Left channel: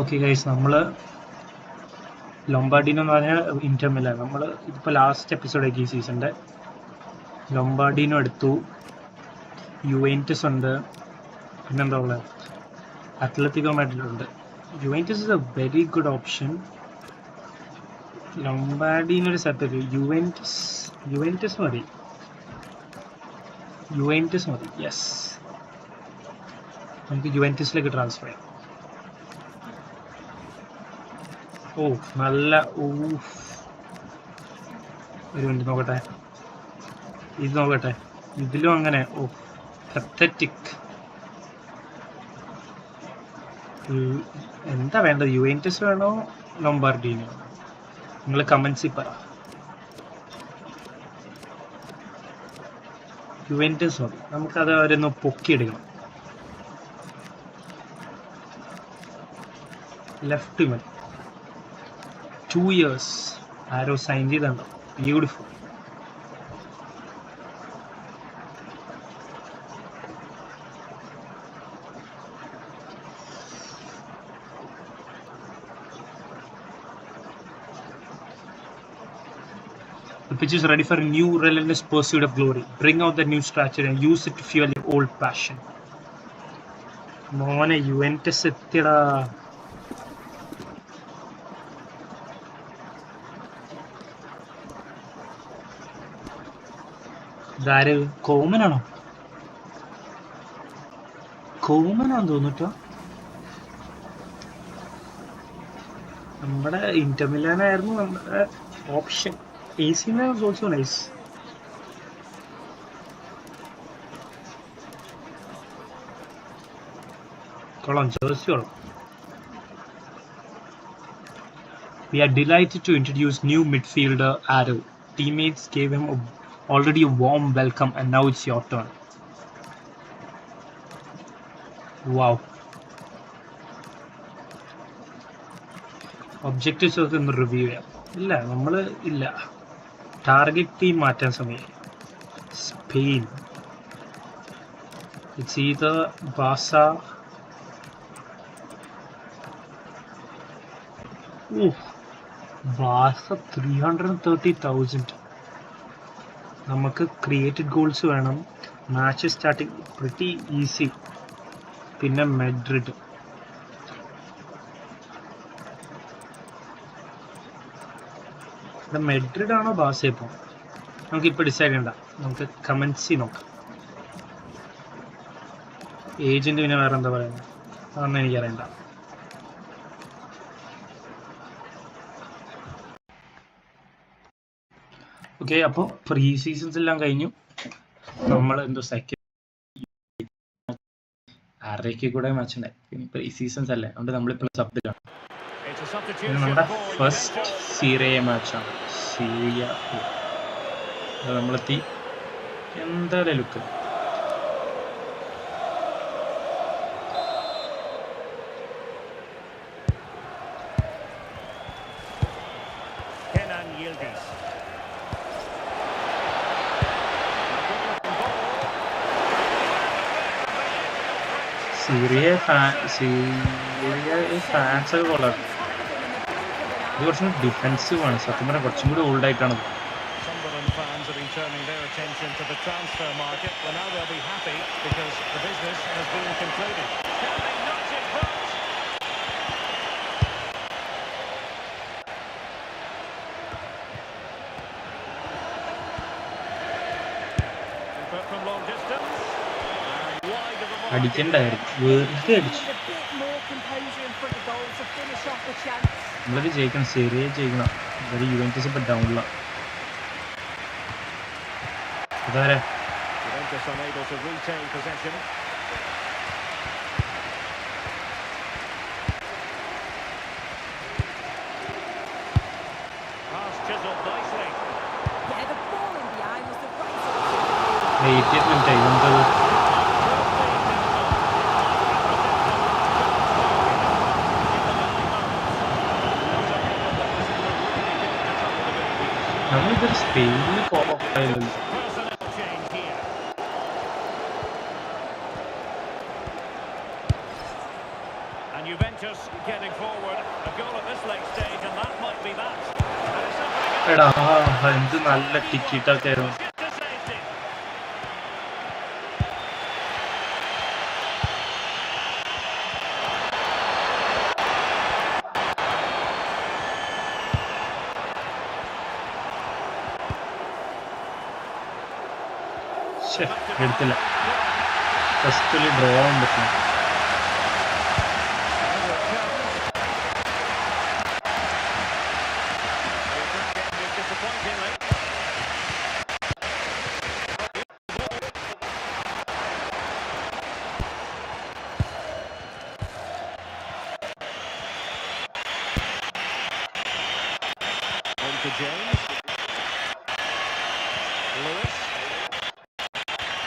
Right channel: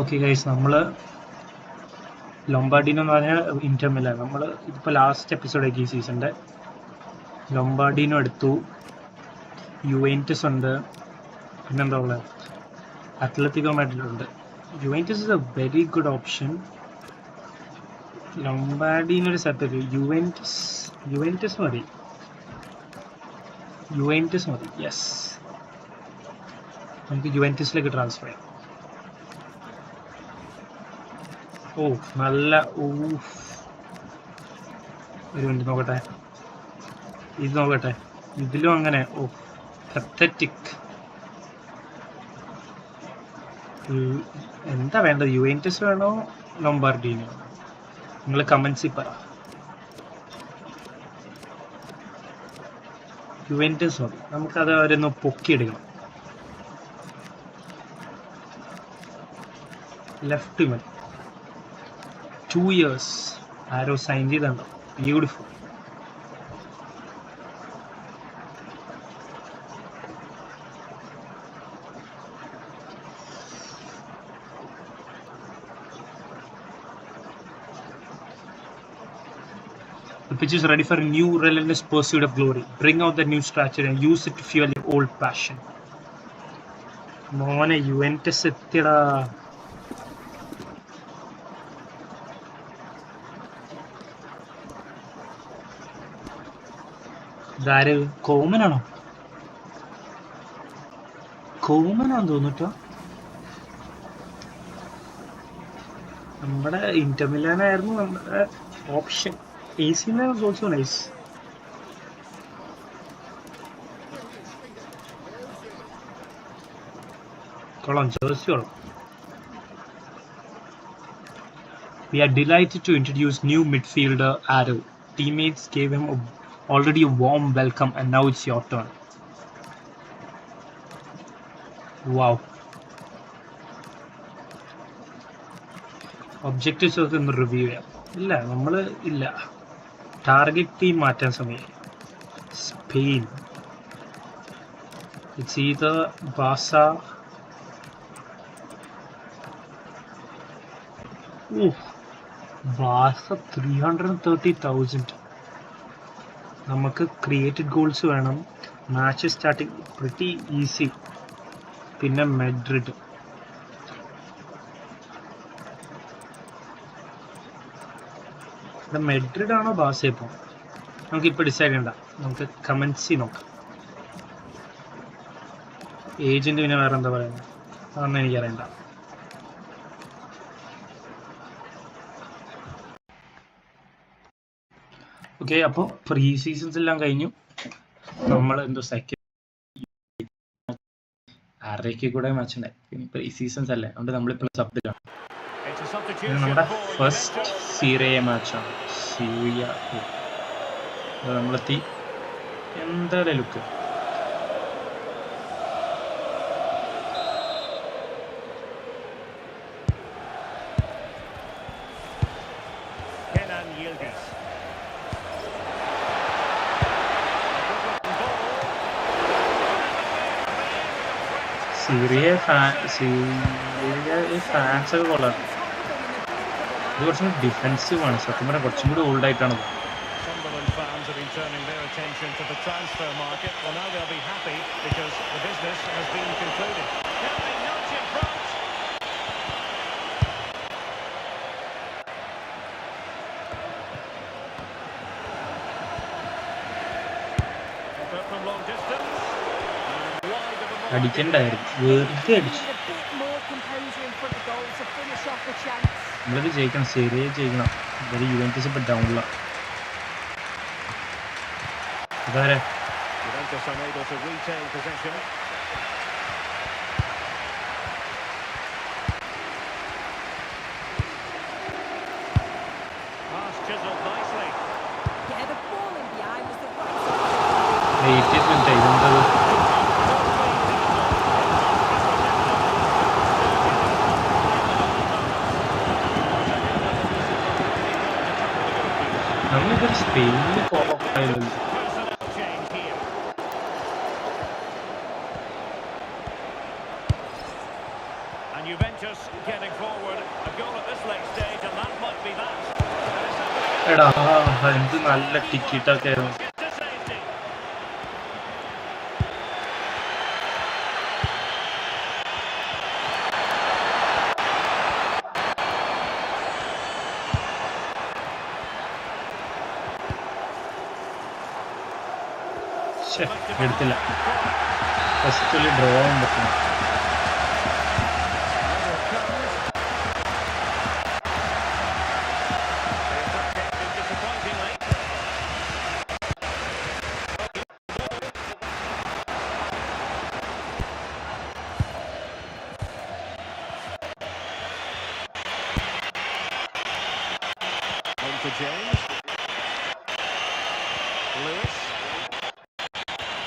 Okay guys, നമ്മൾ ലൊംബാർഡിനോ എന്ന് പറഞ്ഞാൽ ഇന്റർ മിലാൻ. നമ്മൾ ഇതിപ്പോൾ ലാസ്റ്റ് എപ്പിസോഡാക്കി ഈ സീസണിൻ്റെ. ലൊംബാർഡിനോ എടുത്തു, യുവെന്റസ് ഉണ്ട്, പിന്നെന്താ ഉള്ളത്, അത്ലറ്റിക്കോ മാഡ്രിഡ് ഉണ്ട്. Juventus is a very good option. ലൊംബാർഡിനൊരു സെപ്പറേറ്റ്. യുവെന്റസ് മതി. യെസ്, നമുക്ക് യുവെന്റസിലേക്ക് ട്രാൻസ്ഫർ ചെയ്യാം. ഓ നല്ല ഒരു മിനിറ്റ് നോക്കട്ടെ, ഇത് നോക്കട്ടെ. ഇതിലും അങ്ങനെ പത്തറ്റിക്. എന്താ വേണ്ടത്? യുവെന്റസ് വേണോ ലൊംബാർഡിനോ? നിങ്ങൾ കമൻസിൽ പറ. യുവെന്റസ് മതി, നമുക്കത് അവരൊന്ന് പൊക്കിയെടുക്കണം. ലെഫ്റ്റ് മതി. 2 years ആരോ സൈൻ ചെയ്തുണ്ടോ? Beautiful. The pitch is ready for a new relentless pursuit of glory. Bring out the new strategy and use it to fuel your old passion. മോനെ യുവെന്റസ് എത്തിയടാ. ഇതാര്? കോമനാണോ തോന്നിട്ടോ? നമ്മുടെ ഇന്റർ മിലാനായിരുന്നു നമ്മുടെ option. AC Milan was also nice. കൊള്ളാം, jersey കൊള്ളാം. We are delighted to introduce new midfielder Aro. Teammates gave him already a warm welcome and now it's your turn. Wow. Objectives ഒക്കെ ഒന്ന് review ചെയ്യാം. ഇല്ല. Target team മാറ്റാൻ സമയം. Spain. It's either ബാസ. ബാസ 330,000. നമുക്ക് created goals വേണം. Match starting pretty easy. പിന്നെ Madrid. Madrid ആണോ ബാസ? ഇപ്പോൾ നമുക്കിപ്പോൾ ഡിസൈഡ് ചെയ്യണ്ട, നമുക്ക് കമൻസി നോക്കാം. ഏജന്റ് പിന്നെ വേറെ എന്താ പറയുന്നത് അതൊന്നും എനിക്കറിയണ്ട. ഓക്കെ, അപ്പോൾ പ്രീ സീസൺസ് എല്ലാം കഴിഞ്ഞു. നമ്മൾ എന്തോ സെക്കൻഡ് ആറരയ്ക്ക് കൂടെ മാച്ച് ഉണ്ടായി. പിന്നെ പ്രീ സീസൺസ് അല്ലേ, അതുകൊണ്ട് നമ്മളിപ്പോൾ സബ്ജക്റ്റാണ്. നമ്മുടെ ഫസ്റ്റ് സീരിയ മാച്ചാണ്. നമ്മളെത്തി. എന്താ ലുക്ക്! സീരിയ ഫാൻസ് ഒക്കെ കൊള്ളാം. ഇത് കുറച്ചും കൂടി ഡിഫെൻസീവ് ആണ്. സത്യം പറഞ്ഞാൽ കുറച്ചും കൂടി ഓൾഡ് ആയിട്ടാണ്. Fans have been turning their attention to the transfer market. Well, now they'll be happy because the business has been concluded. Can they nudge in front? But from long distance and wide of the mark. അടിക്കണ്ടായിരുന്നു, വെറുതെ അടിച്ചു. നമ്മളിത് ജയിക്കണം, സീരിയ ജയിക്കണം. ഇവര് Juventus ഇപ്പൊ ഡൗണിലാണ്. Juventus unable to retain possession. Pass chiseled nicely. Yeah, the ball in behind was the right option. 80th minute ഇതെന്തത്? നമ്മളിതൊരു സ്പെയിനിൽ കോപ്പായില്ലല്ലോ. And Juventus getting forward. A goal at this late stage, and that might be that. And it's opening up. എടാ എന്ത് നല്ല ടിക്കറ്റൊക്കെ ആയിരുന്നു. Push it to safety. എടുത്തില്ല. First draw ആവാൻ പറ്റില്ല. To James. Lewis.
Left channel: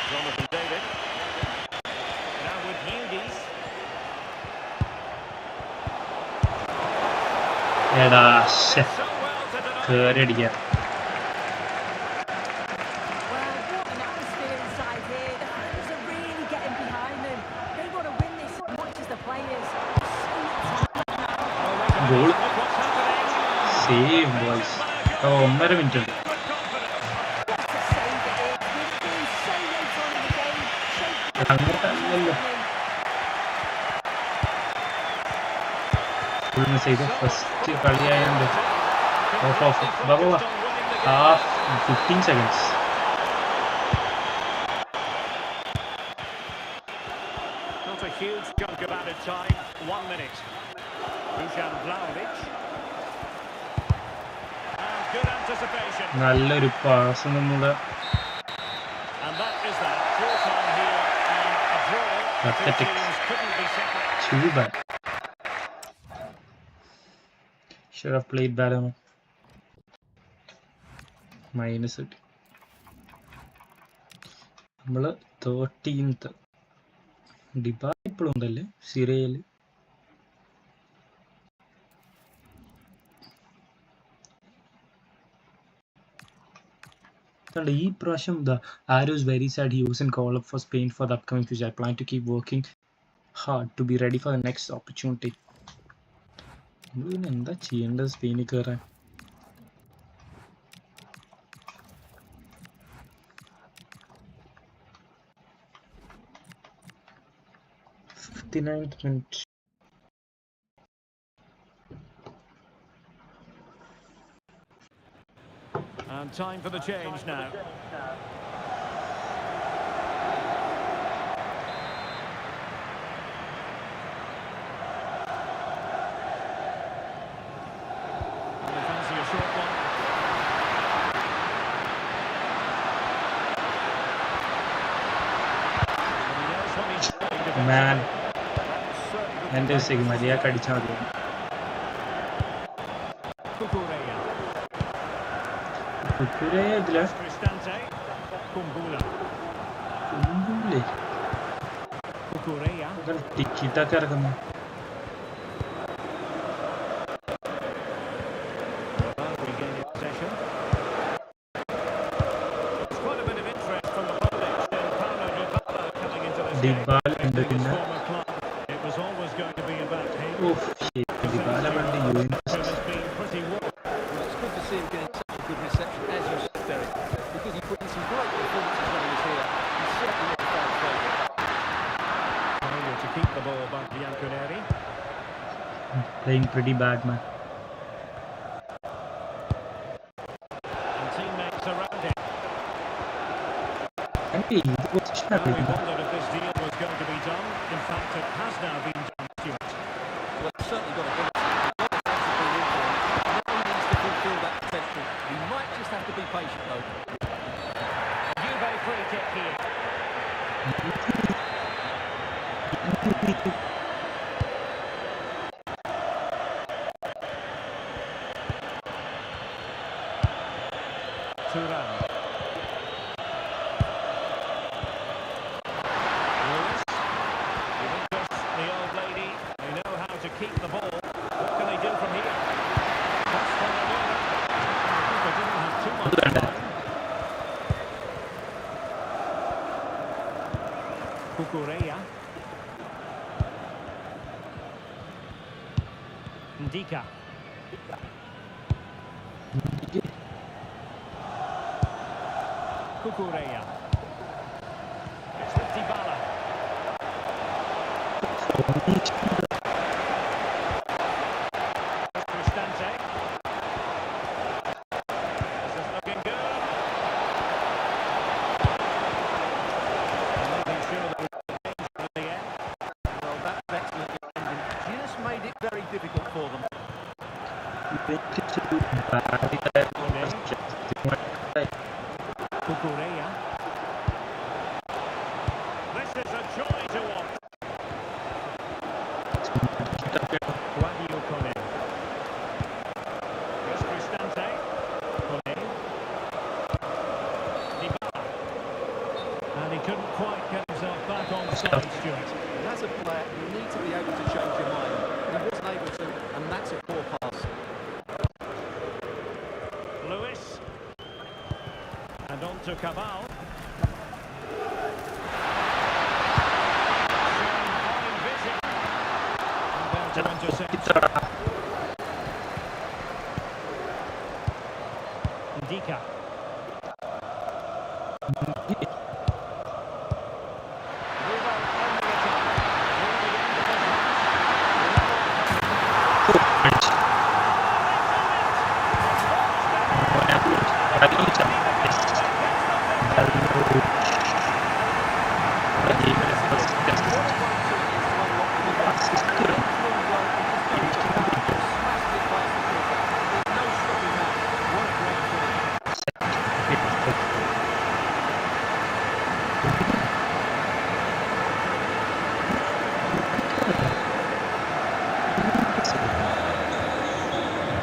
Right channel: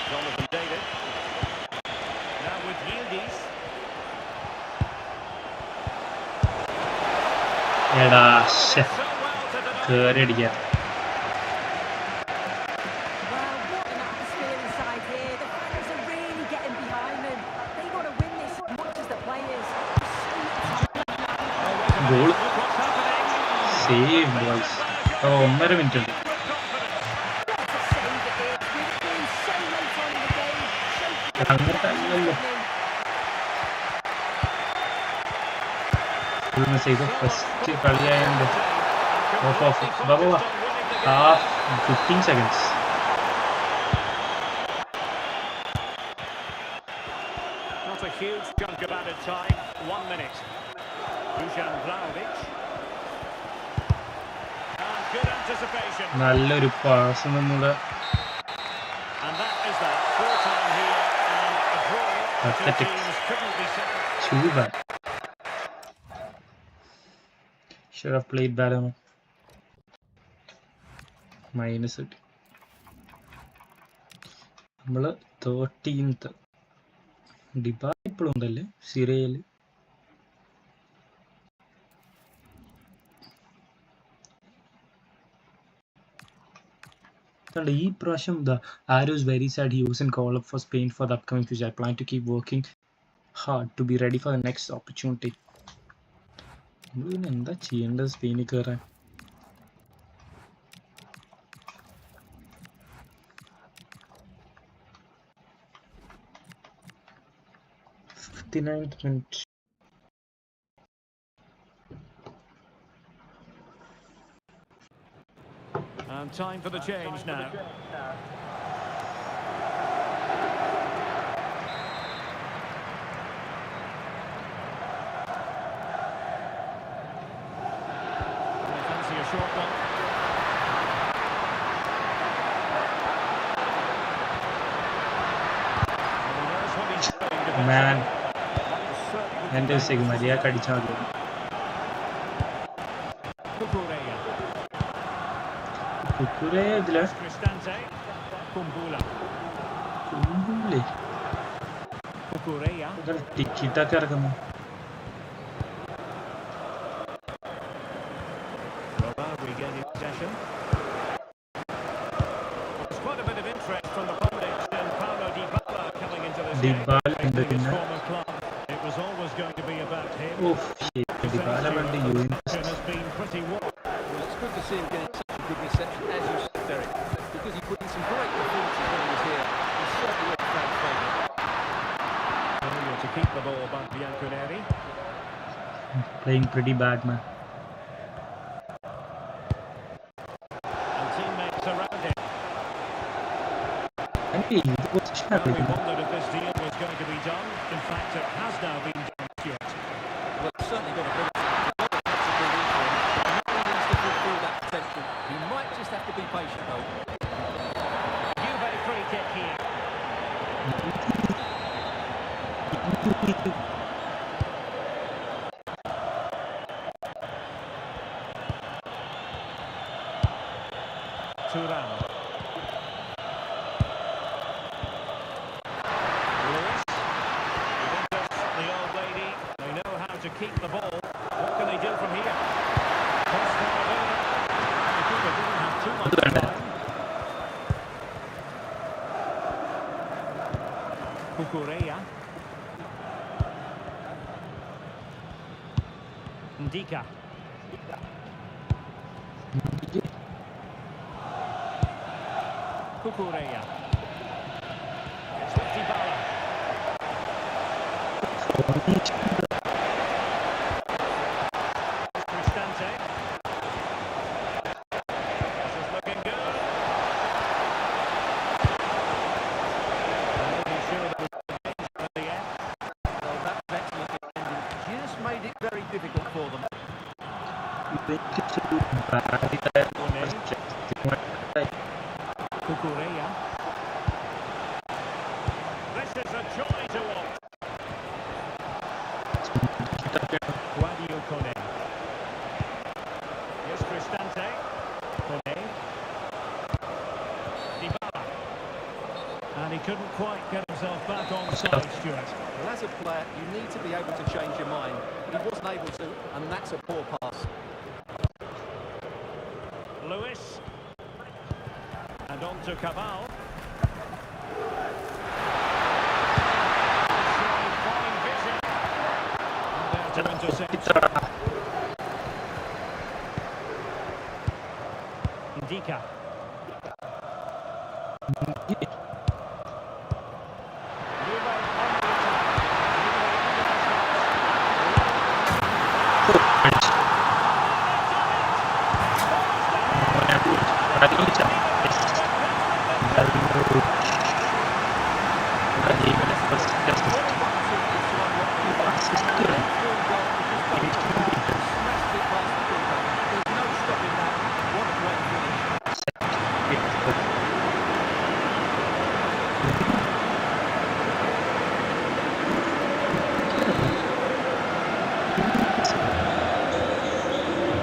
Jonathan David. Now with Yildiz. എടാ So well to deny. കേറി അടിക്കാം. Well, what an atmosphere inside here. The fans are really getting behind them. They want to win this as much as the players. There's so much time now. Oh, wait a minute. Goal. Look what's happening. Save boys. 1.5 minute ഉണ്ട്. What a save it is. With it being so late on in the game. Shows great അങ്ങോട്ടല്ലല്ലോ. Full miss ചെയ്തു. First കളിയായോണ്ട് ഓഫ് ബാബാ half 15 seconds. Not a huge chunk of added time. 1 minute. Dusan Vlahovic. And good anticipation. നല്ലൊരു pass നമ്മുടെ And that is that. Full time here and a draw. The two Pathetic. teams couldn't be separate. too bad. Should have played better. Minus കിട്ടി. നമ്മള് 13th. ഡിബാ ഇപ്പോഴും ഉണ്ടല്ലേ സിറിയയിൽ. ഈ പ്രാവശ്യം ASUS very sad he wasn't called up for Spain for the upcoming future. I plan to keep working hard to be ready for the next opportunity. നമ്മൾ പിന്നെ എന്താ ചെയ്യേണ്ടത് സ്പെയിനിൽ കയറാൻ? minute. And time for the change now. They fancy a short one. And he knows what he's doing defensively. Man, That was certainly good എൻ്റെ defending. മര്യാദക്ക് അടിച്ചാൽ മതി. Cucurella. കുക്കുരേ ഇതില് Cristante. Kumbula. കുമ്പുള്ളി Cucurella. ടിക്കറ്റൊക്കെ ഇറക്കുന്നു. Roba regaining possession. There's quite a bit of interest from the pundits in Paulo Dybala coming into this game. Dybala ഉണ്ട് Leaving his പിന്നെ former club. It was always going to be about him. Dybala പണ്ട് Juventus. Has been pretty warm. Well, it's good to see him getting such a good reception, as you said, Derek, because he put in some great performances when he was here. He's certainly not a fan favourite. Failure to keep the ball by Bianconeri. Playing pretty bad, man. And teammates around him. ഇത് position Well, we wondered if this deal was going to be done. In fact, it has now been done, Stuart. Well, he's certainly got ability. A lot of clubs have been in for him. Now he needs to fulfil that potential. He might just have to be patient, though. Juve free kick here. Turan. Lewis. Juventus, the old lady. They know how to keep the ball. What can they do from here? Cross fired over. And the keeper didn't have too much time. Cucurella. Ndika. Kukureya. It's with Dybala. Cristante. This is looking good. And making sure that we've got danger at the end. Well, that's excellent defending. Just made it very difficult for them. Kukureya. This is a joy to watch. Guadio Kone. Here's Cristante. Kone. Dybala. And he couldn't quite get himself back on side, Stuart. Well, as a player, you need to be able to change your mind. But he wasn't able to, and that's a poor pass. Lewis. And on to Cabal. Showing fine vision. And there to intercept. Ndika. Juve on the attack. Near the end of this match. Level defending.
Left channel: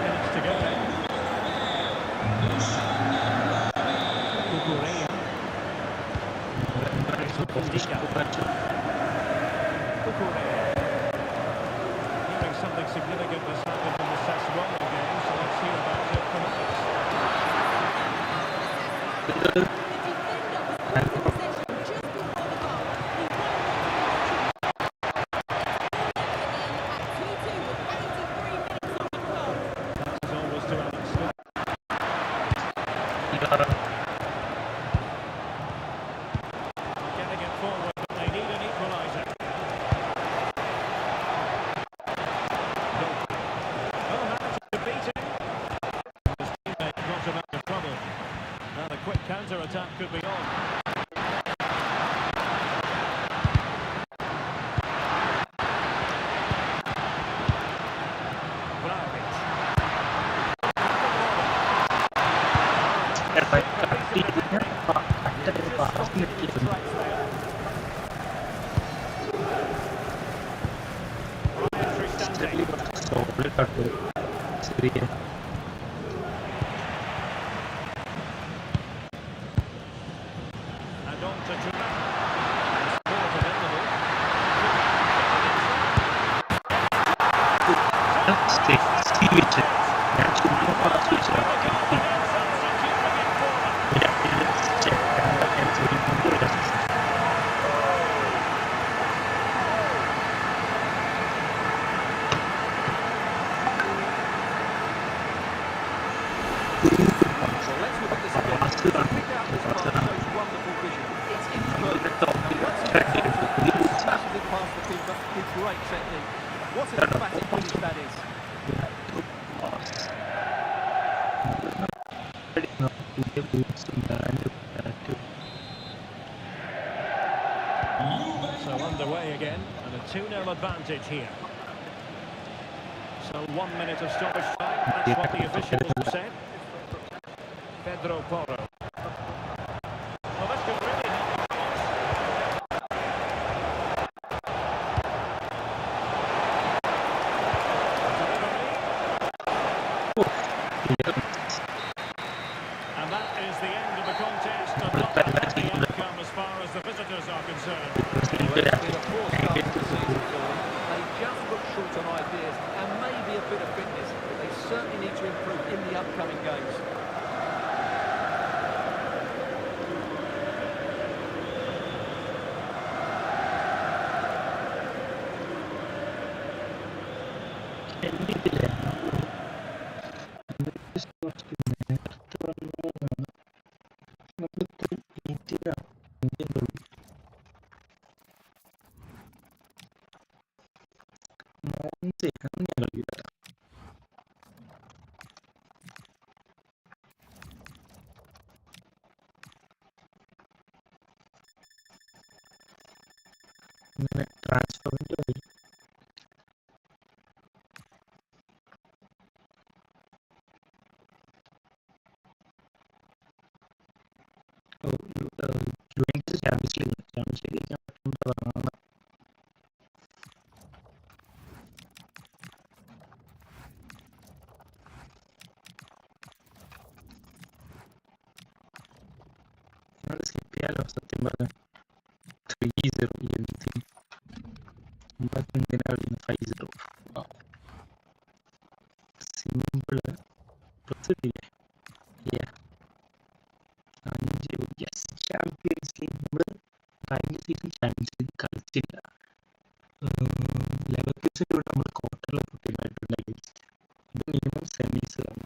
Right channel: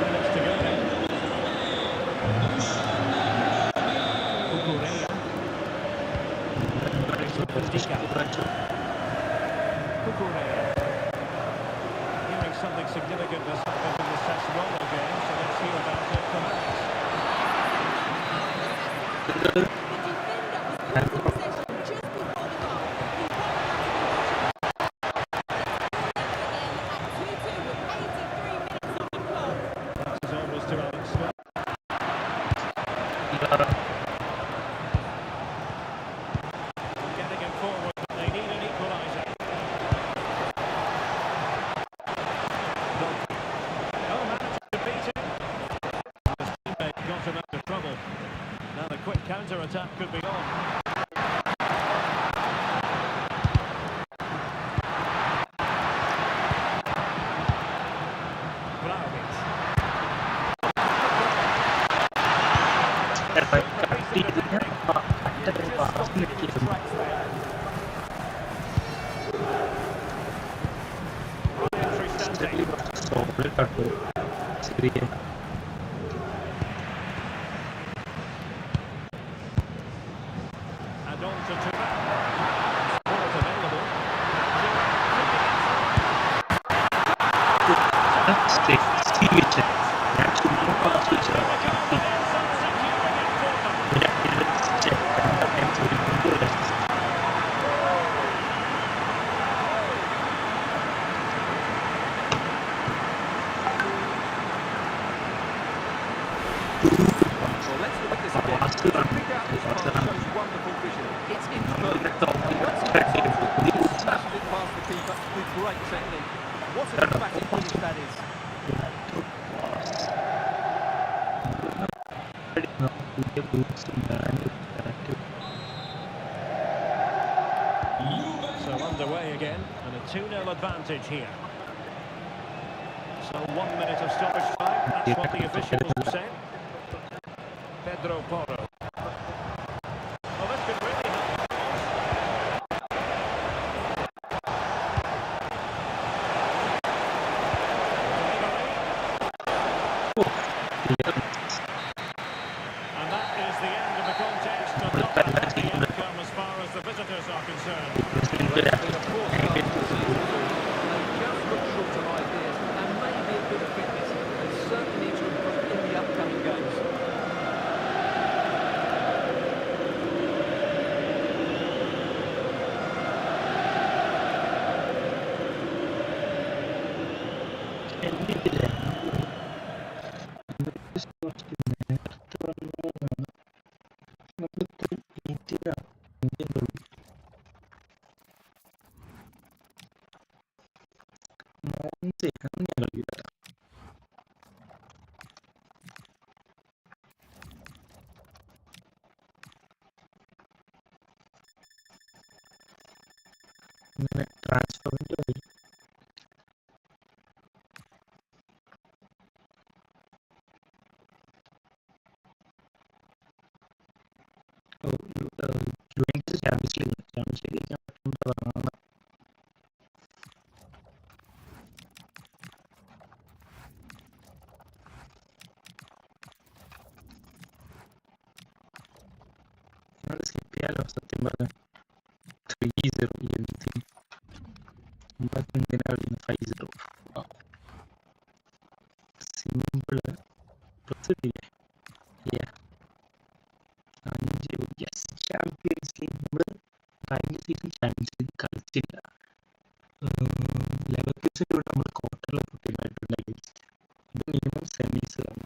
Minutes to go then. Kukureya. Ndika. Kukureya. Hearing something significant has happened in the Sassuolo game, so let's hear about it from Alex. The defender was put in possession just before the goal. He wanted them to be watching. It's 4-0 again at 2-2 with 83 minutes on the clock. That is always to Alex. Getting it forward, but they need an equaliser. Oh, managed to beat him. His teammate got him out of trouble. Now the quick counter-attack could be on. Vlahovic. Brian Cristante. And on to Thuram. And support available. And Thuram feeding it through. Well, let's look at this again. Pick out this pass shows wonderful vision. It's imperfect. And once he gets onto it, he smashes it past the keeper with great technique. What an emphatic finish that is. So underway again, and a 2-0 advantage here. So 1 minute of stoppage time, that's what the officials have said. Pedro Porro. Well, this could really help the cause. Delivery. And that is the end of the contest, and not a happy outcome as far as the visitors are concerned. Well, it's been a poor start to the season for them. They just look short on ideas and maybe a bit of fitness. They certainly need to improve in the upcoming games. എണ്ണിട്ടില്ലേ കുറച്ച് നേരത്തെ വന്നതാണ് നമുക്ക് ഈറ്റിലാണ് മോൻസെ അങ്ങനെ കളിക്കില്ല ഇങ്ങനെ ട്രാൻസ്ഫറിൻ്റെ വഴി Juventus champions league ജയിക്കാൻ പറ്റുന്നതാണ് ഞങ്ങൾ സ്കിപ്പ് ചെയ്യാലോ സത്യം പറഞ്ഞാൽ 3-0 എന്തിന് നമ്മളൊക്കെ എന്തിനാ കളിക്കുന്നത് 5-0 സിമ്പിള് പ്ലസ് ഇല്ലേ ചാമ്പ്യൻസ് ലീഗ് നമ്മൾ കഴിഞ്ഞ സീസൺ ചാമ്പ്യൻസ് ലീഗ് കളിച്ചില്ല ലെവർക്യൂസൻ്റെ കൂടെ നമ്മൾ ക്വാർട്ടറിലെ കുട്ടികളായിട്ടുണ്ടെങ്കിൽ ഇത് മിനിമം സെമീസ് ആണ്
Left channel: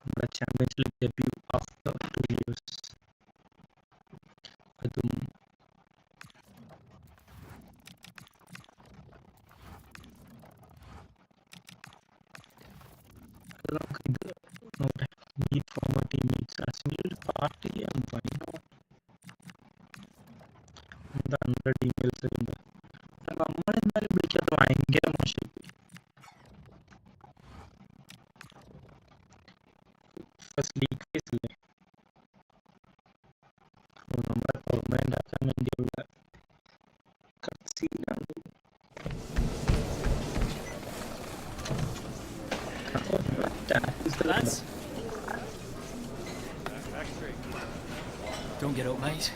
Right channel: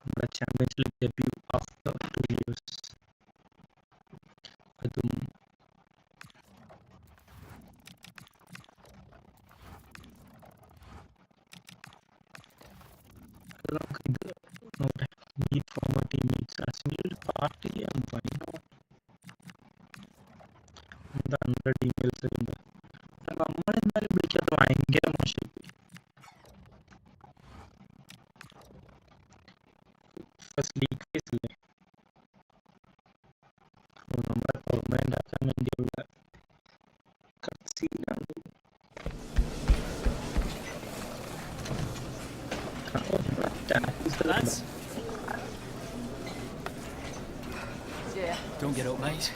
നമ്മുടെ champions league debut after 2 years അതും അത് നമുക്ക് ഇത് നോക്കട്ടെ മീറ്റ് ഫോമർ ടീംമേറ്റ്സ് ആസിമിൽ ഒരു പാർട്ടി ചെയ്യാൻ ഭയങ്കര എന്താ 100 ഇമെയിൽസ് ഉണ്ട് നമ്മളെന്തായാലും വിളിക്കാത്ത ഭയങ്കര മോശമായി ഫസ്റ്റ് ലീഗ് ഫേസ് അല്ലേ നമ്മളെ പെർമനന്റ് ആക്കാൻ വേണ്ടിയുള്ള കട്സീനാണ് Don't get up, mate.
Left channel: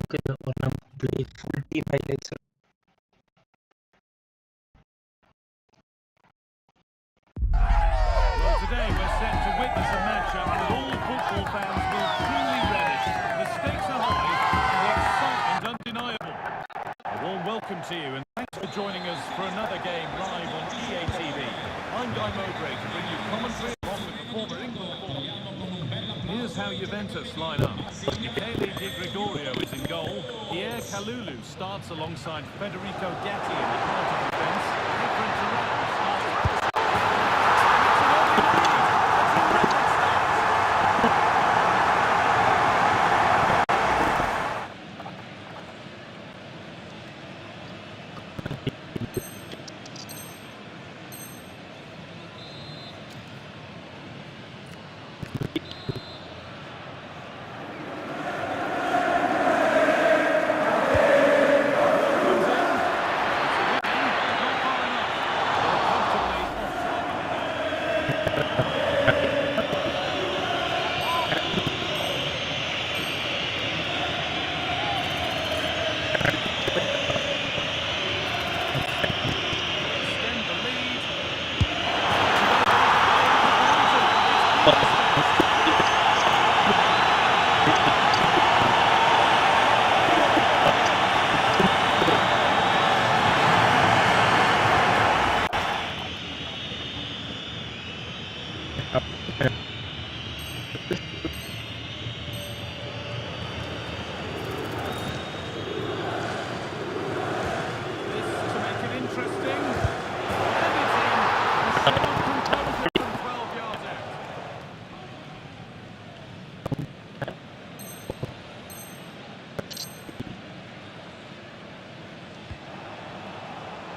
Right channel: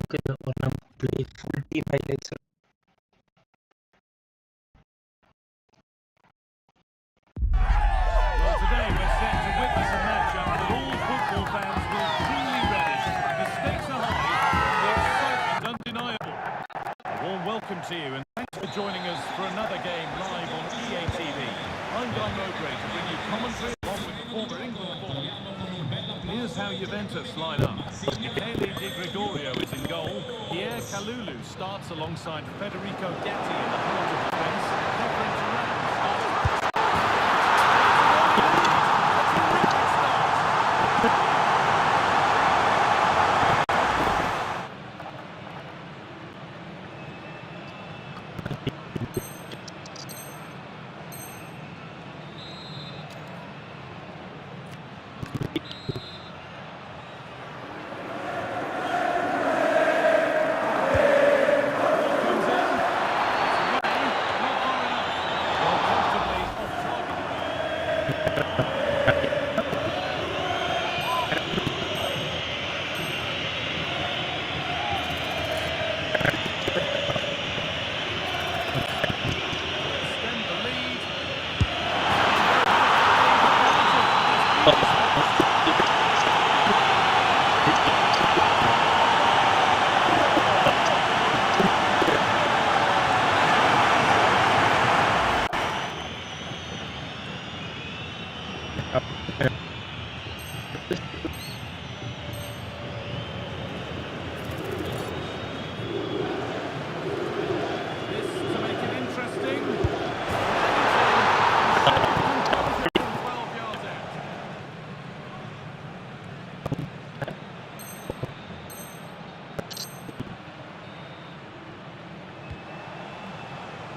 Okay, we're play full team highlights. Well, today we're set to witness a matchup that all football fans will truly relish. The stakes are high and the excitement undeniable. A warm welcome to you and thanks for joining us for another game live on EA TV. I'm Guy Mowbray to bring you commentary along with the former England forward. Here's how Juventus line up. Michele Di Gregorio is in goal. Pierre Kalulu starts alongside Federico Gatti in the heart of defence. Efren Turan starts. It's an early lead. A terrific start. Interesting. And it's in. And show composure from 12 yards out.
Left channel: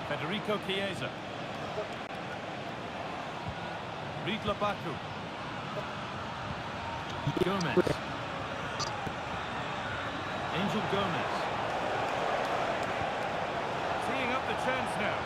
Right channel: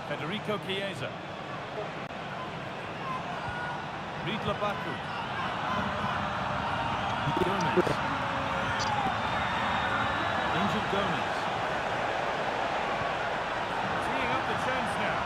Federico Chiesa. Ridla Baku. Gomez. Angel Gomez. Teeing up the chance now.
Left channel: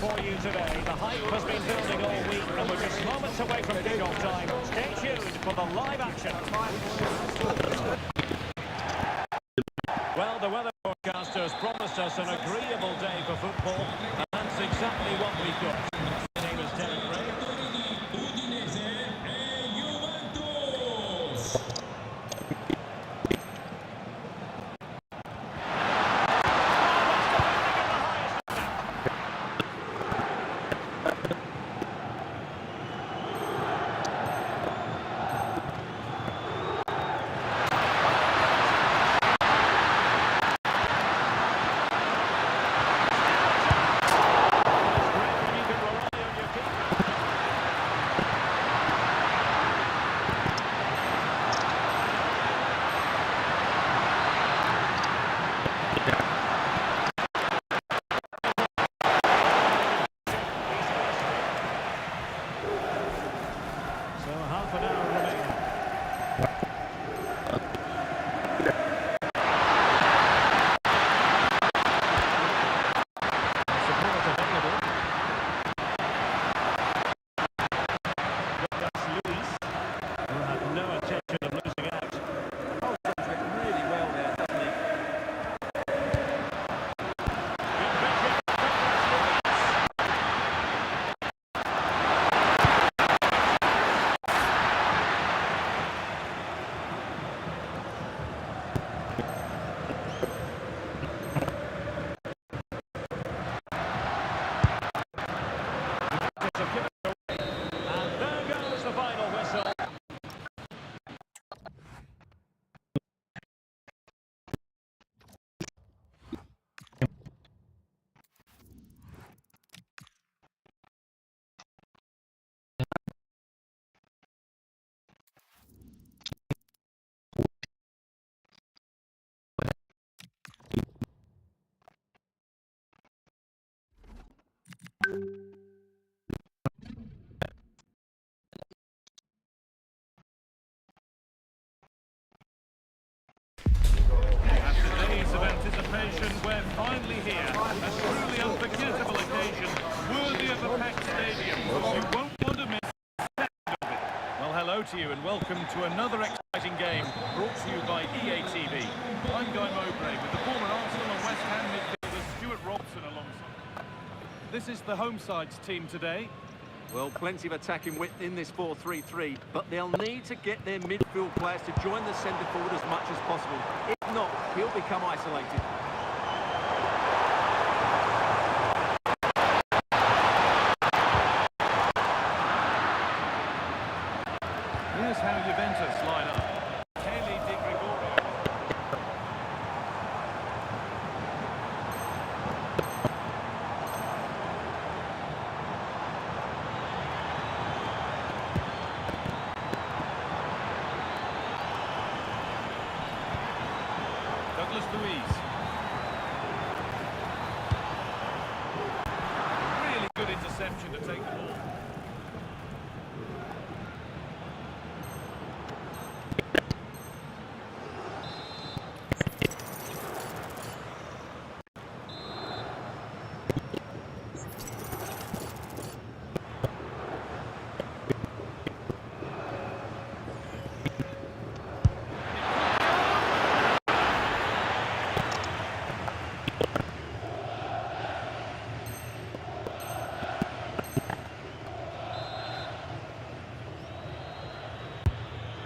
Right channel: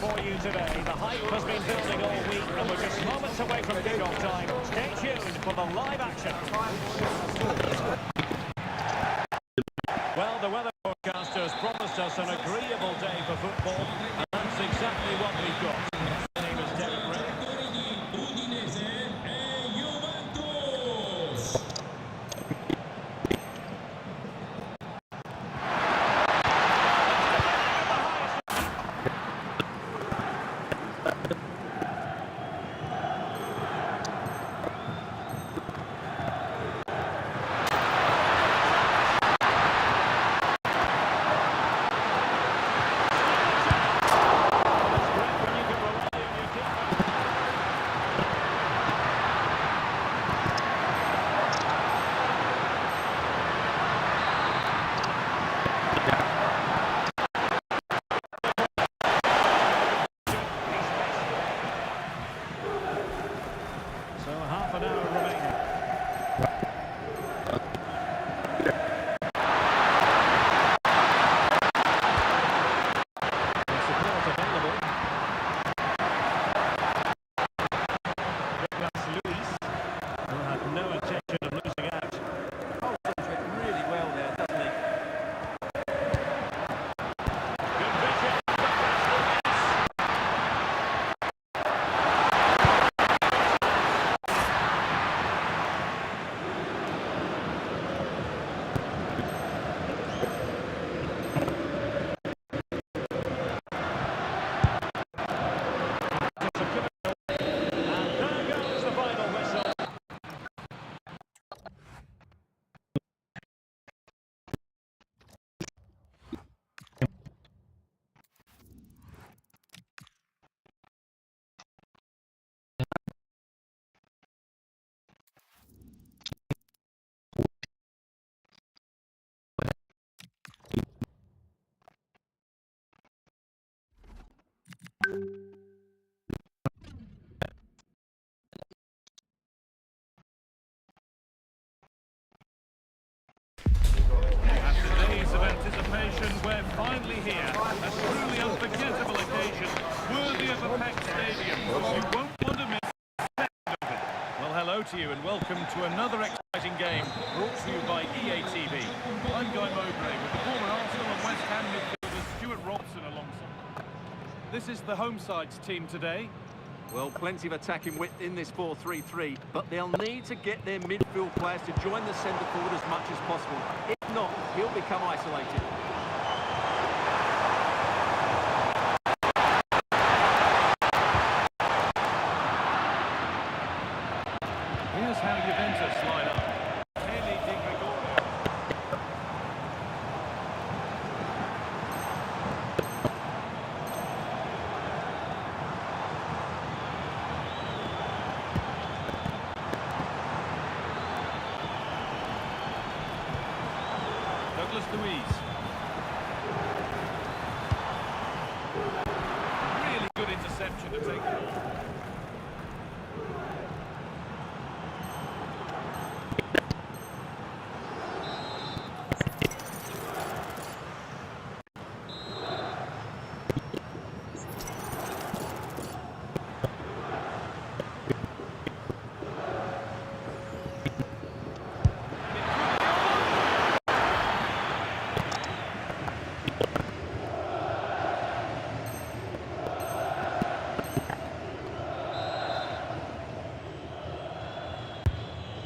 for you today. The hype has been building all week, and we're just moments away from kick-off time. Stay tuned for the live action. Well, the weather forecasters promised us an agreeable day for football, and that's exactly what we've got. My name is Derek Ray. So half an hour remaining. Support available. Luis will have no intention of losing out. Holds it really well there, doesn't he? Good vision, Douglas Luis. And there goes the final whistle. After days of anticipation, we're finally here. A truly unforgettable occasion, worthy of a packed stadium. You won't want to miss a second of it. Well, hello to you and welcome to another exciting game brought to you by EA TV. I'm Guy Mowbray with the former Arsenal and West Ham midfielder Stuart Robson alongside. This is the home side's team today. Well, plenty of attacking width in this 4-3-3, but they'll need to get their midfield players to join the centre forward as much as possible. If not, he'll become isolated. Here's how Juventus line up. Kelly Di Gregorio. Douglas Luis. Really good interception to take the ball.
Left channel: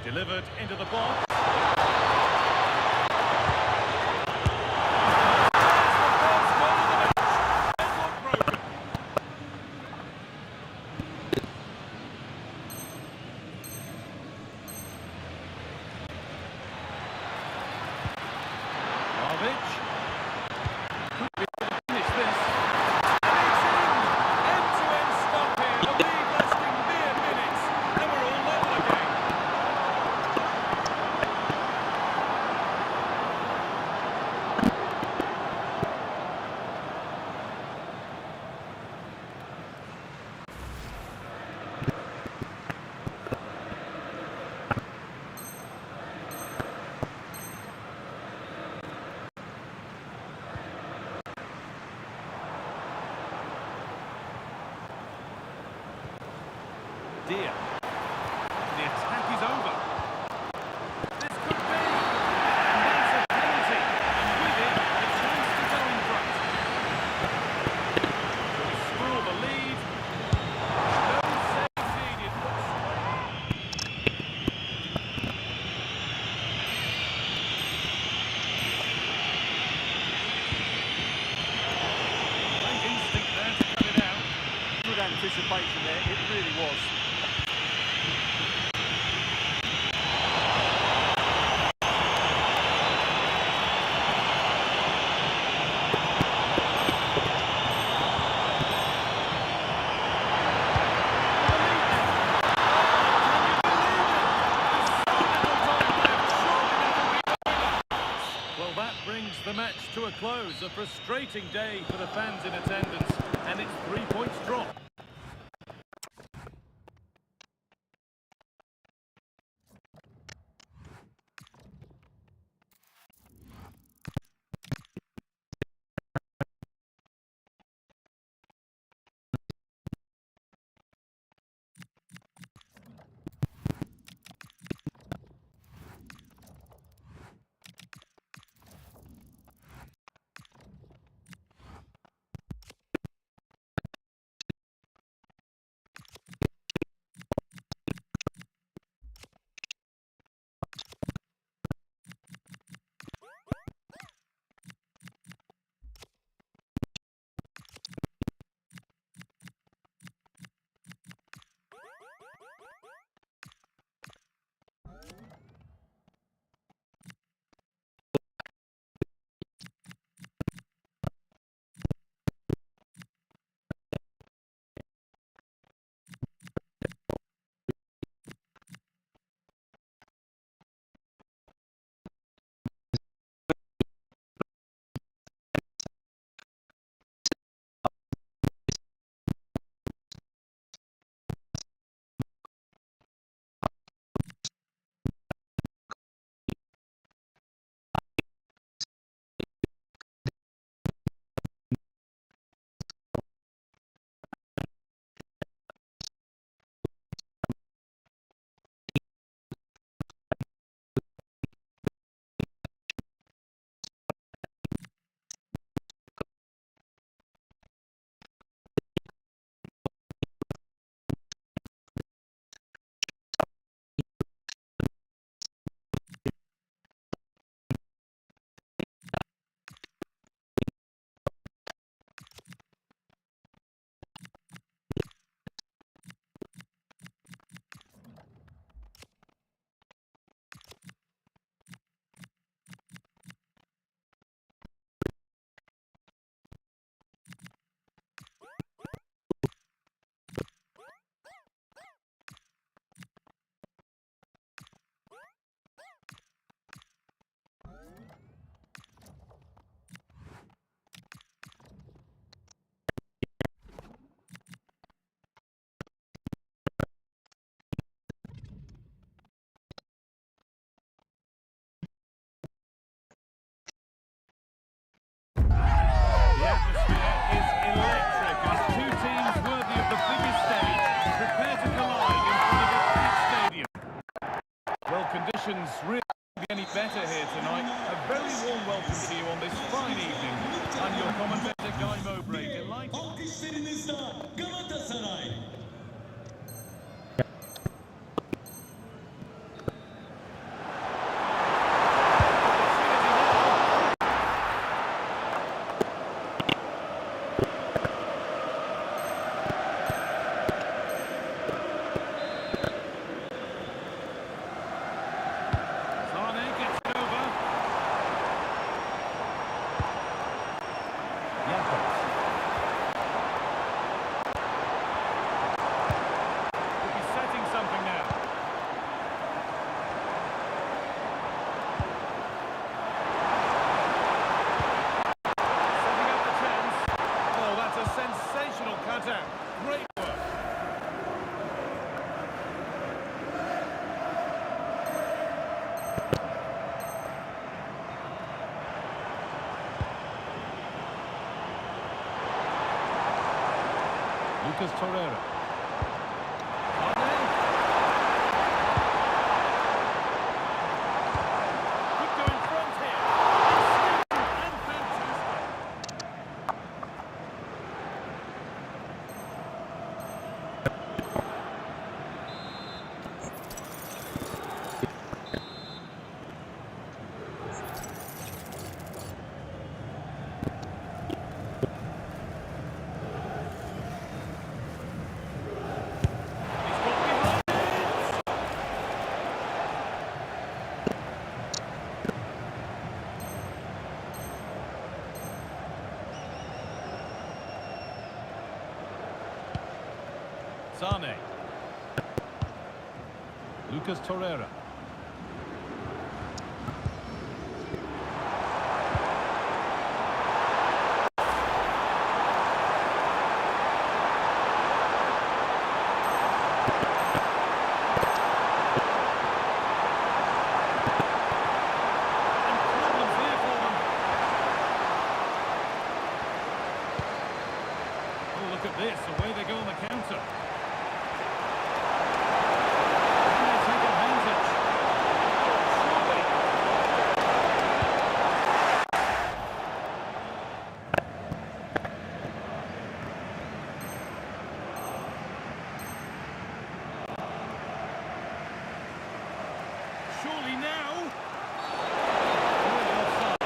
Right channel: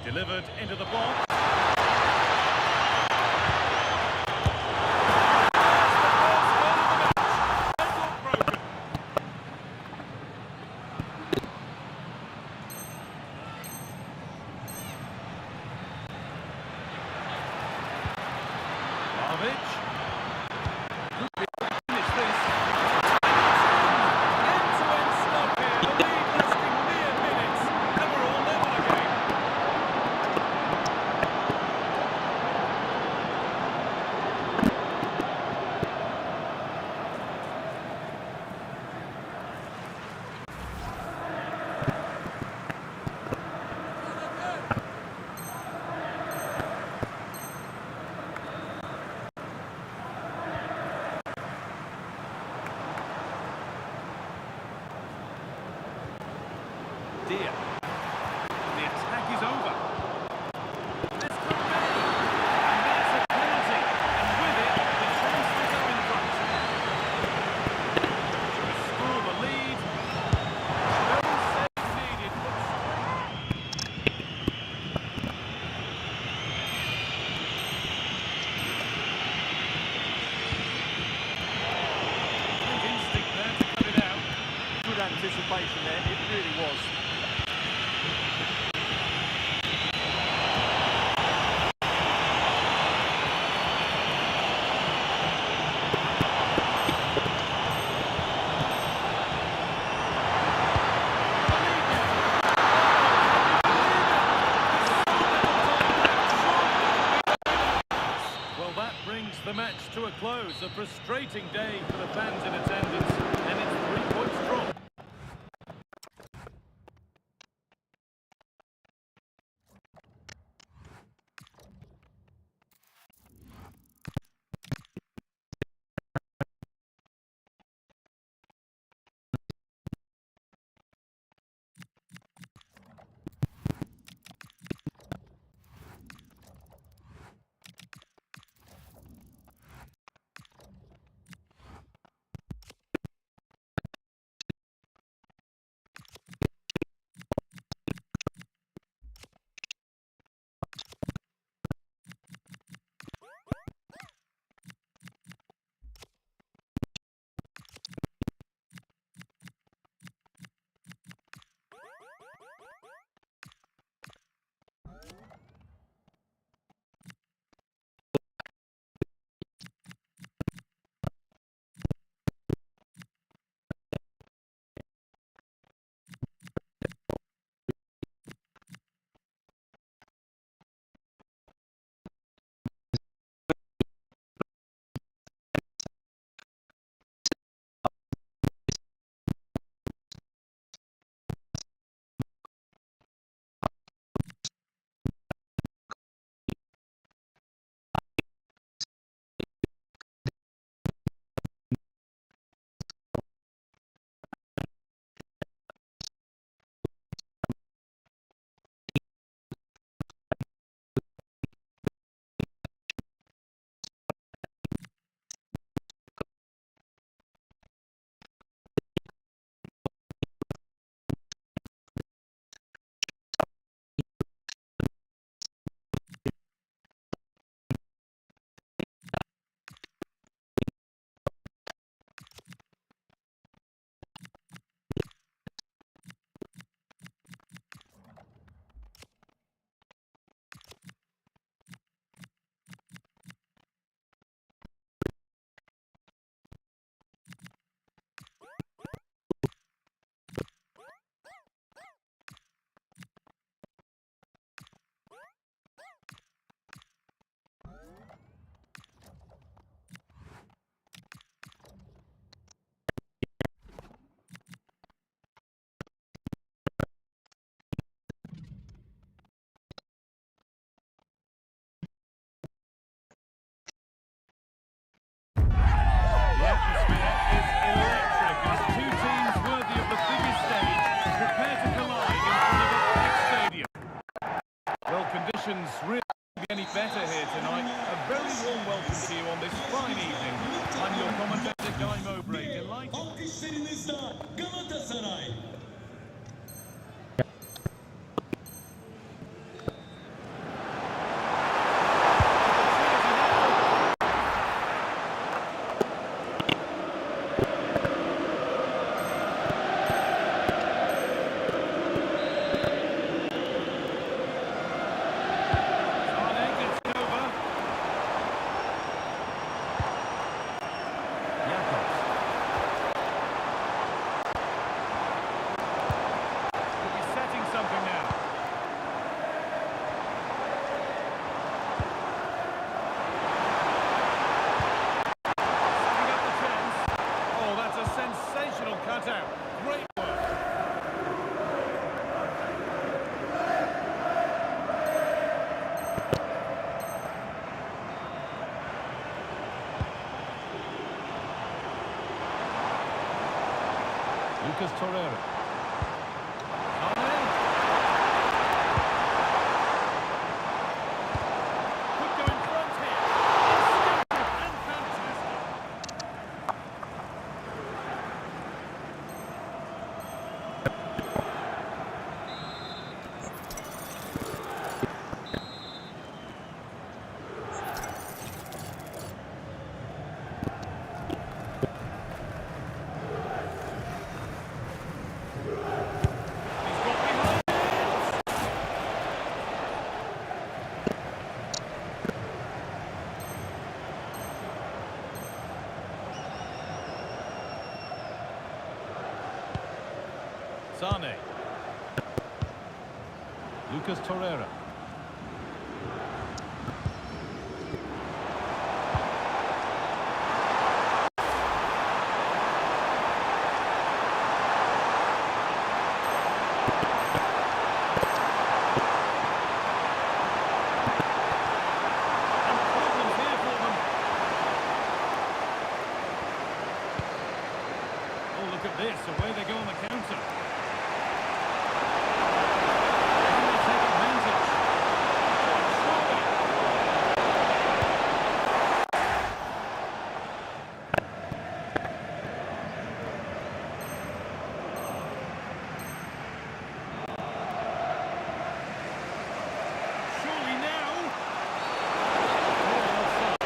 Delivered into the box. There's the first goal of the match. Deadlock broken. Vlahovic. Could be able to finish this. And it's in! End-to-end stop here. The lead lasting mere minutes. And we're all level again. idea. The attack is over. This could be. And that's a penalty. And with it, the chance to go in front. To restore the lead. No save needed. But great instinct there to cut it out. Good anticipation there, it really was. Well, that brings the match to a close. A frustrating day for the fans in attendance, and it's 3 points drop. The atmosphere is electric as two teams worthy of the biggest stage prepare to collide in front of a packed stadium. Well, conditions really can't be any better here tonight. A very warm welcome to you on this fine evening. I'm your commentator, Guy Mowbray, delighted. Alkışlarınızla Galatasaray. Something now. Setting up the chance. Oh, that's a sensational cutout. Great work. Lucas Torreira. Mane. Sane. Lucas Torreira. Look at this, away they go on the counter. Can they take advantage? Oh, surely. Surely now. Clearly offside.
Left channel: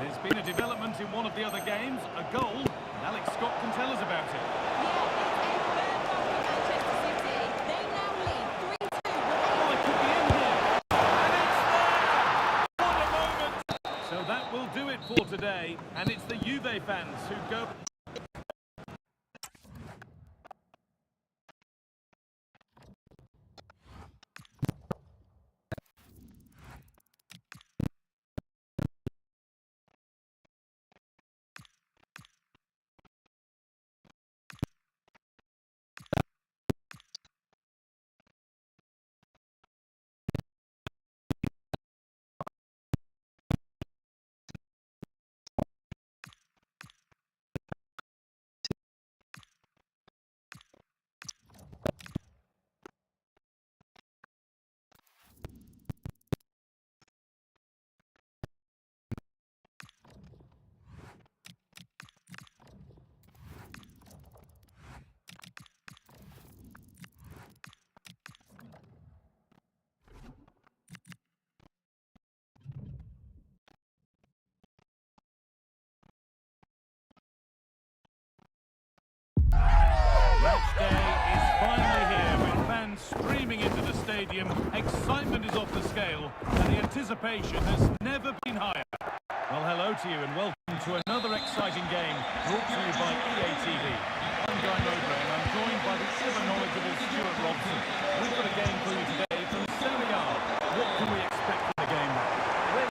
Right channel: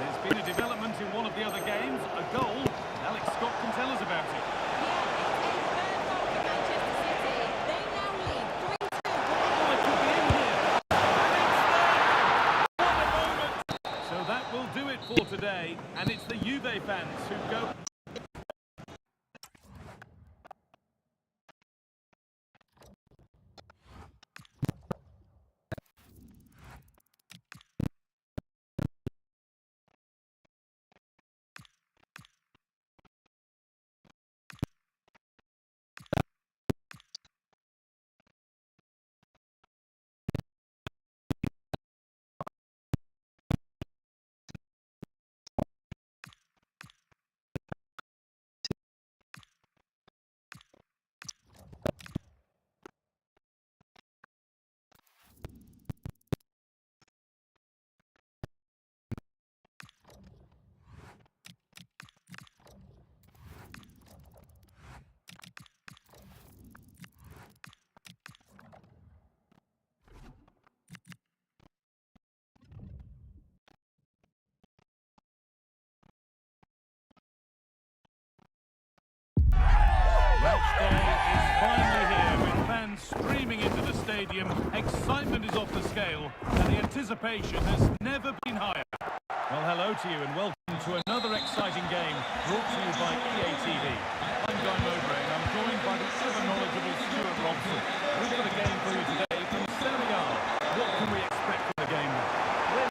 There's been a development in one of the other games, a goal, and Alex Scott can tell us about it. Yeah, it's a third goal for Manchester City. They now lead 3-2. Oh, it could be in here. And it's there! What a moment! So that will do it for today, and it's the Juve fans who go... Match day is finally here with fans streaming into the stadium. Excitement is off the scale and the anticipation has never been higher. Well, hello to you and welcome to another exciting game brought to you by EA TV. I'm Guy Mowbray and I'm joined by the ever-knowledgeable Stuart Robson. We've got a game for you today from Serie A. What can we expect from the game now?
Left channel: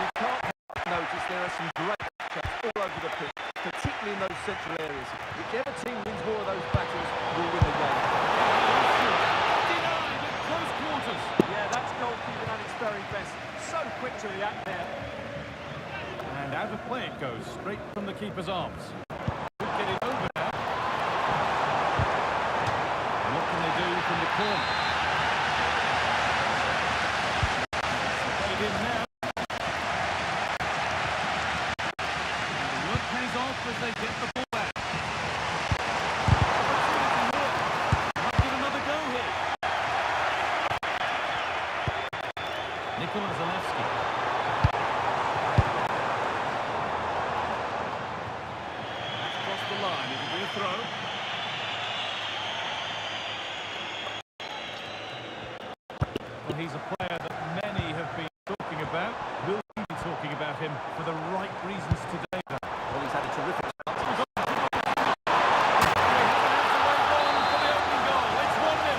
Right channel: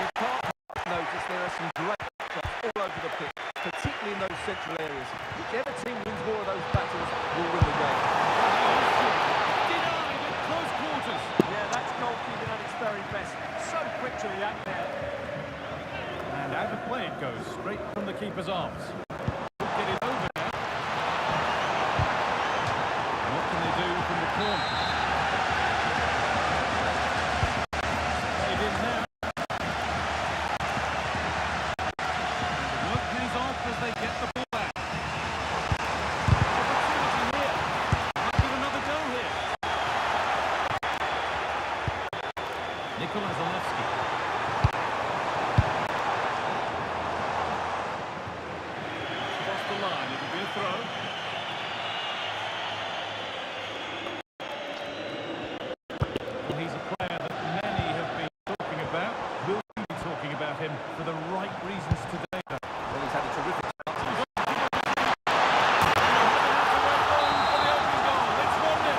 You can't notice there are some great traps all over the pitch, particularly in those central areas. Whichever team wins more of those battles will win the game. Denied at close quarters. Yeah, that's goalkeeping at its very best. So quick to react there. And out of play it goes, straight from the keeper's arms. Could get it over now. And what can they do from the corner? Played in now. And the work pays off as they get the ball back. Opportunity here. Might give another go here. Nikola Zalewski. Across the line, it'll be a throw. Well, he's a player that many have been talking about. Will we be talking about him for the right reasons today, though? Well, he's had a terrific start. They haven't had to wait long for the opening goal. It's 1-0.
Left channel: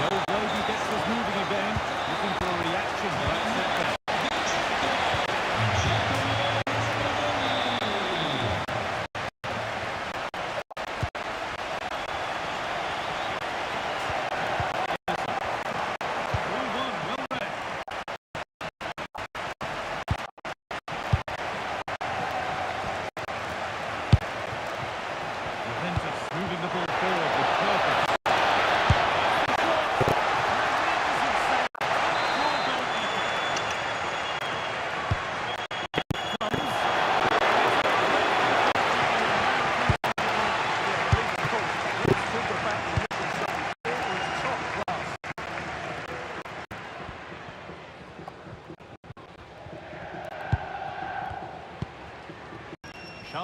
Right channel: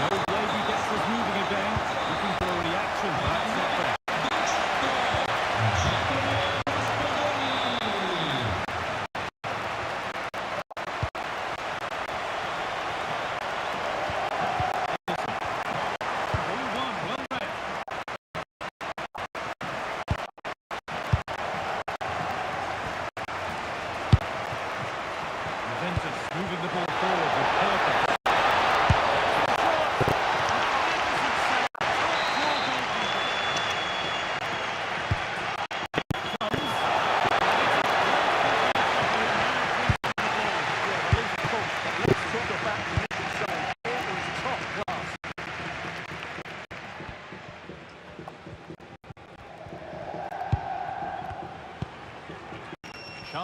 The old lady gets us moving again, looking for a reaction to that setback.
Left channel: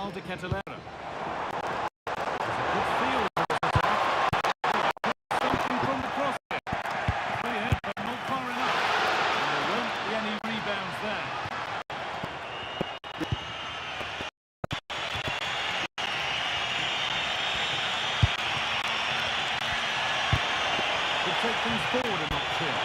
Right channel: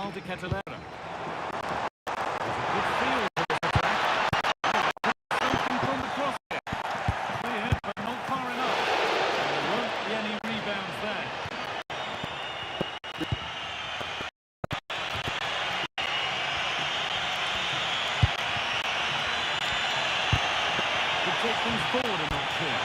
Charles de Ketelera. There's a good feel for this attack. Something from the cross here. Cleared, but not far enough. And there won't be any rebounds there. Could take things forward a notch here.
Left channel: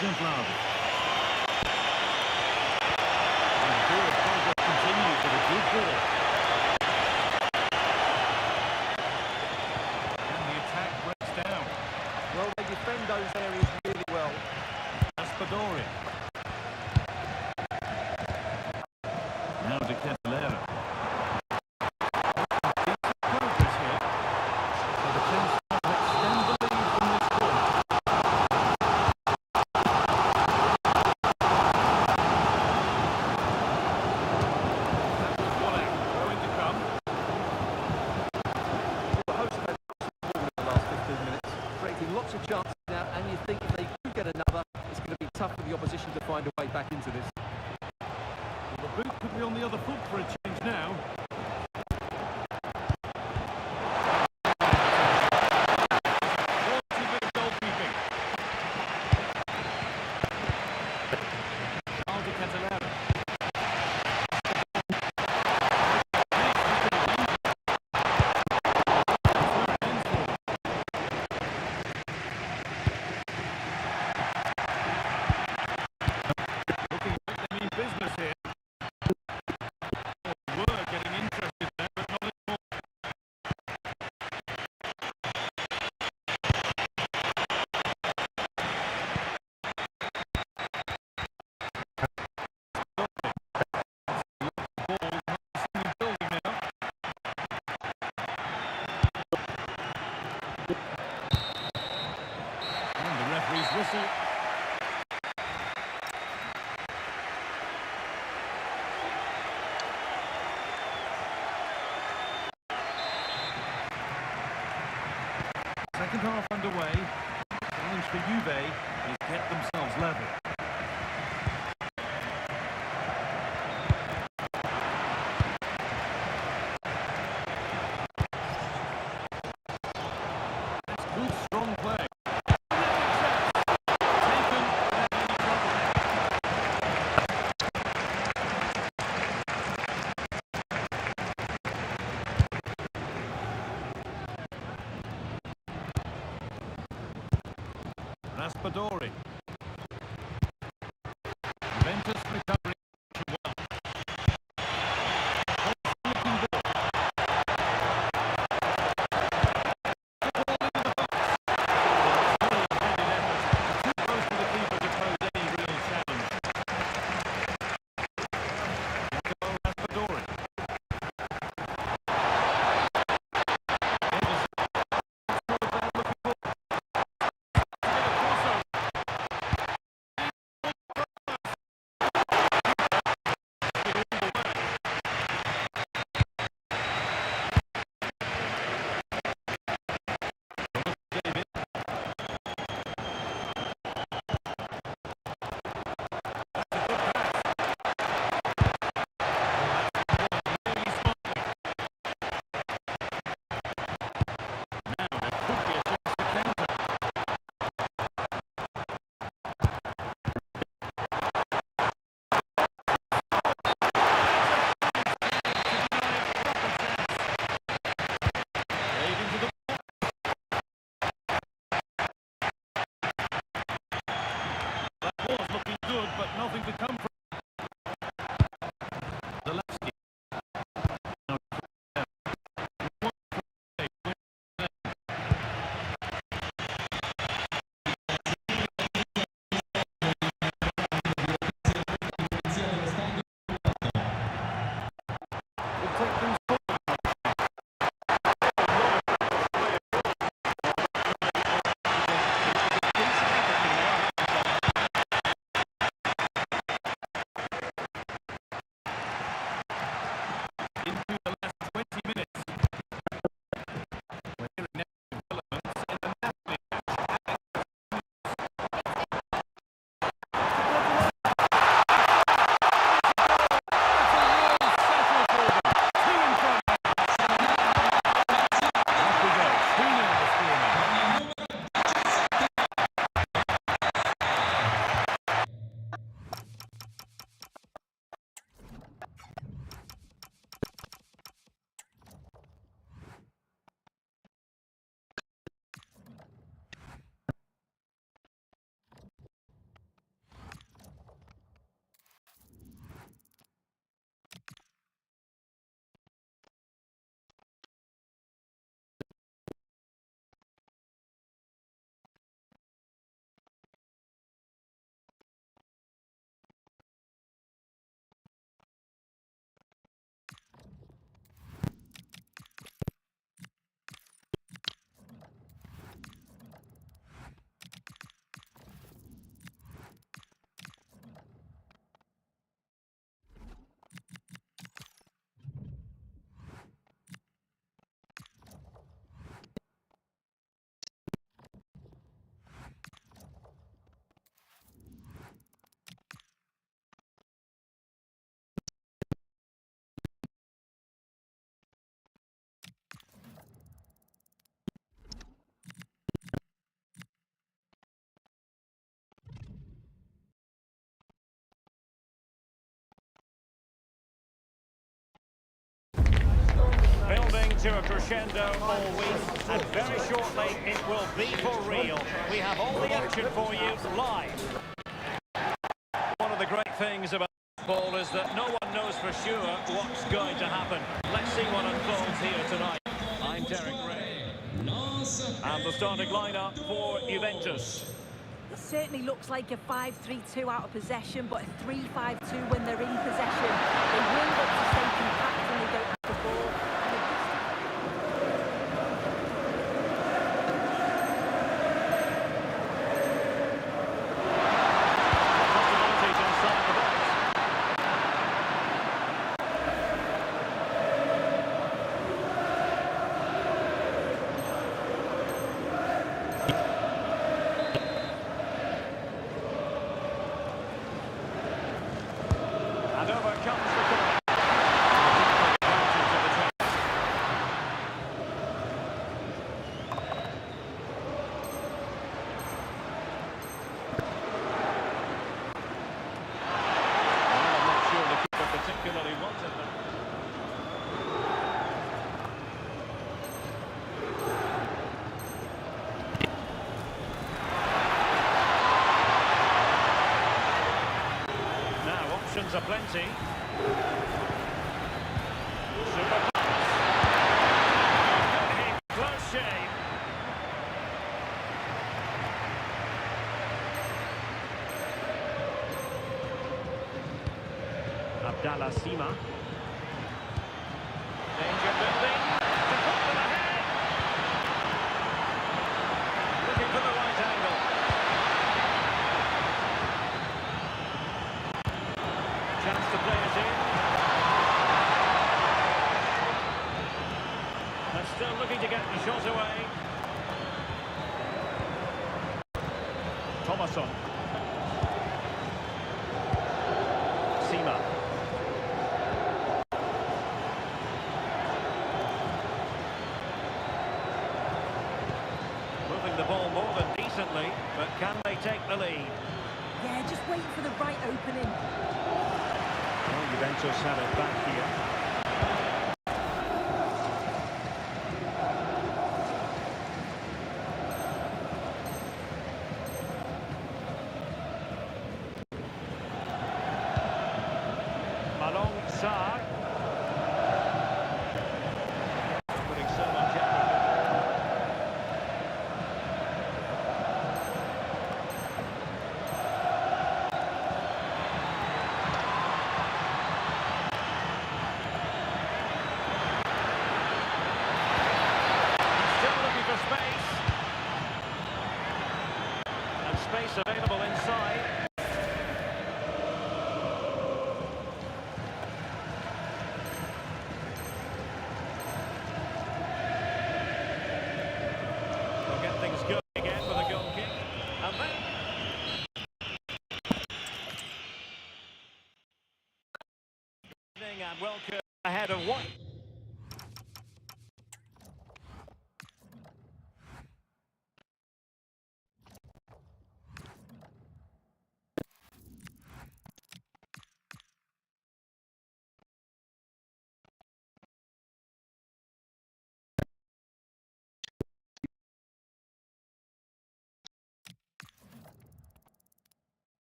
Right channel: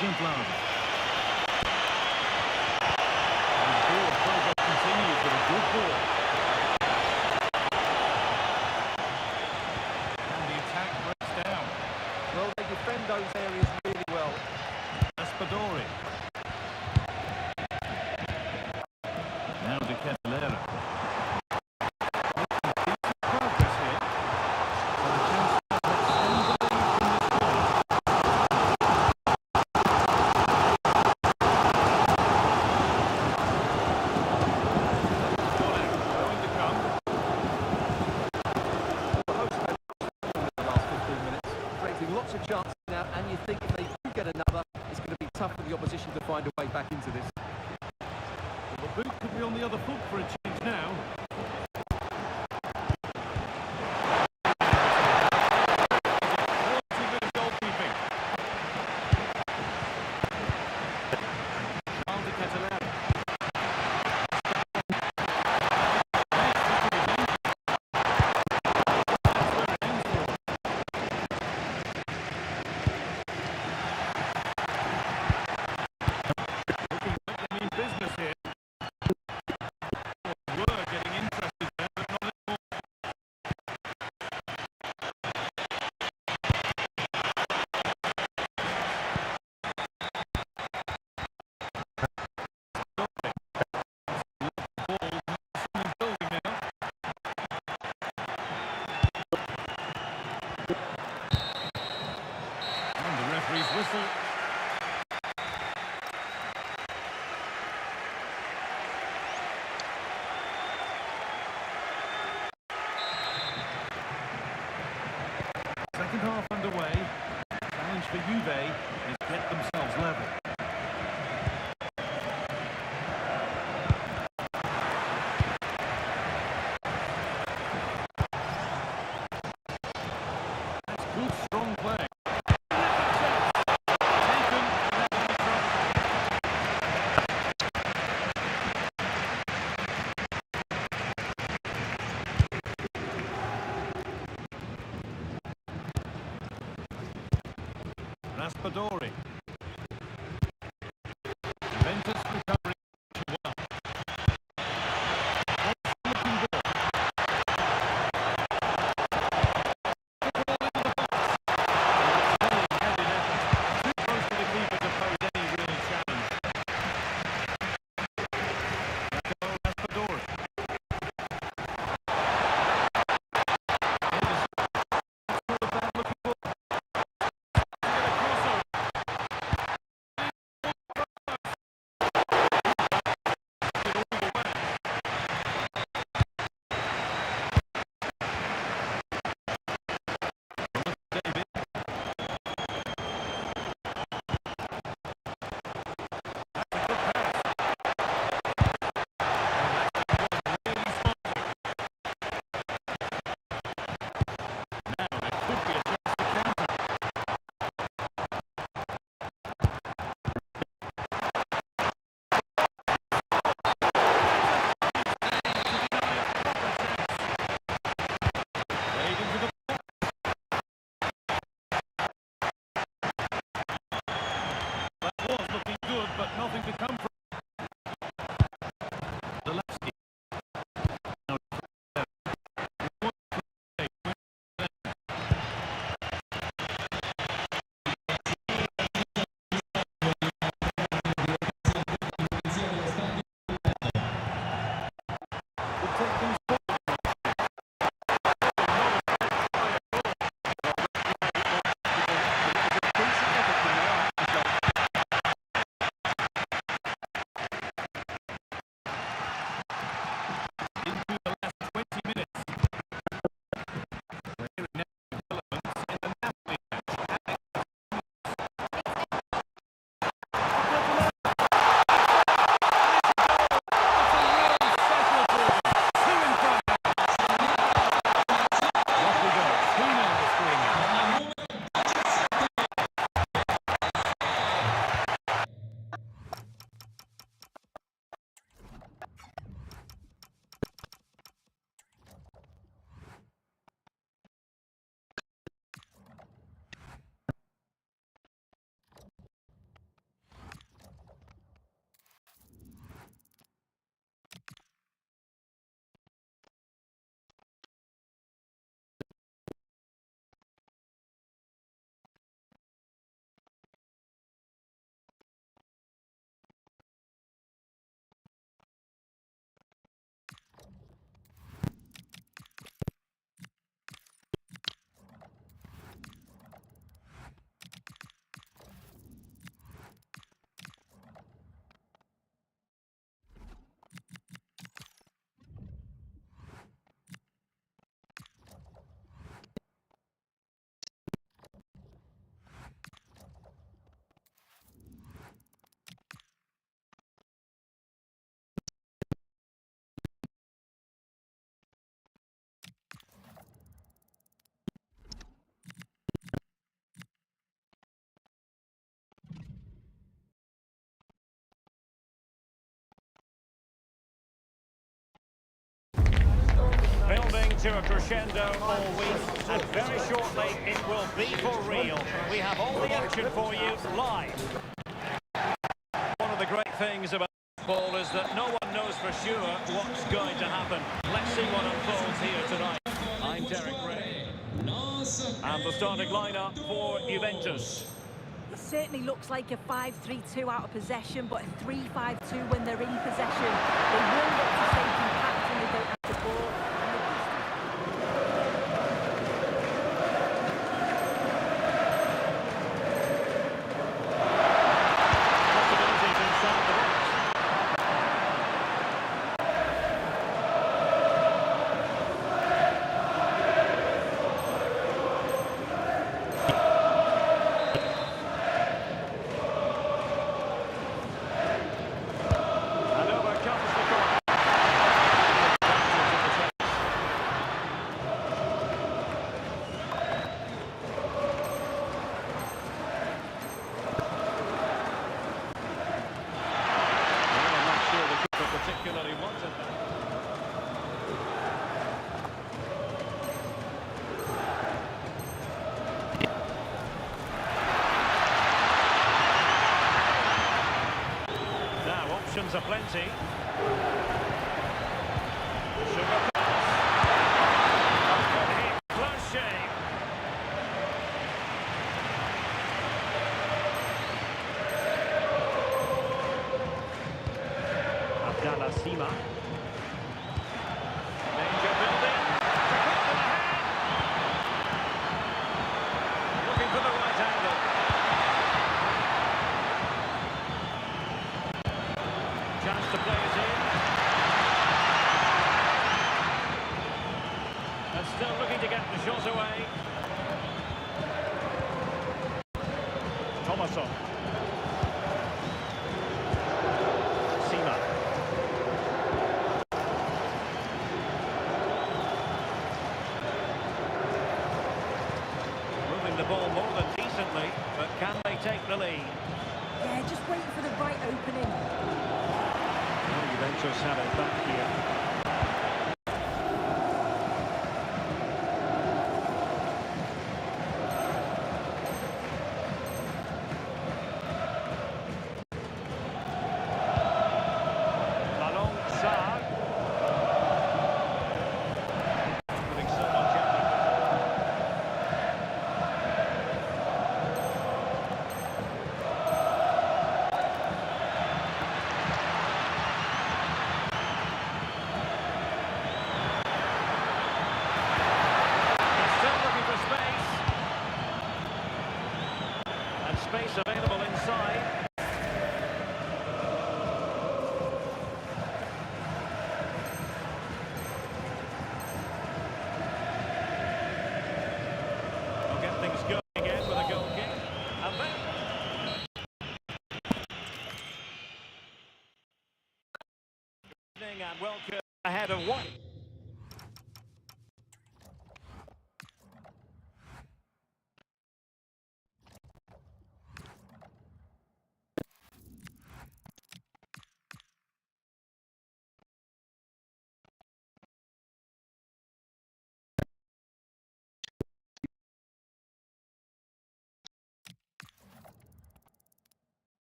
Juventus. And the forward progress continues with a good ball. And the attack breaks down. Well, they defend those areas really well. Raspadori. Now de Ketelera. Decent progress here. So the chance to extend the lead from this point. Lots of chances now, and you think if they do get another, it's going to be tough for the opposition to find a way back into this. Well, the boot could be on the other foot for a change now. Quality bit of goalkeeping. Charles de Ketelera. Business here. Were getting interested there, but not anymore. Ball nice and building now. And the referee's whistle. Second half underway. Challenge for Juve is get themselves level. That's good, strong play. Terrific chance. Taken without any trouble. Raspadori. Juventus recovering well. Looking ball. The ball into the box. Solid headed effort. Too close to the keeper to pose any real challenge. Jacopo Raspadori. Anderson. It's not a bad looking ball. Looking good, but nothing to come from. The left skip. We'll take things forward. Decent effort from there. to a crescendo all week, and very shortly it will be for real. We have all the action for you live. One of the great things about football is that no one knows for sure what's going to happen. Let's see what unfolds here tonight. I'm Derek Ray, and the starting lineup for Juventus. It certainly looks like a 5-3-2 out of possession, but a 3-5-2 when they're in possession. They will look to stay compact when they don't have the ball. And the distance... Possibilities inside the box. And over comes the corner. Taking advantage of the chance. Well, I'm not sure the keeper particularly wanted that. Now, options are plenty. Super pass. A good hit, close shave. Abdallah Sima. Danger building. To put them ahead. Looking for the right angle. Chance to play it in. And still looking to get the shot away. Thomasson. Sima. Moving the ball more than decently, but can they take the lead? Yeah, just waiting for the right opening. Well, Juventus have it back here. Malong Sarr. Putting so much effort. For space, and space available inside. They'll get things going again with a goal kick, and then and welcome ahead of one.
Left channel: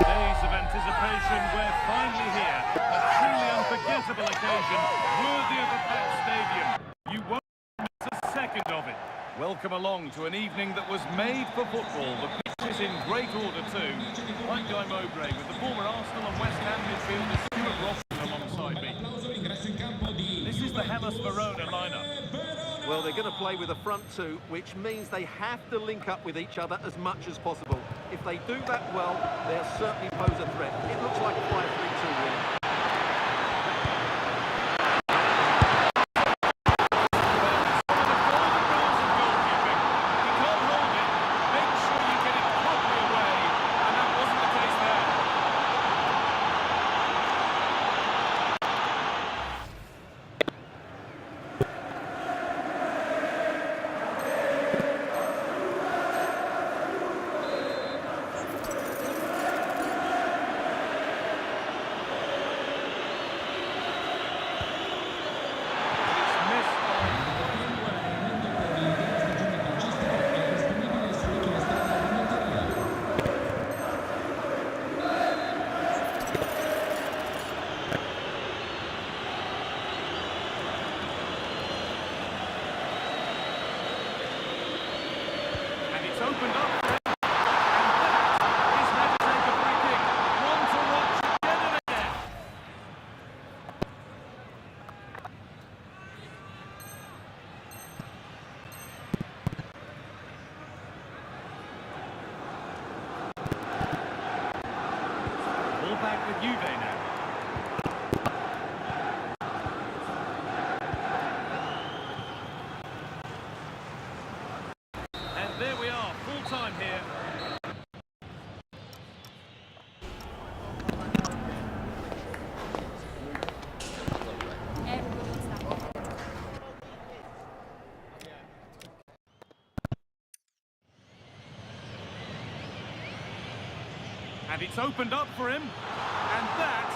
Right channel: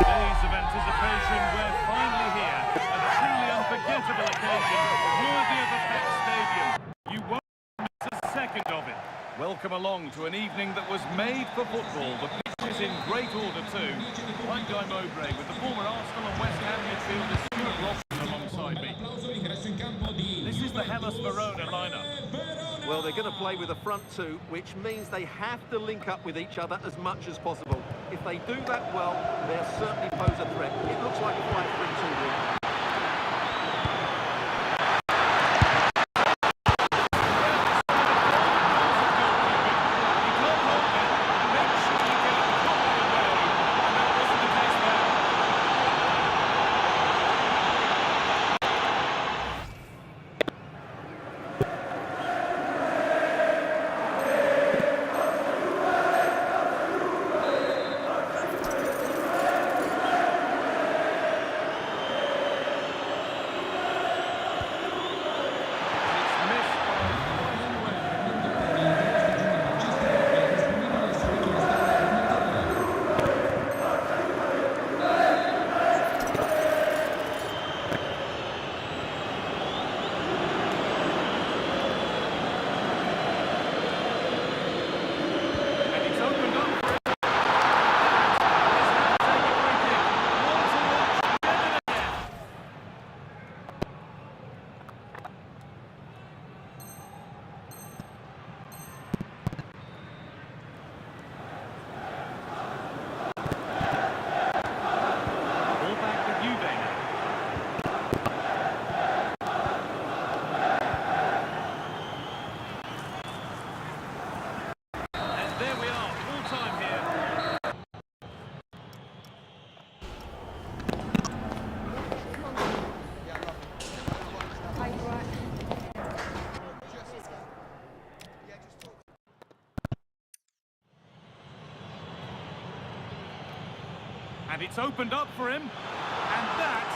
Days of anticipation, we're finally here. A truly unforgettable occasion, worthy of a packed stadium. You won't miss a second of it. Welcome along to an evening that was made for football. The pitch is in great order too. I'm Guy Mowbray with the former Arsenal and West Ham midfielder Stuart Robson alongside me. This is the Hellas Verona lineup. Well, they're going to play with a front two, which means they have to link up with each other as much as possible. If they do that well, they'll certainly pose a threat. It looks like a 5-3-2, really. with Juve now. And there we are, full time here. And it's opened up for him. And that...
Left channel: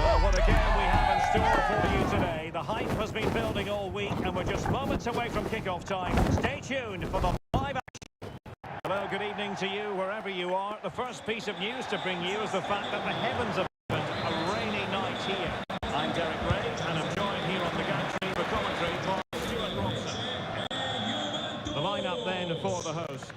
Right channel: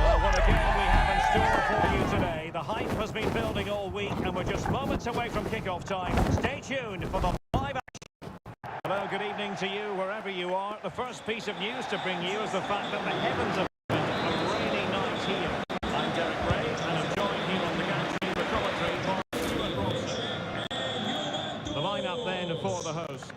Well, what a game we have in store for you today. The hype has been building all week, and we're just moments away from kick-off time. Stay tuned for the live action. Hello, good evening to you, wherever you are. The first piece of news to bring you is the fact that the heavens have opened a rainy night here. I'm Derek Ray, and I'm joined here on the gantry for commentary by Stuart Robson. The lineup then for the hosts.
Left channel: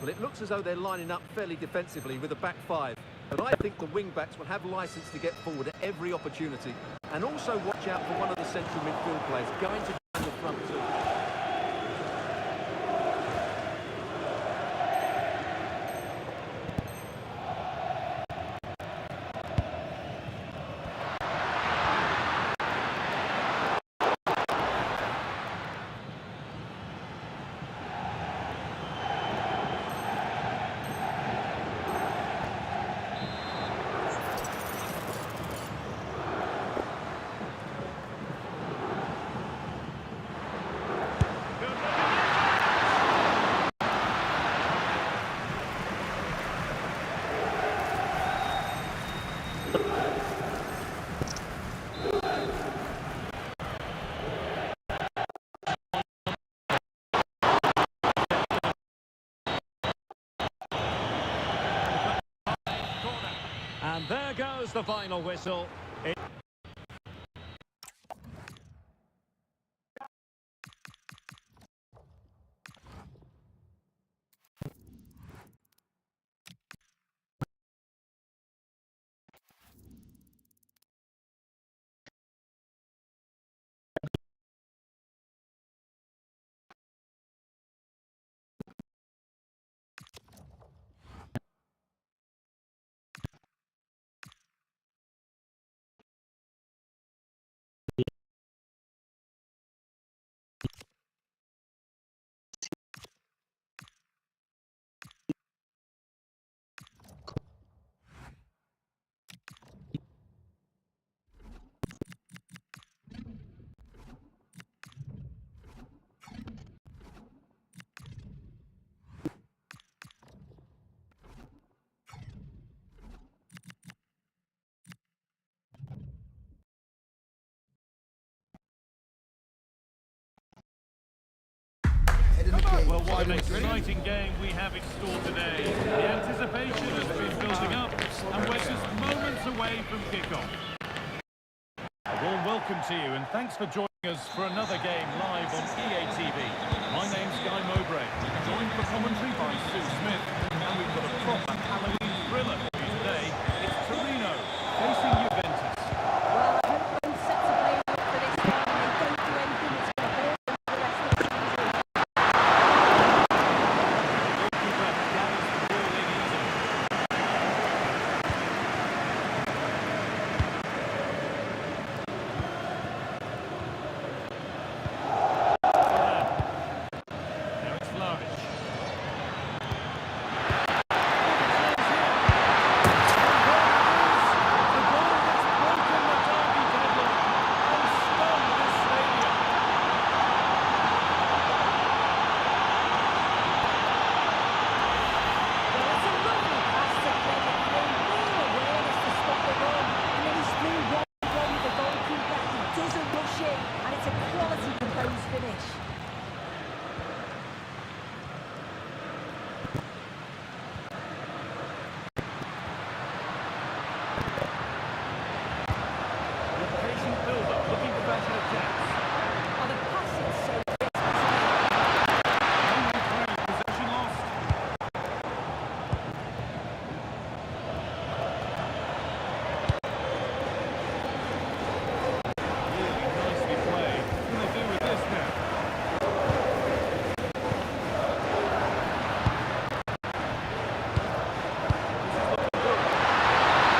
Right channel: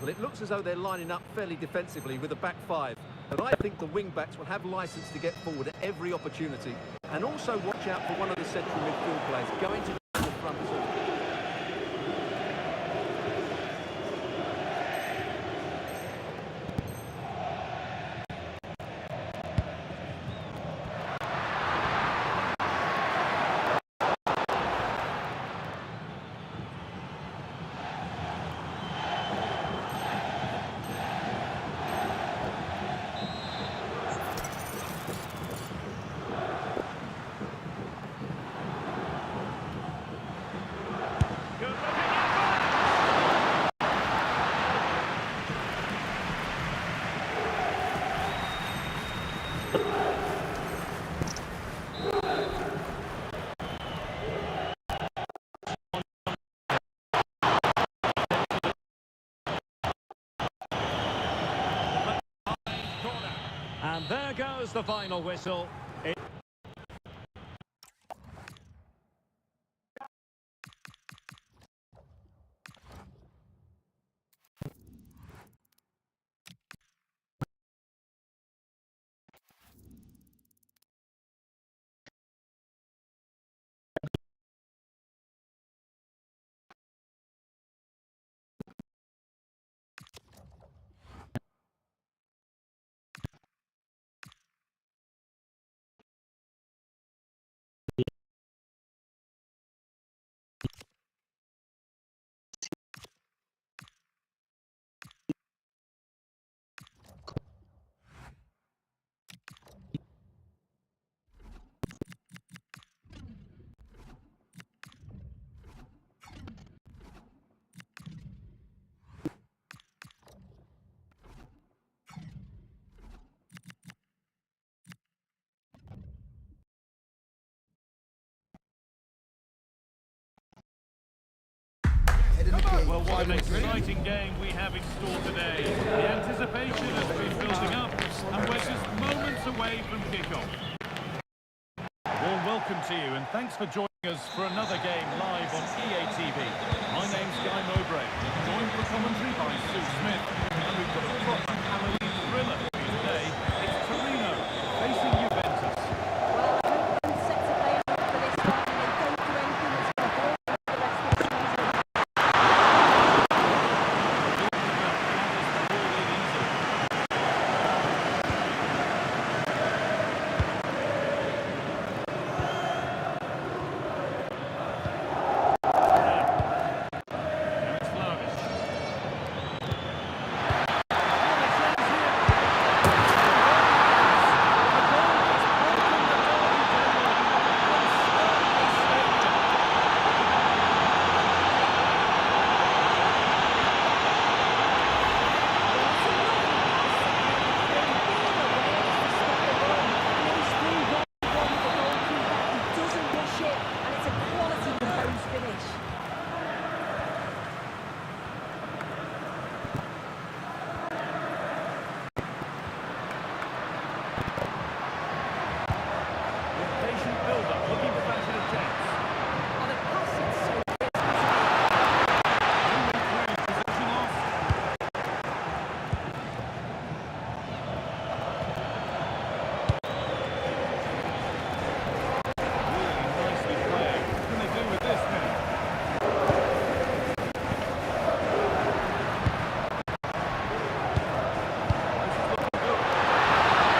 Well, it looks as though they're lining up fairly defensively with a back five. But I think the wing-backs will have licence to get forward at every opportunity. And also watch out for one of the central midfield players going to join the front two. Good looking effort! And there goes the final whistle. in the game. Well, what an exciting game we have in store today. The anticipation has been building up, and we're just moments away from kickoff. A warm welcome to you, and thanks for joining us for another game live on EA TV. My name's Guy Mowbray, joined for commentary by Sue Smith, and we've got a proper Halloween thriller for you today. It's Torino facing Juventus. Well, I hope both sets are playing up for this one and they don't do anything that's going to hold them for the rest of the season. The goalkeeper gathers the ball in easily. Varane. Now it's Vlahovic. What a chance here! And there it is! The goal that's broken the derby deadlock and stunned this stadium. Well, it's a lovely pass to Clever through, being awareness to stop the run, and then he's through one with the goalkeeper. He doesn't rush it, and it's a quality composed finish. With patient build-up, looking to bash it a chance. Oh, the passing's so crisp, isn't it? No way through, possession lost. Really nicely played. What can they do with this now? This is looking good.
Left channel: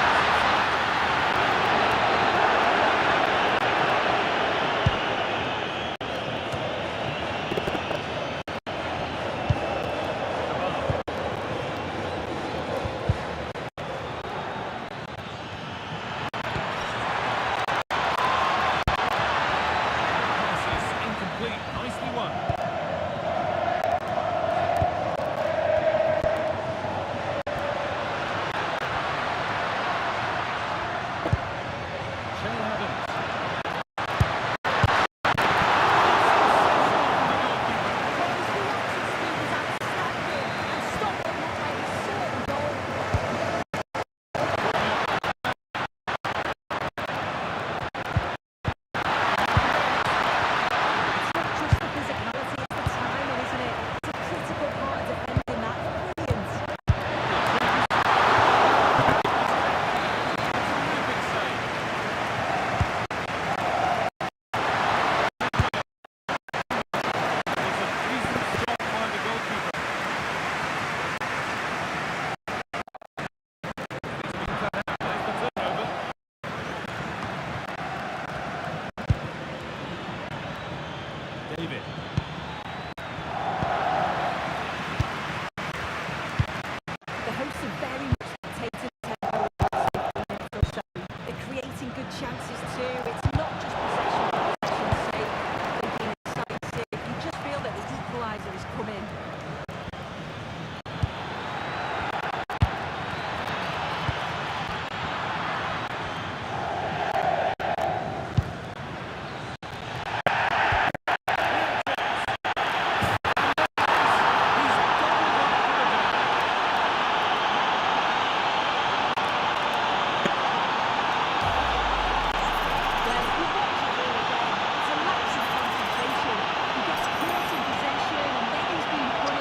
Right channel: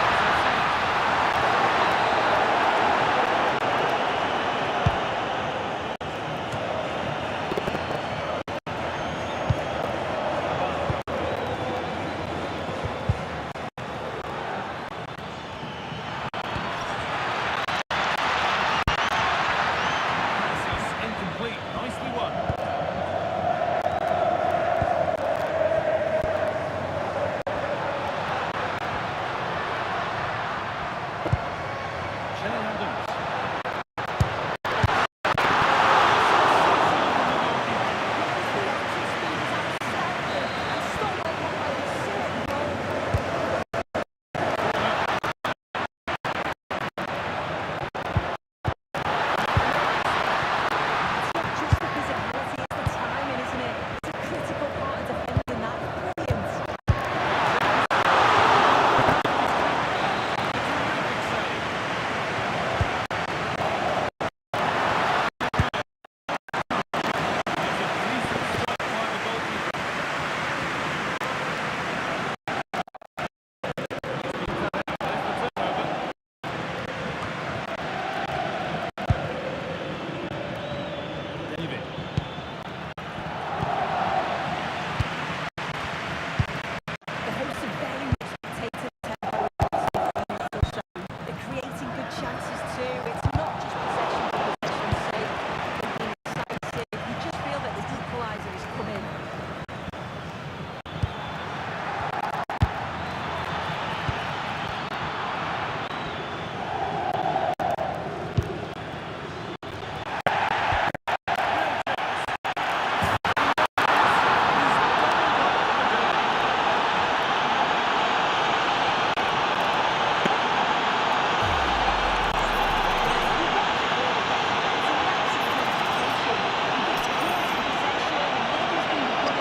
It's offside. Cabal. Pass is incomplete. Nicely won. Che Adams. Sensational from the goalkeeper. Well, his reaction speed is outstanding, and Stockholm look like a certain goal. It's not just the physicality, it's the timing, isn't it? It's a critical part of defending that. Brilliant. A terrific save. It's a decent stop by the goalkeeper. It's been cut out. There's the turnover. David. The hosts are very much dictating the tempo in the last 15 minutes or so. They're creating good chances too. It's not just possession for possession's sake. They've been incisive. You just feel that the equaliser is coming. Real chance. He's doubled up for the day. Well, if you watch it all again, it's a lapse in concentration. He gets caught in possession and then he's been run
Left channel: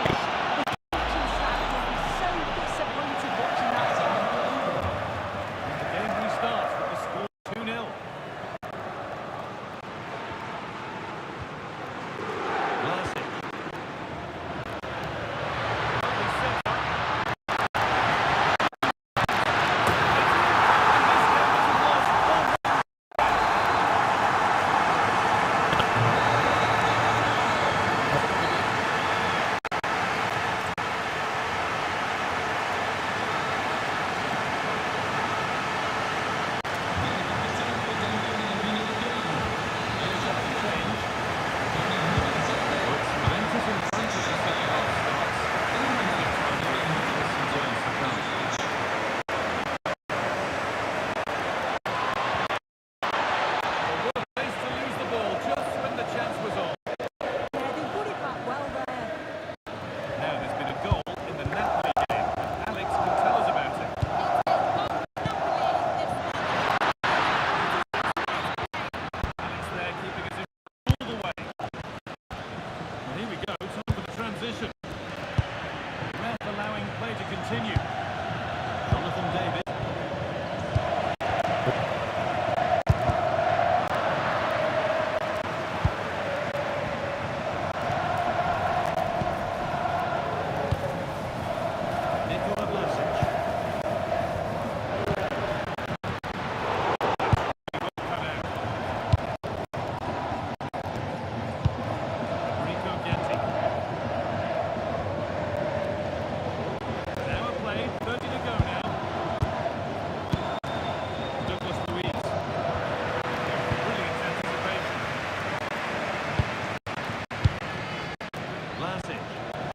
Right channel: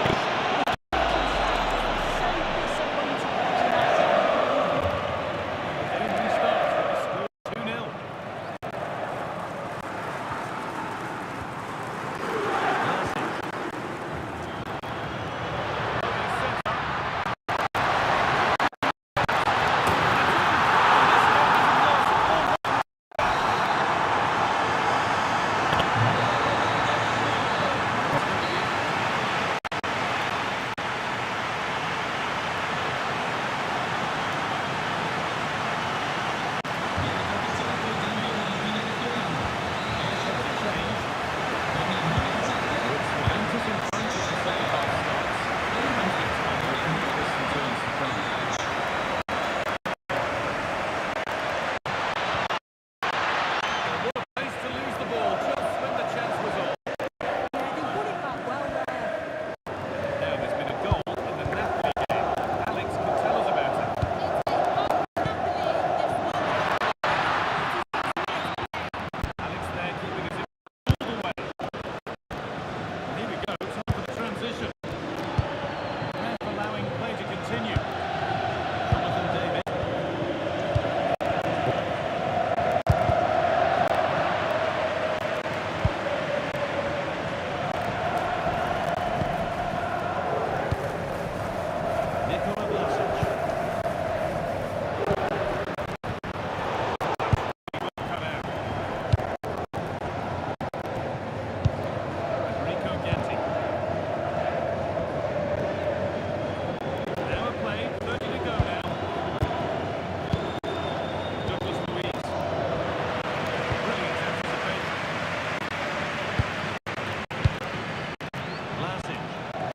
Vlasic.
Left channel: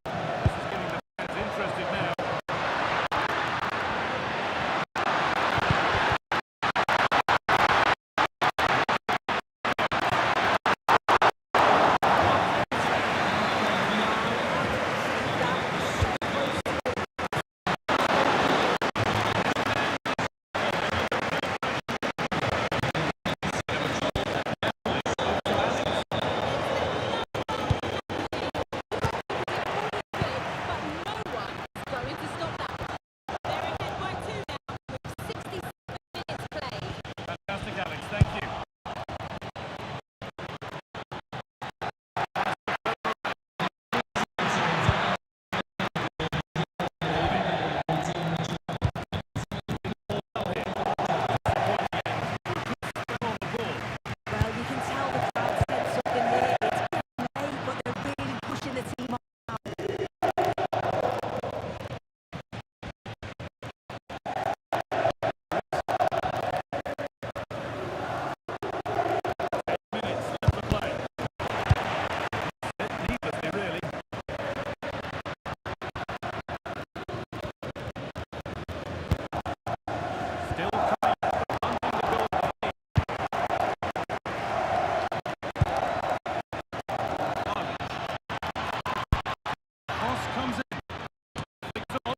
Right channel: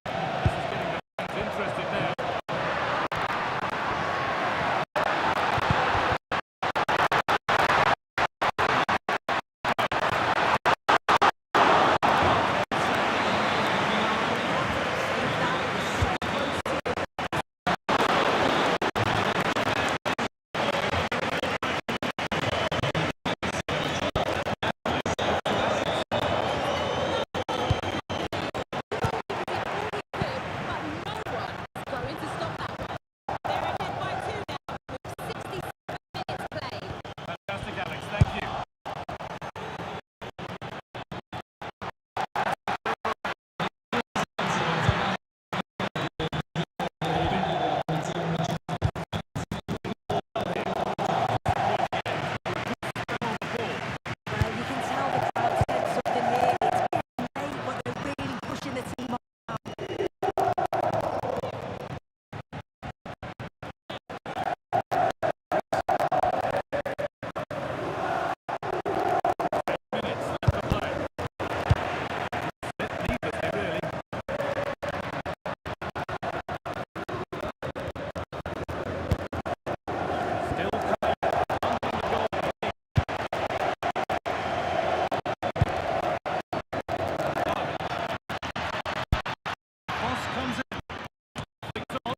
This is getting the fans interested now. Fantastic, Alex. Thank you. Well, you can tell the crowd sense something here. It's getting late, but they're really pushing the team on. Minutes left to play. Bit needlessly, really. Still coming, hunting the goal. Cross comes in. Flicks on.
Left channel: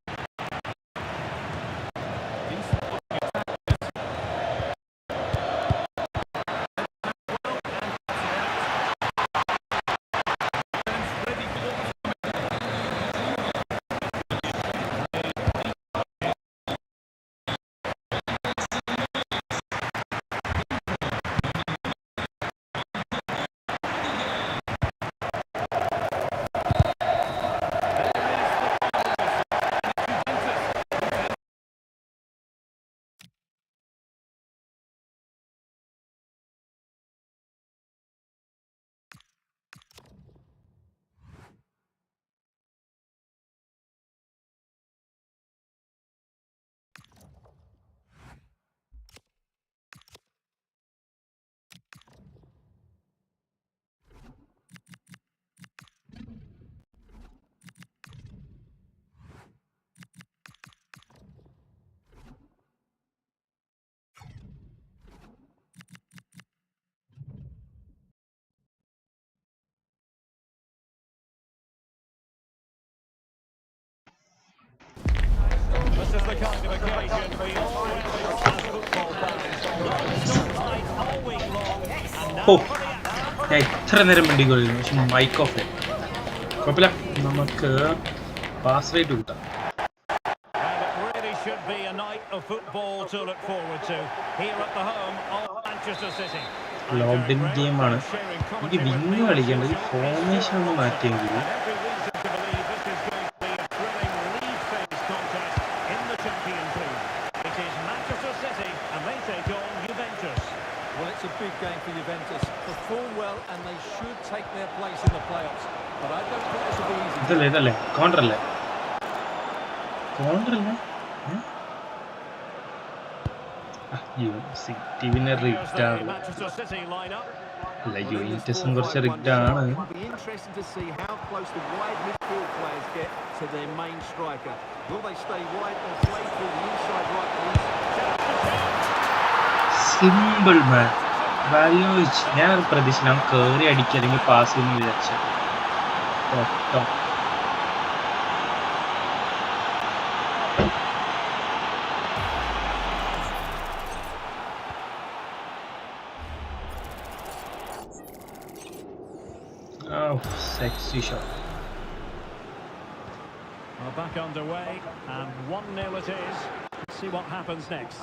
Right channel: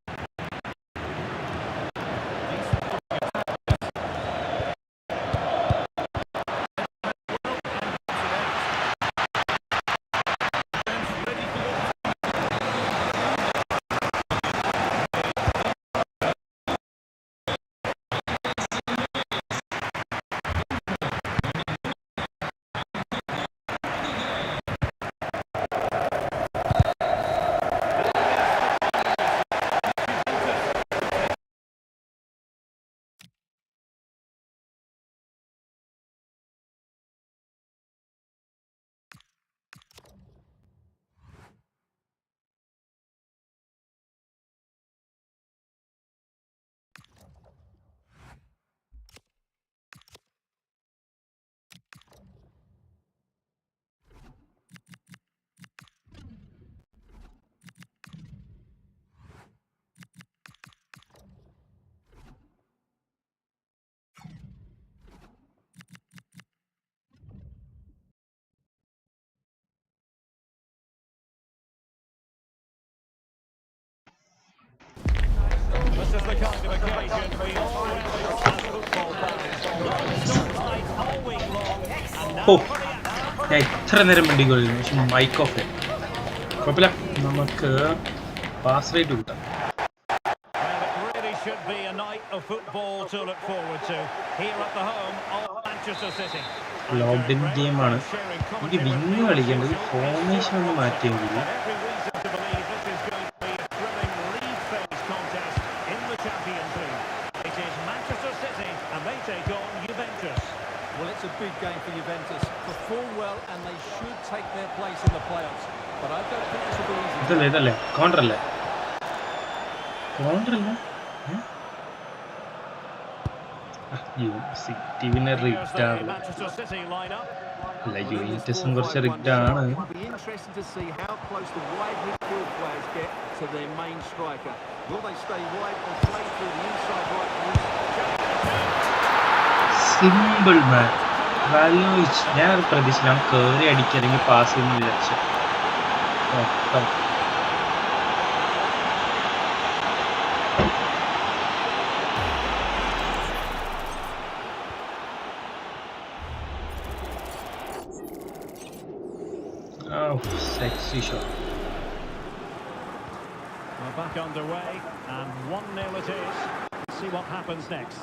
Decent looking attack. Well, and puts it out. Defence ready for what's This is the kind of occasion we all relish as football fans. Non-stop all week long, and now Oh. for the action. ഞാൻ ഇത്ര നേരം വേണ്ടിക്കൊള്ളുന്നു പക്ഷെ mic off കുഴപ്പമില്ല, നമുക്ക് pass rate കൂട്ടാം. Well, it really should be a night of football to look forward to here at the home of Manchester City. Locked in ഗെയിമാണ്. എനിക്ക് wing കളിക്കേണ്ടത് formation ഒന്ന് മാറ്റിയെങ്കിൽ And every reason to believe this is going to be a thrilling league phase contest in the Champions League. It is Manchester City and they take on Juventus. Well, it's a big game for Juventus. Perform well and they should take their place in the playoffs. But I don't think this will be easy. ഇതല്ലേ കോൺട്രല്ലേ city പിന്നെ Here's rigged the ആണ്. Manchester City lineup. അല്ല, Well, in this യുവന്റസും 4-5-1 കുറച്ച് rigged ആണ്. It'll be interesting to see how close the wide midfield players get to their main striker. Will they stay wide or play through the inside right and simple man വാല്യൂച്ച്. ഞാൻ പ്രതീക്ഷിച്ചില്ല അവൻ കയറി അടിക്കുക അല്ലെങ്കിൽ pass ചെയ്യുന്ന വിചാരിച്ചു. ഒട്ടോ sexy shot. We're back underway and 1-0 it is. Let's see what happens next.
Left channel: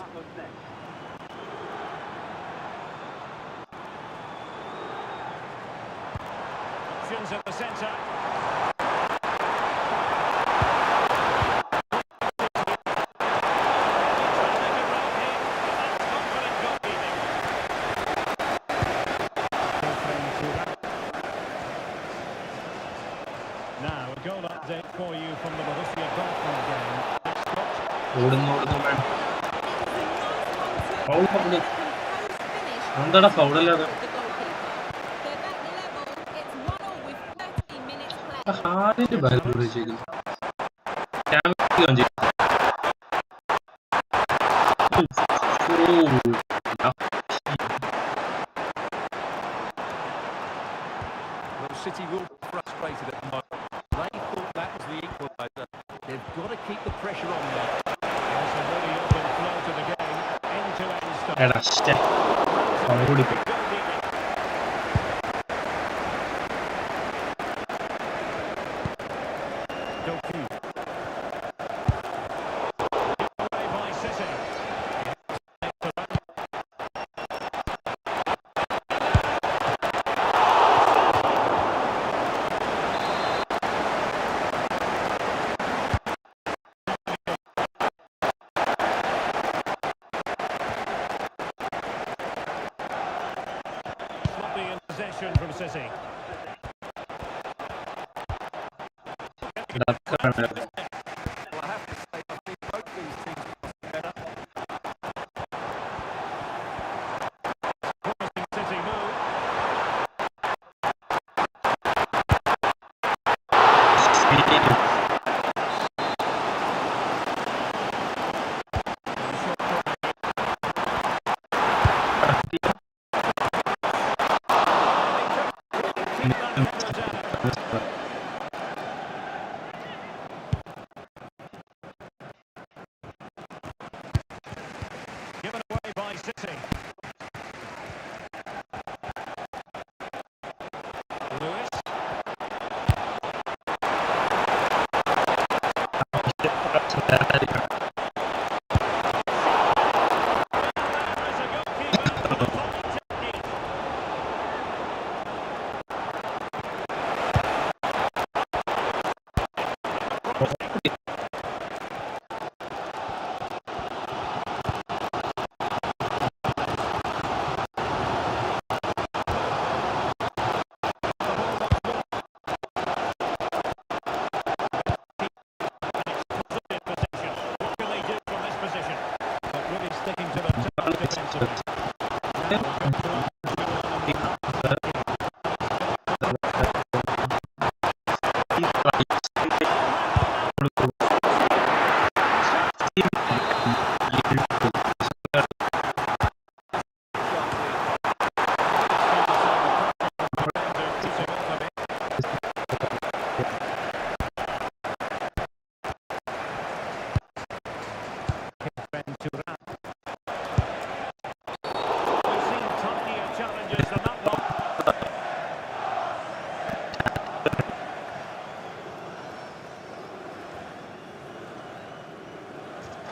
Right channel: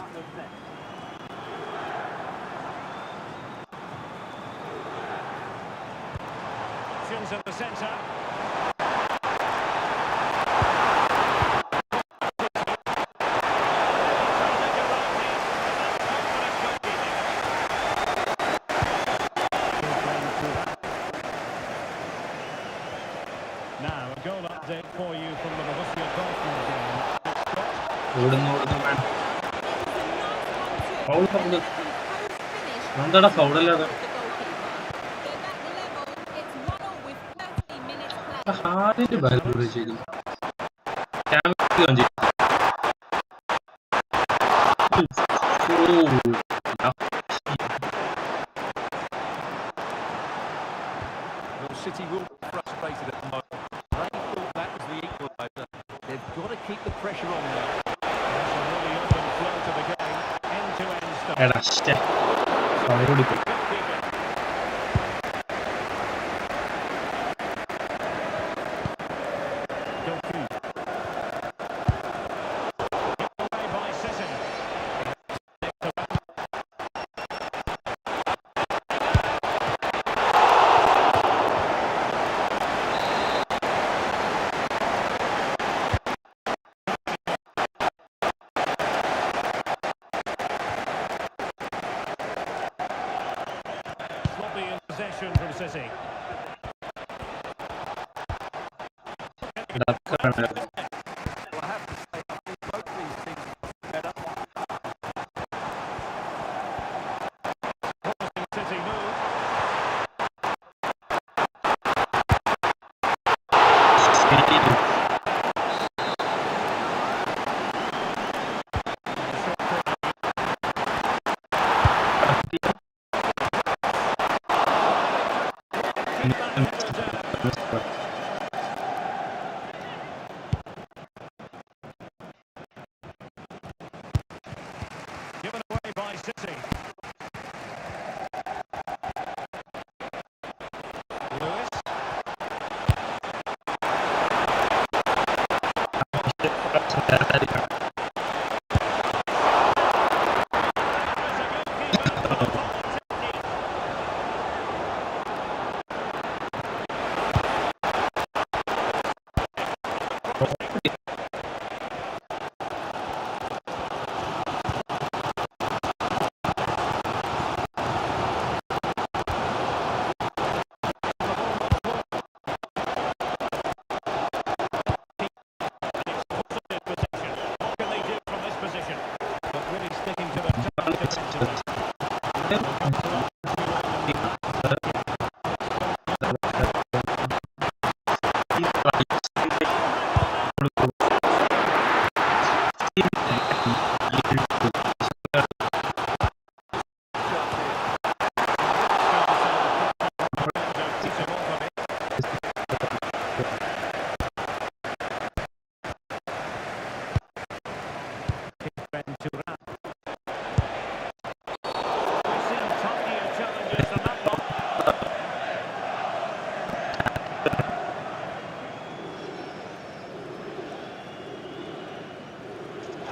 Options at the centre. Now, a goal update for you from the Borussia Dortmund game. ഓടുന്നു മാൻ. ഫൗൾ ഫൗൾ എന്താടാ ഫൗളല്ലാതെ ഹാളിന്റെ bag വെച്ചേക്കുന്നു. Well, City will be frustrated at the moment. They thought that was the equaliser. They've got to keep the pressure on now. There's a really open flow to the game, end-to-end stuff. എടാ ശ്ശെ. അവനോട് ഇപ്പൊ Goalkeeping. Doku. Given away by City. Next to run. Sloppy in possession from City. ഇടക്കാണ്. Well, I have to say, I think both these teams must be better. Promising City move. And the shot corner. Keep that header down. Given away by City. Lewis. There is a goalkeeper with a fine technique. Promising. The ball once more. And it's positive possession. What can they do from this position? But really sticking to the task defensively. Now they've got to up 2-1 and be back to the game. Shot here. We've seen tinier challenges than that one.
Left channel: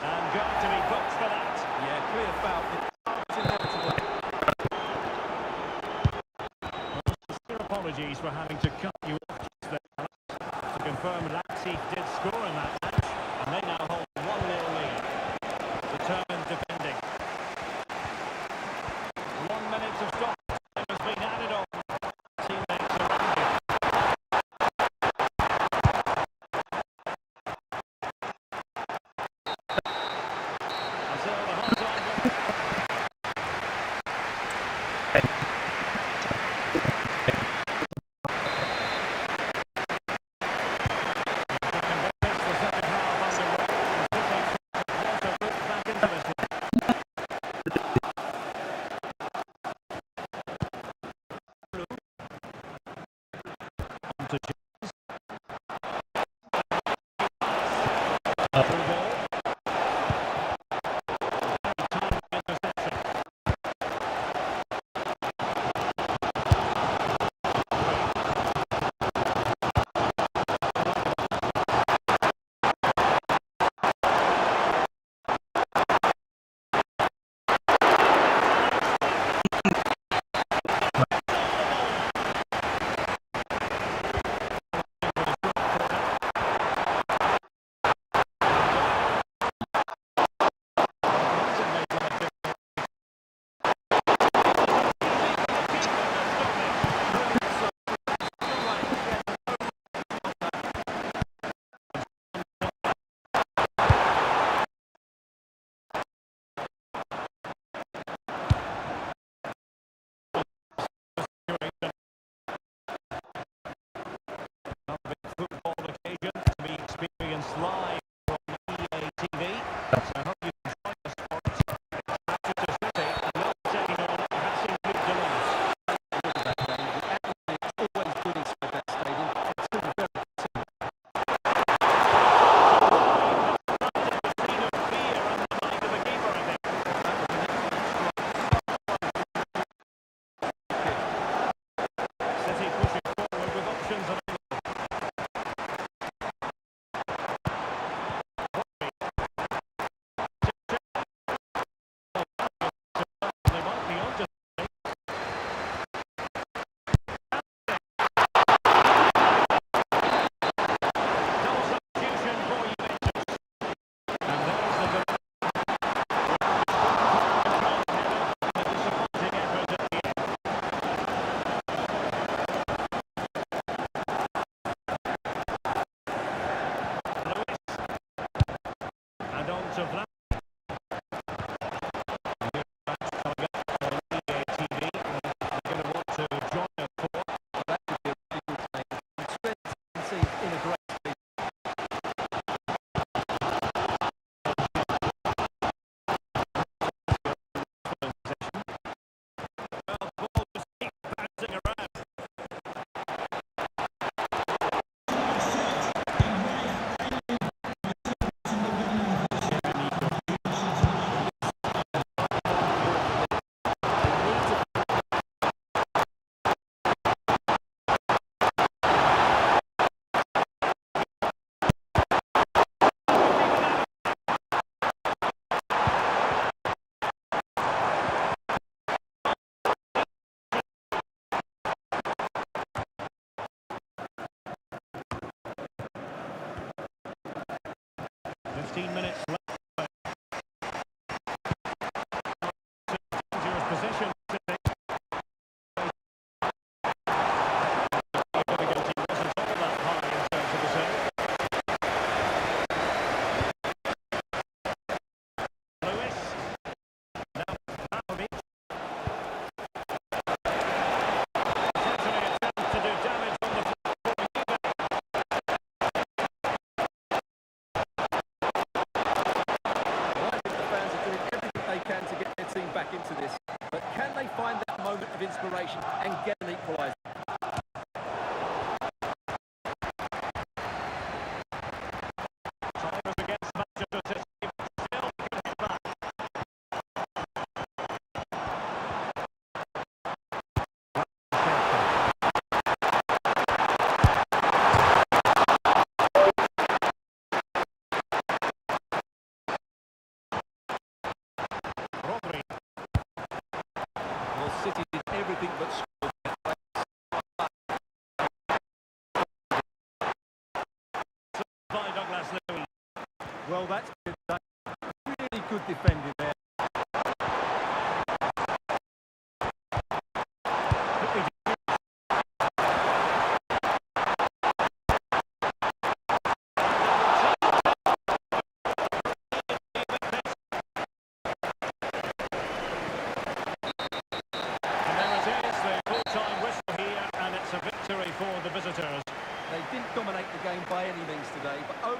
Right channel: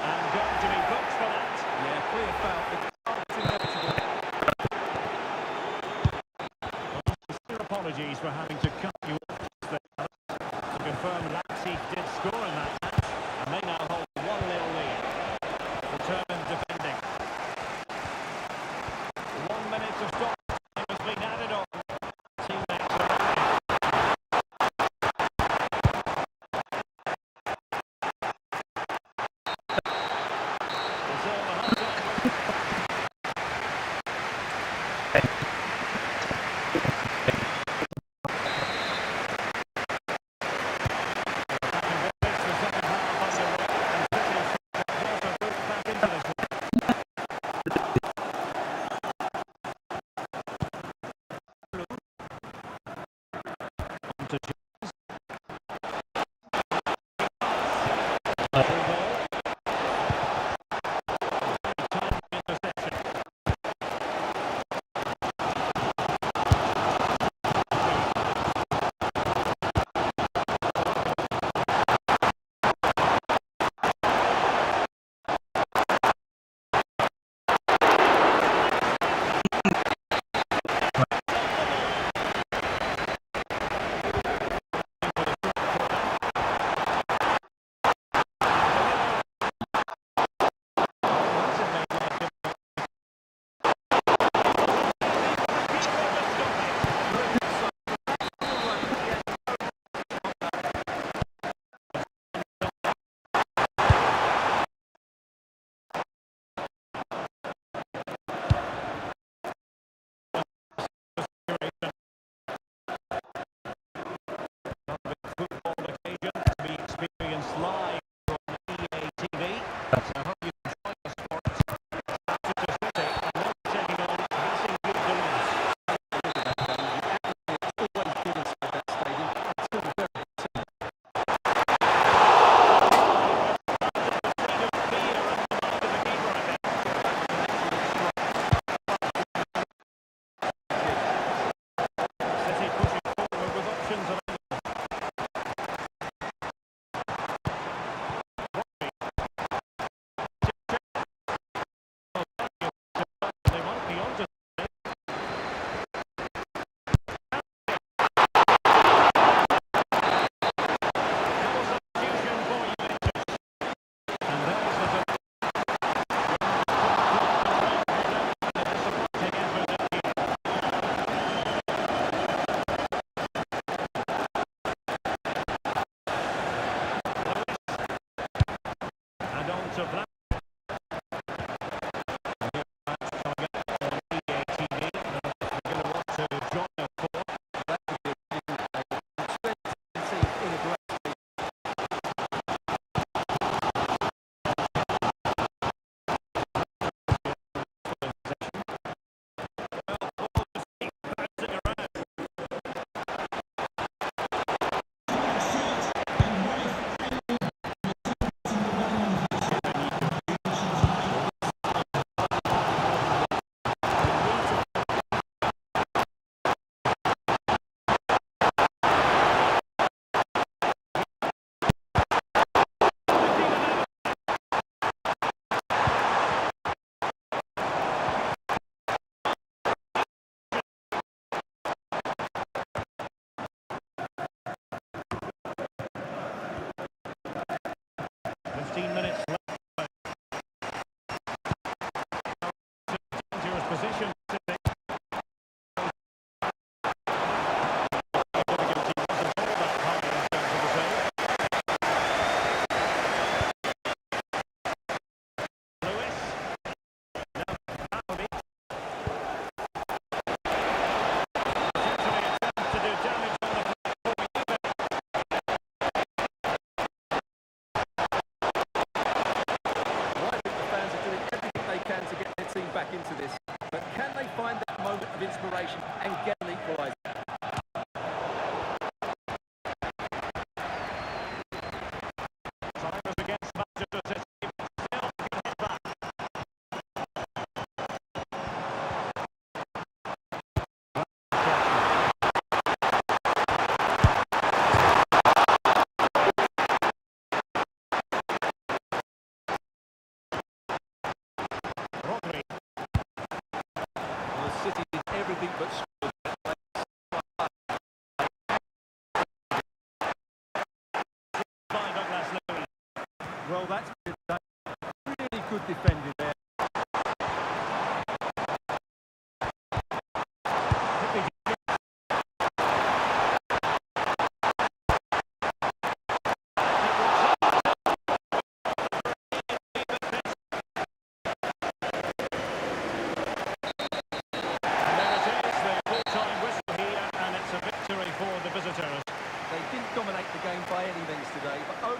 And going to be booked for that. Yeah, clear foul. The card's inevitable. Well, sincere apologies for having to cut you off just there, Alex. To confirm, Leipzig did score in that match, and they now hold a 1-0 lead. Determined defending. 1 minute of stop time has been added on. Teammates around him. And so the half-time whistle. Back in business, the second half underway, and City trying to force a route back into this one. On to Jones. Through ball. Very timely interception. of that. Coming up on EA TV, we're going to want to join us for. That could be a really good game. Trent in a great speed. Well, ball just keeps bouncing around. Minutes left. Dangerous position. Difficulty wasn't all that high in terms of the save. Lewis. Now Vlahovic. Potentially a chance to do damage on the floor. Can to get their team back into this, but can they find that moment of inspiration and get an equaliser? Time is against Manchester City, but still can hit back. Rodri. Well, City did everything but score. By Douglas Louis. Well, that's been really good defending there. Quickly. It's a victory for the visitors. They didn't dominate the game by any means today, but over.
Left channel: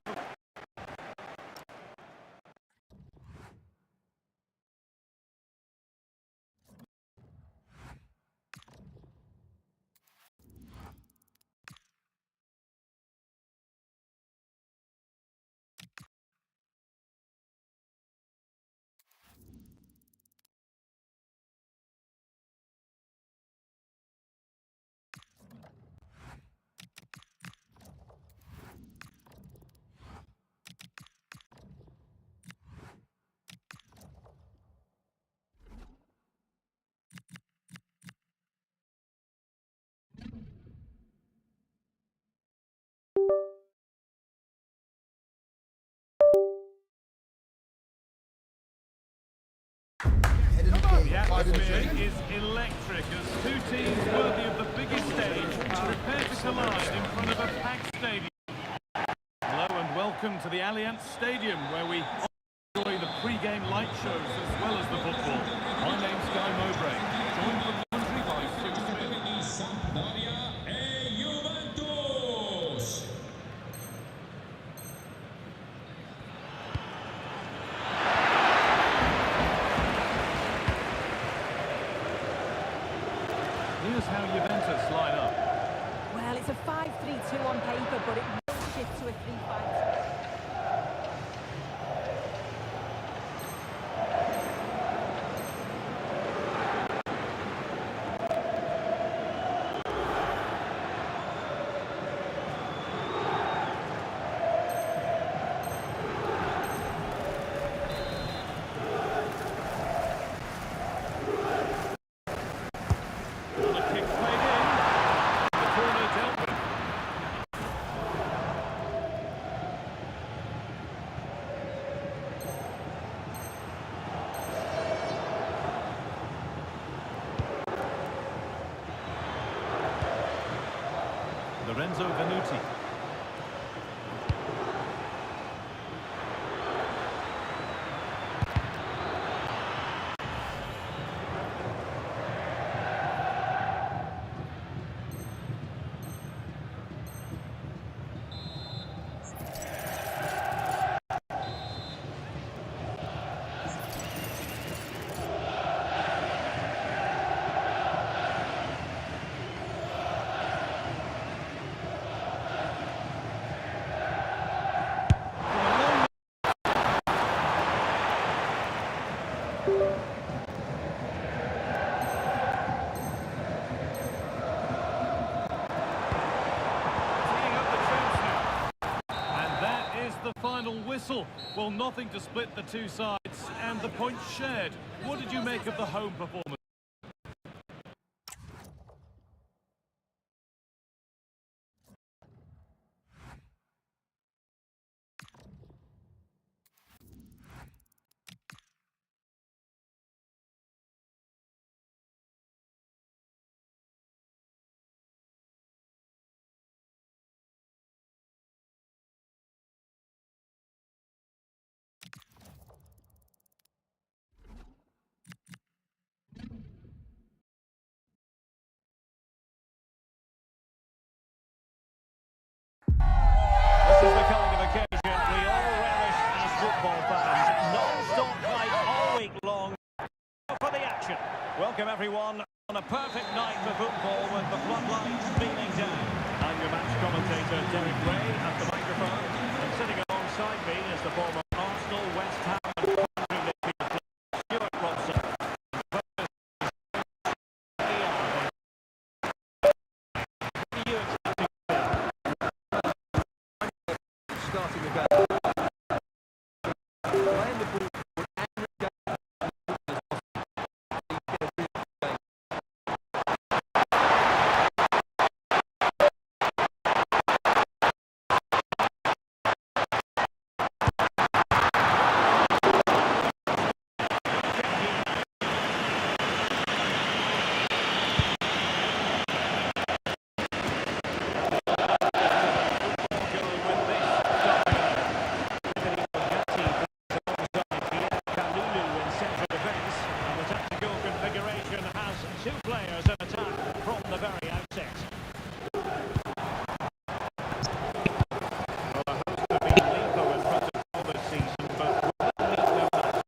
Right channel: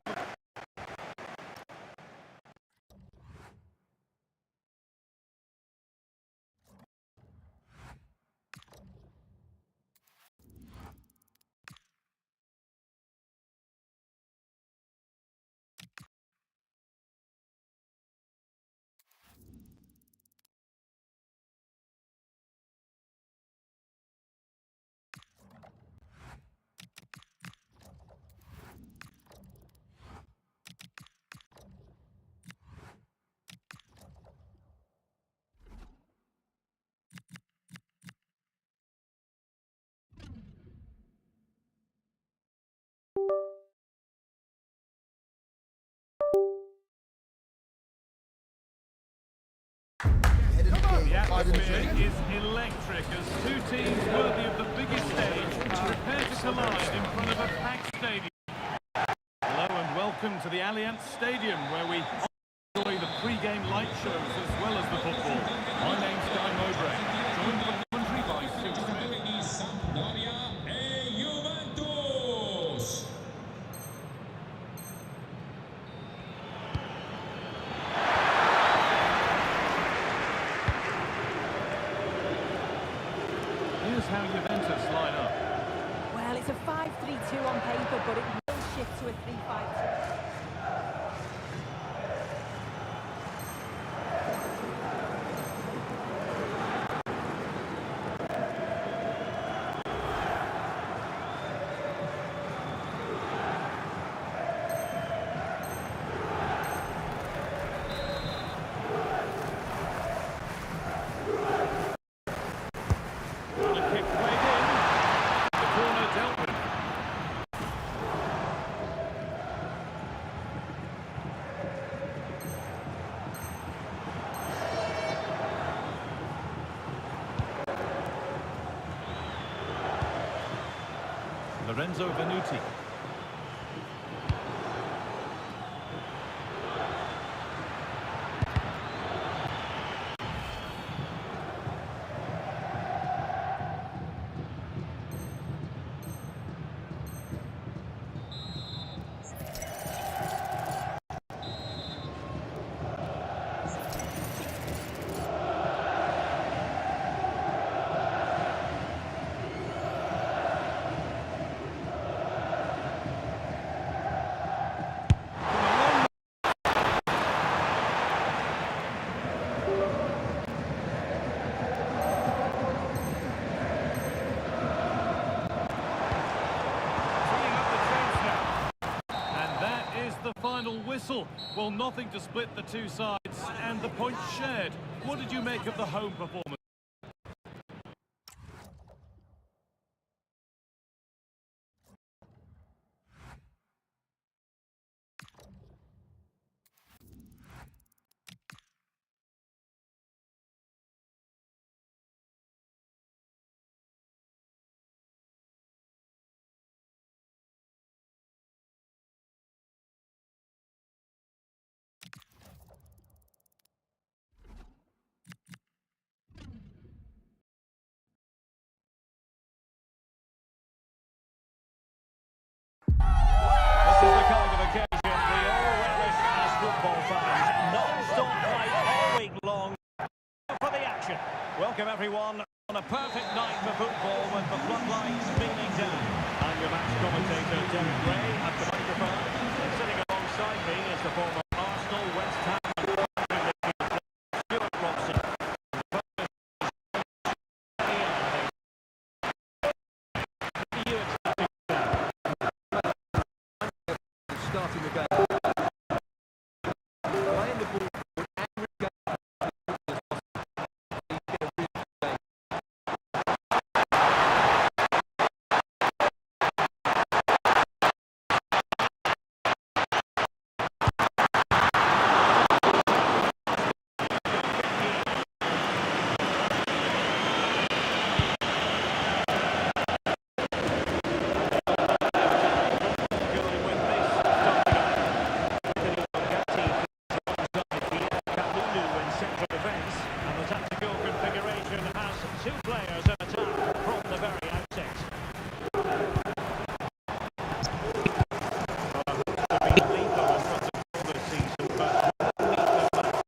The atmosphere is electric as two teams worthy of the biggest stage prepare to collide in front of a packed stadium. Hello and welcome to the Allianz Stadium, where we enjoy the pre-game light shows as well as the football. My name's Guy Mowbray, joined for commentary by Sue Smith. Sampdoria e Juventus. Here's how Juventus line up. Well, it's a 5-3-2 on paper, but it will shift to a 3-5-2. Kick played in. The corner dealt with. Lorenzo Venuti. the final whistle. Well, nothing to split the two sides and the points shared. What did you make of the home performance? This is the kind of occasion we all relish as football fans. Non-stop fight all week long for the action. Welcome everyone on a perfect night for football with the floodlights beaming down. I'm your match commentator Derek Ray at the microphone, and sitting alongside me is the former Arsenal, West Ham and Coventry midfield player Stuart Robson. Starting the game. Playing the ball with angry game. Two players in attack from the very outset. Well, the hosts have been lethal in front of goal this season, but will they meet their match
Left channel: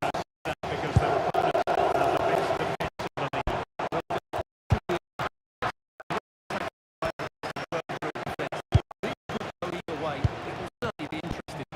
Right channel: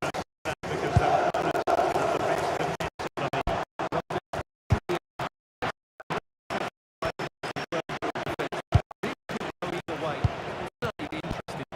because their opponents have the best defence in the league? This could go either way. It will certainly be interesting.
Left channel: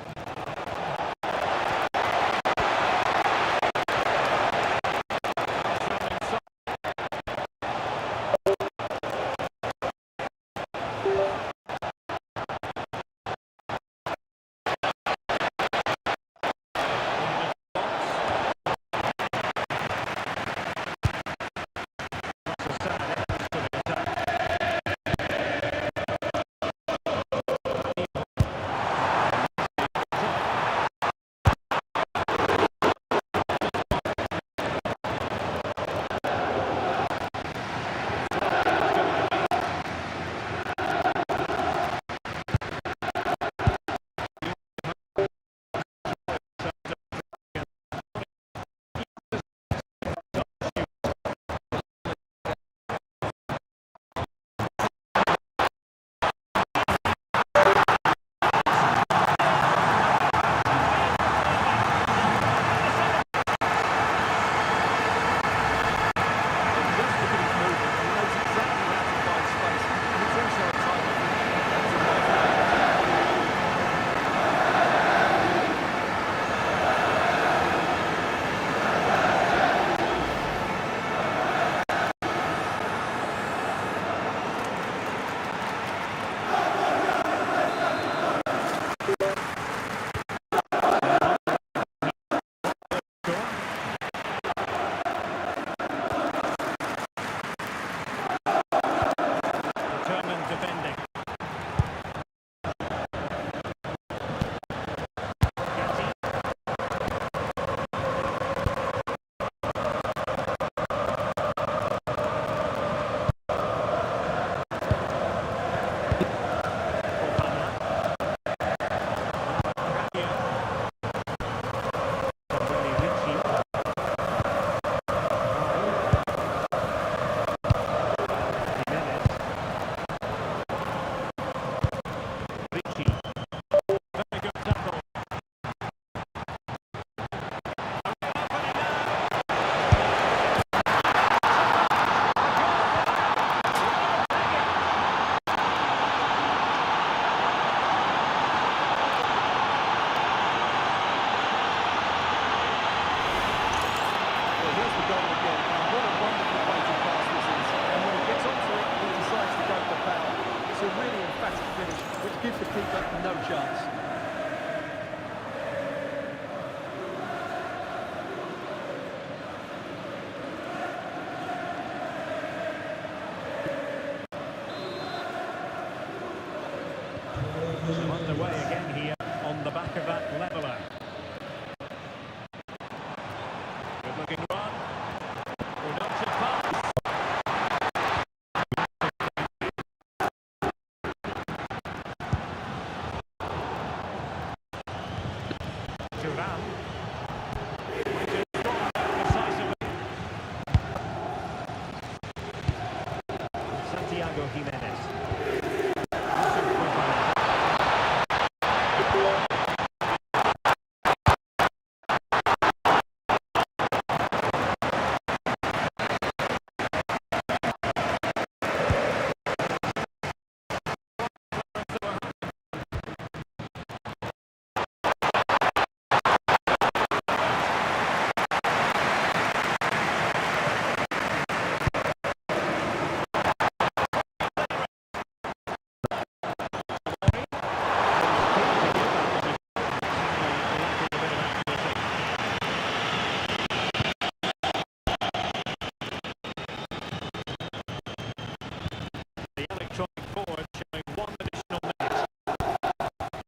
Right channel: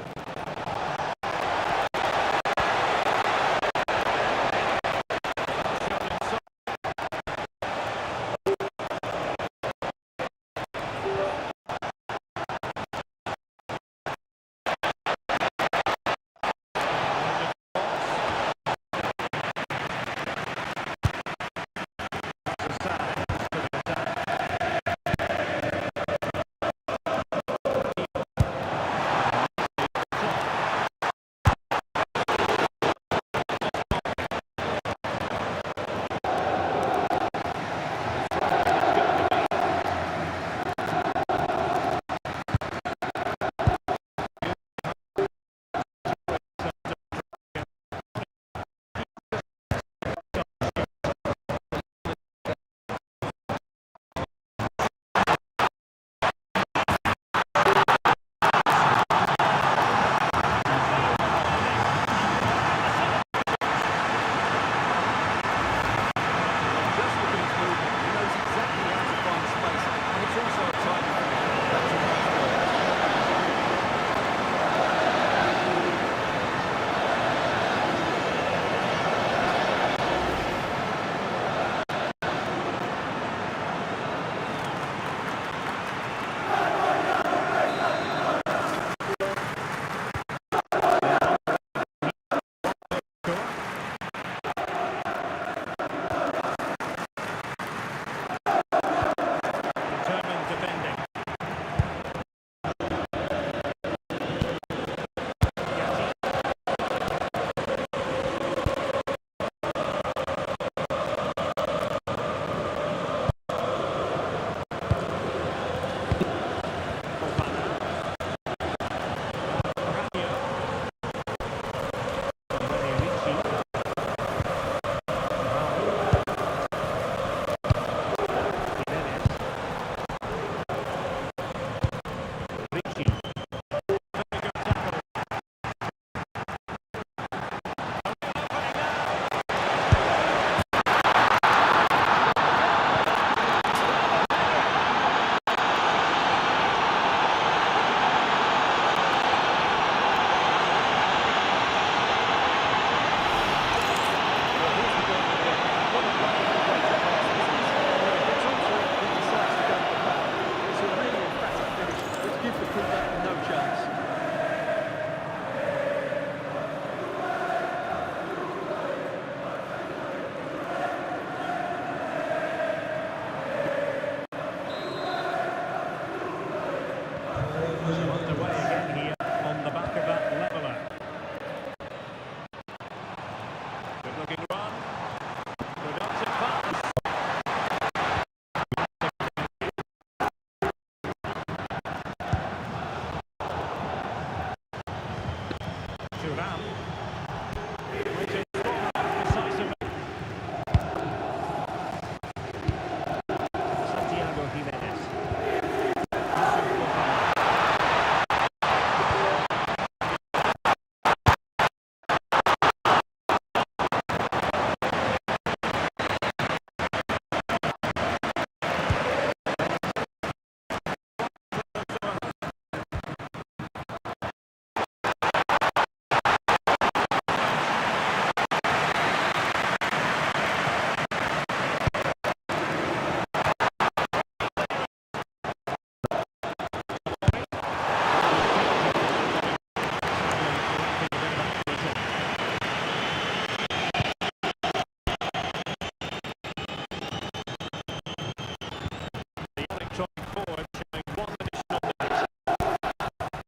Gives the keeper no chance. Thuram. Plays it strong and decisively. Santiago Jimenez. Yusuf Fofana. The electronic board showing one additional minute.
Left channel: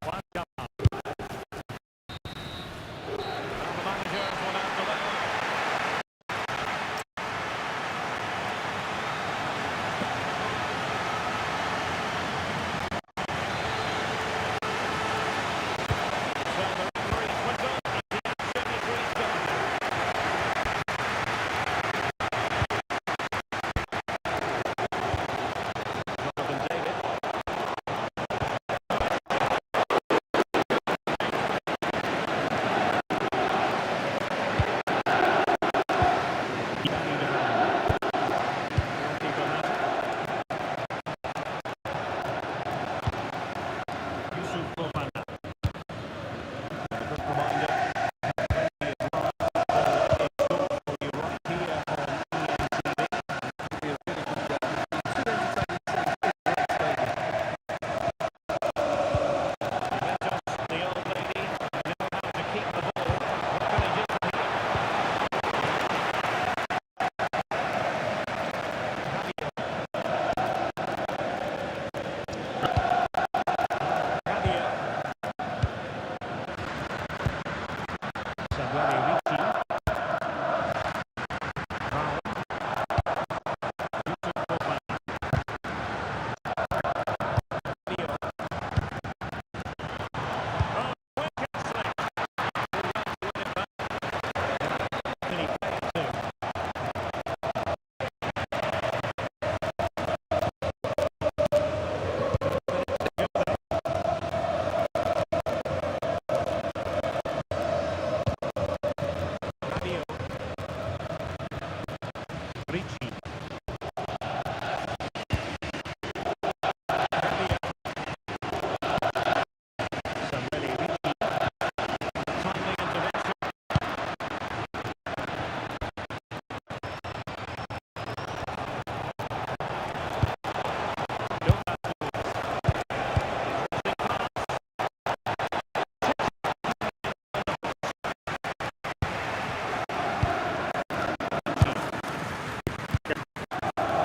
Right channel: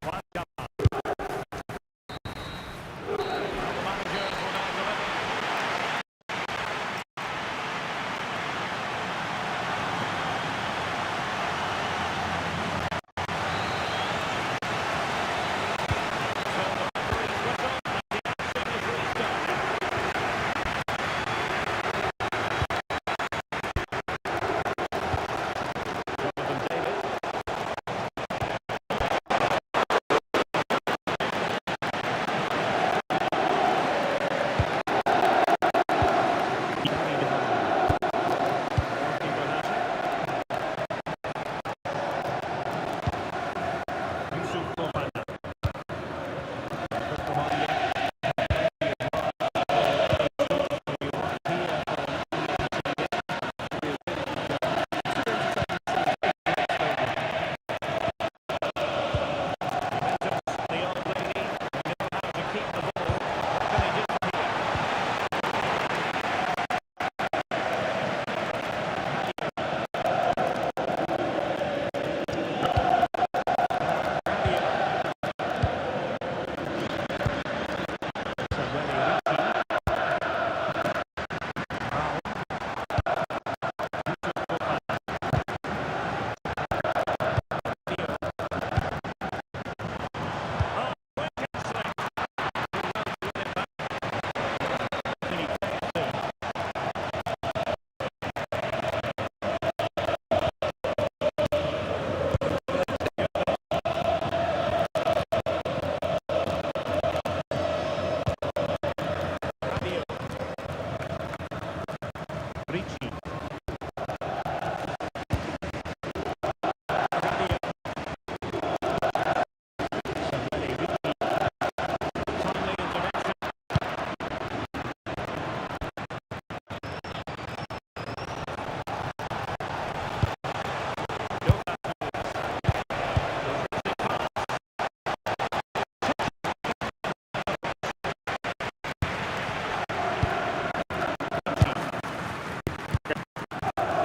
One cover. Now the managers will now deliver. So the referee's whistle and the action is restarted. Jonathan David. Danny Devan. Goalkeeper has it. Yusuf Fofana. A good reminder. Plenty of live football in store for you right here on ENTV. Should be a really good game. Two entertaining teams in a great stadium. Juventus, the old lady, they know how to keep the ball. What can they do from here? Rabiot. Rabiot. Samuele Ricci. Brown. Yusuf Fofana. Rabiot. Oh, quick and slick. Good run to win it back. Can he play it too? Minutes to go there. Rabiot. Ricci. Rabiot. Samuele Ricci. Timely intervention. Dos Santos. Interesting pass.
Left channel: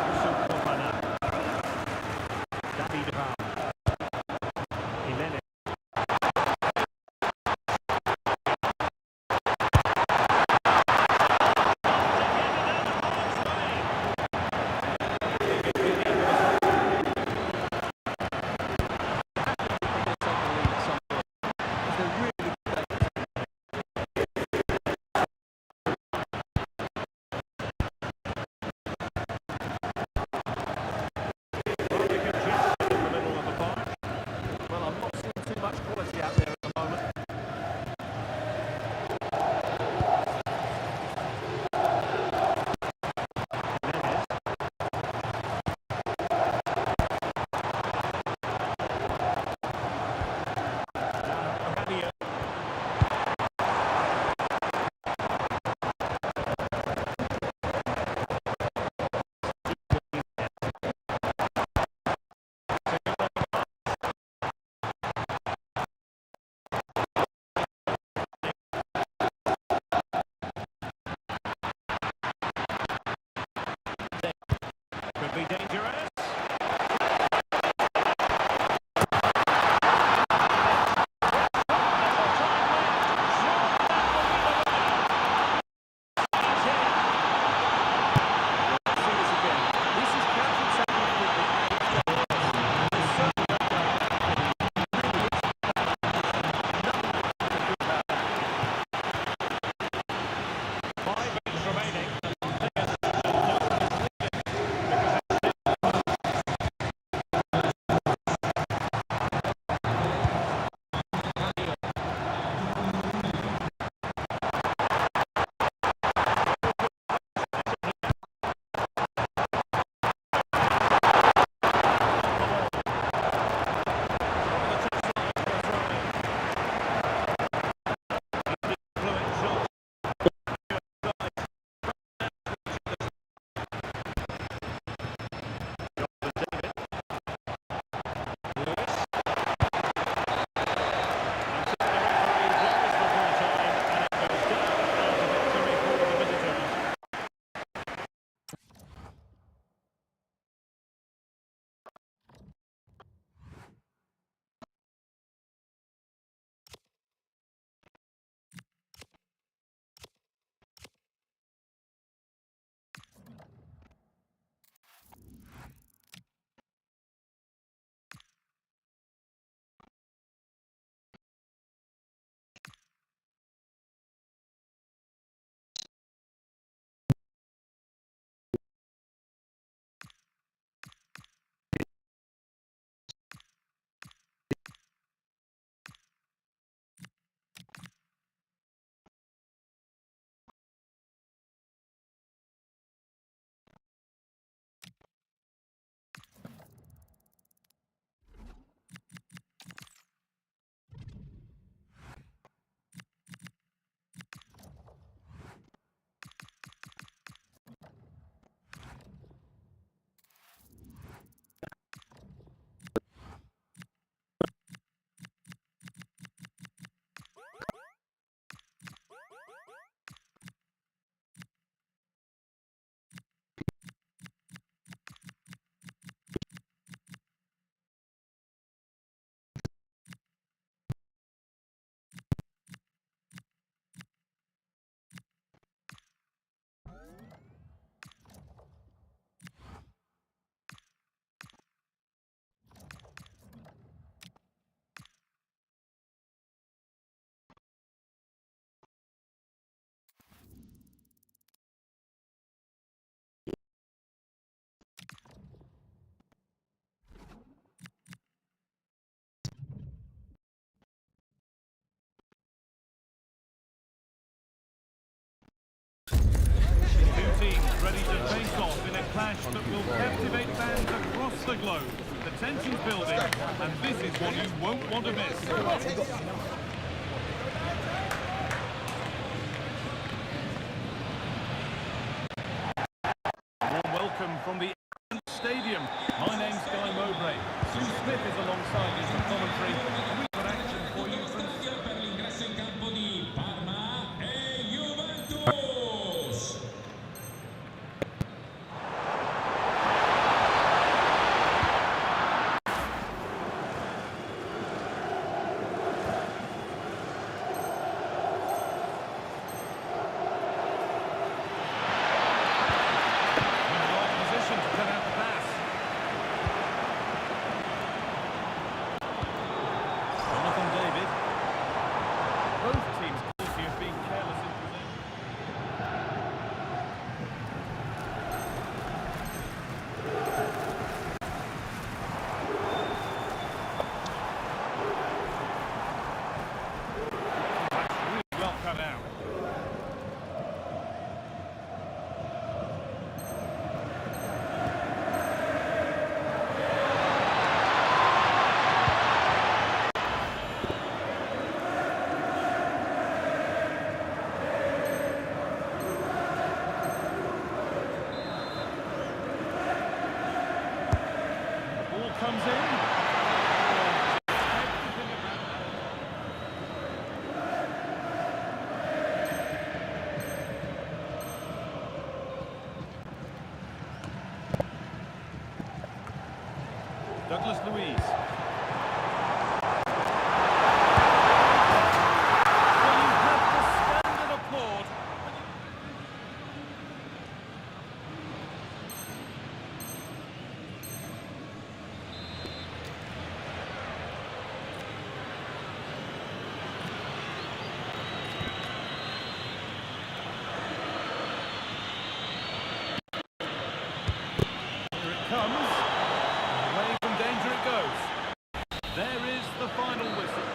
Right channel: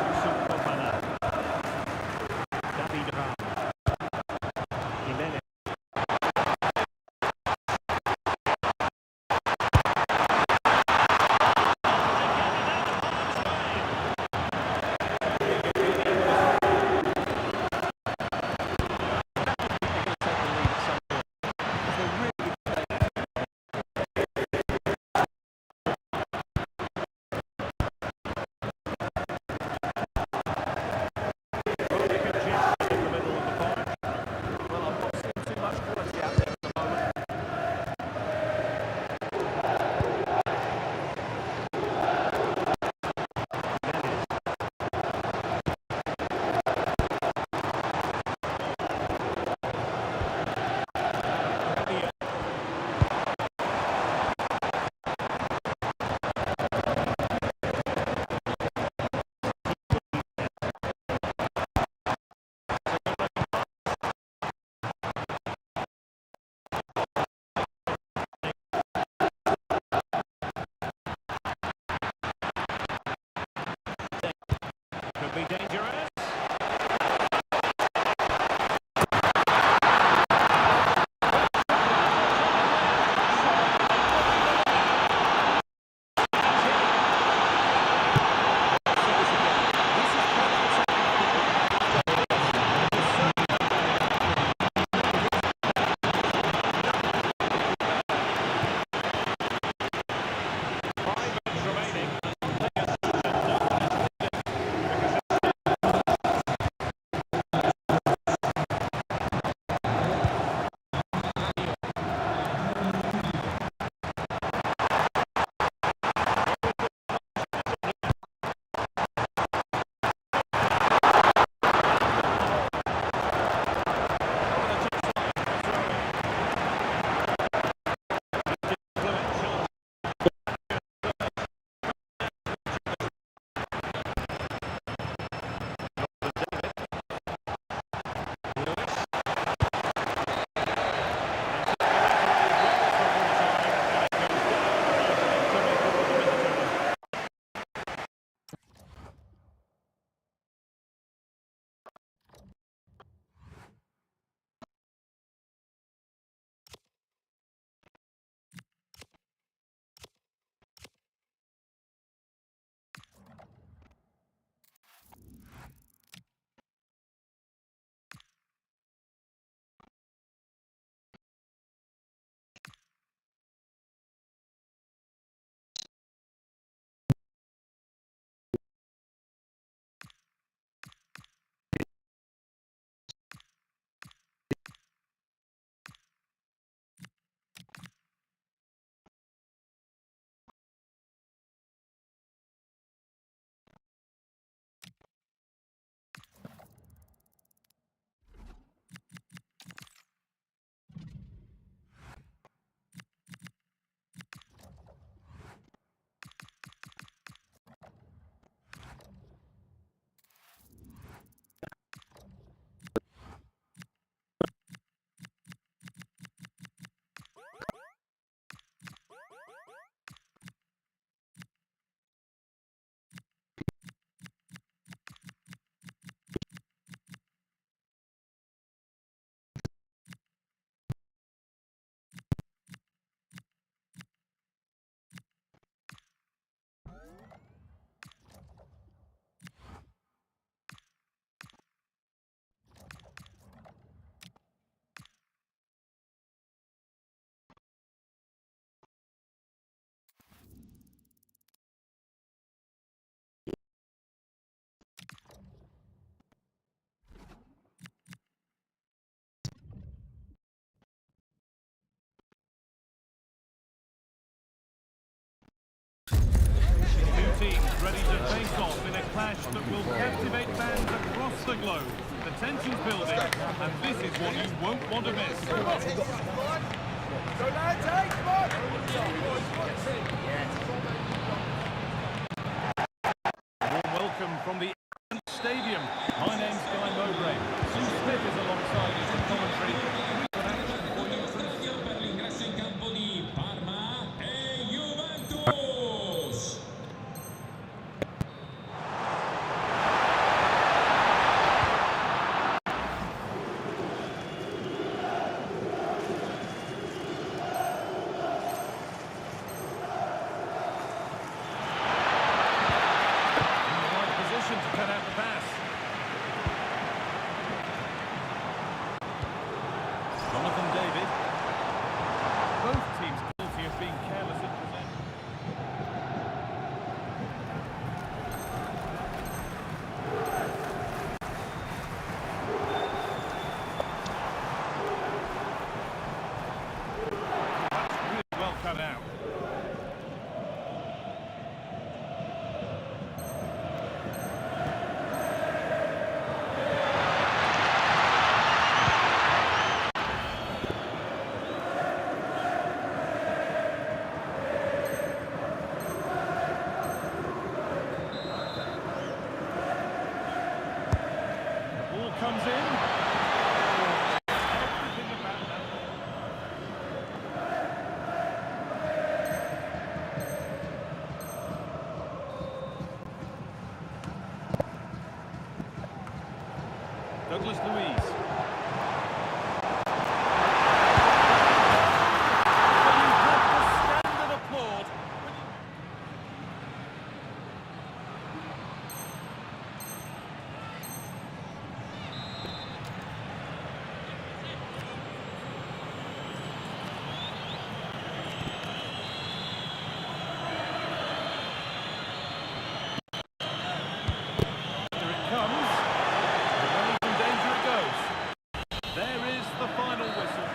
Yusuf Fofana. David Ram. Jimenez. To get it out of harm's way. David Villa with a I have to think they're going to take the lead at some point. Because they're really good. rather congested in the middle of the park. Well, I'm not seeing too much quality out there at the moment. Jimenez. Now Rabiot. It's a good-looking pass. Could be dangerous. Let's see this again. This is counter-attacking football at its very best. There's certainly no doubt about it. He really hits the back. Nothing to do about that. ready to face off in a clash that will captivate fans across the globe. The tension's building, and this is what you won't want to miss. A warm welcome from the stadium. My name's Guy Mowbray. Sue Smith is alongside me for commentary, and we've got action for you from Per l'ingresso in campo di Parma e Juventus. in the right position to cut out the pass. Jonathan David. Both teams guilty of being careless in possession. That's really well cut out. The ball comes in. Oh, everything about that. Douglas Luiz. Well, you have to stand and applaud when you... Here it comes. Away from danger it goes. There is the final whistle.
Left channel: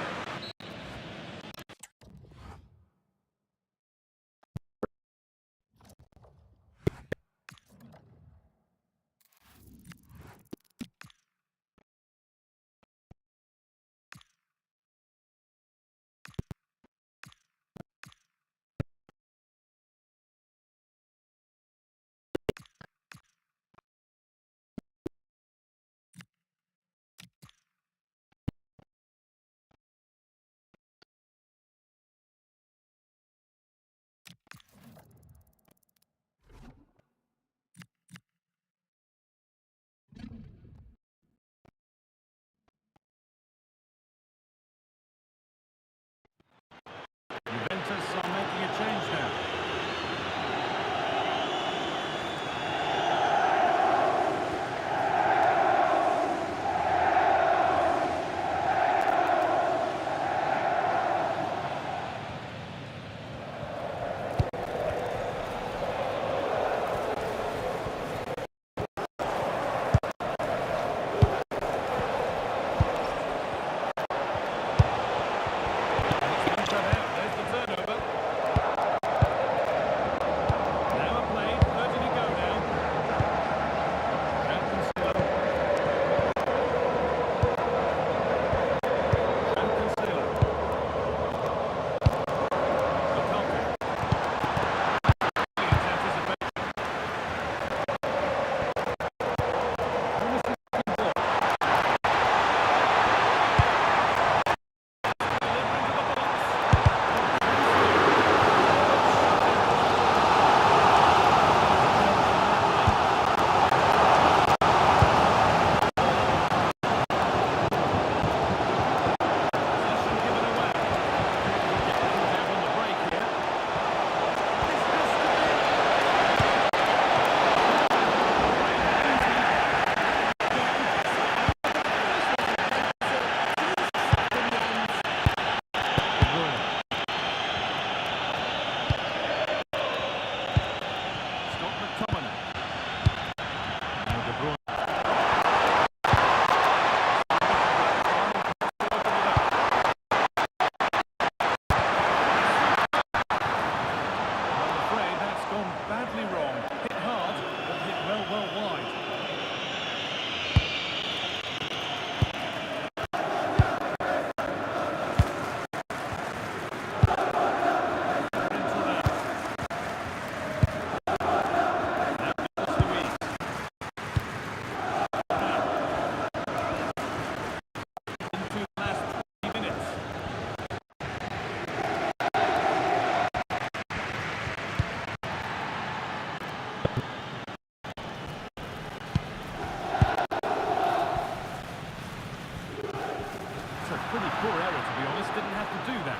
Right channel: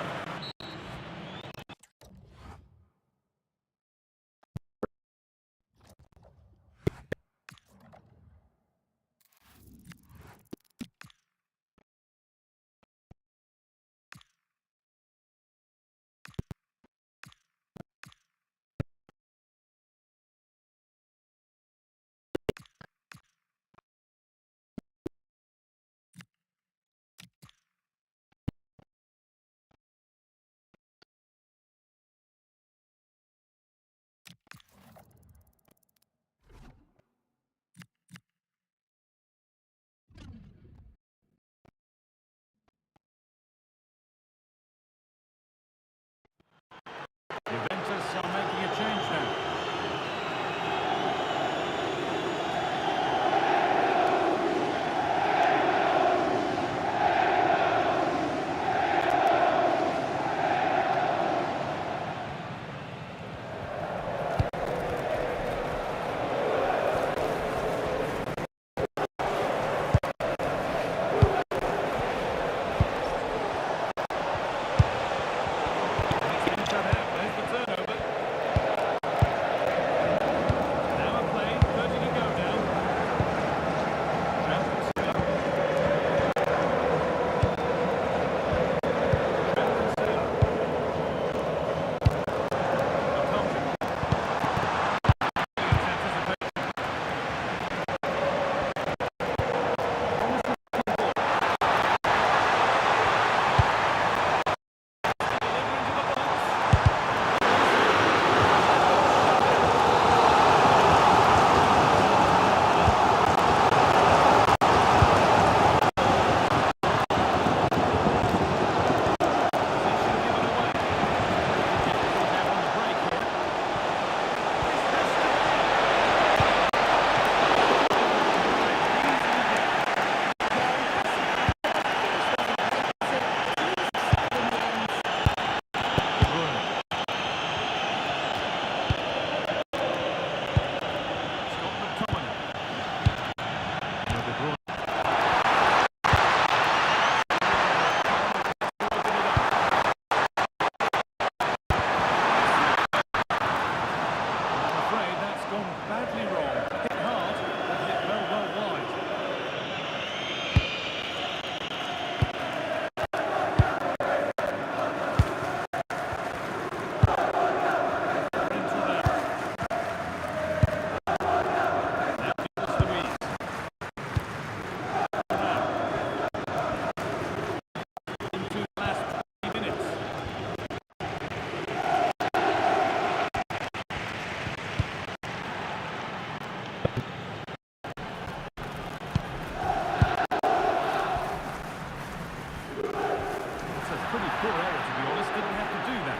Juventus are making a change now. It's been cut out. There's the turnover. Now a play, 30 to go now. Cancelo. Cancelo. Lukaku. Brilliant anticipation. Promising ball. Deliver into the box. Possession given away. Get caught out on the break here. This has to be. Easily done. De Bruyne. Scott McTominay. Now De Bruyne. To open it up. I'm afraid that's gone badly wrong. Hit hard. pretty poor error, to be honest. Didn't have to do that.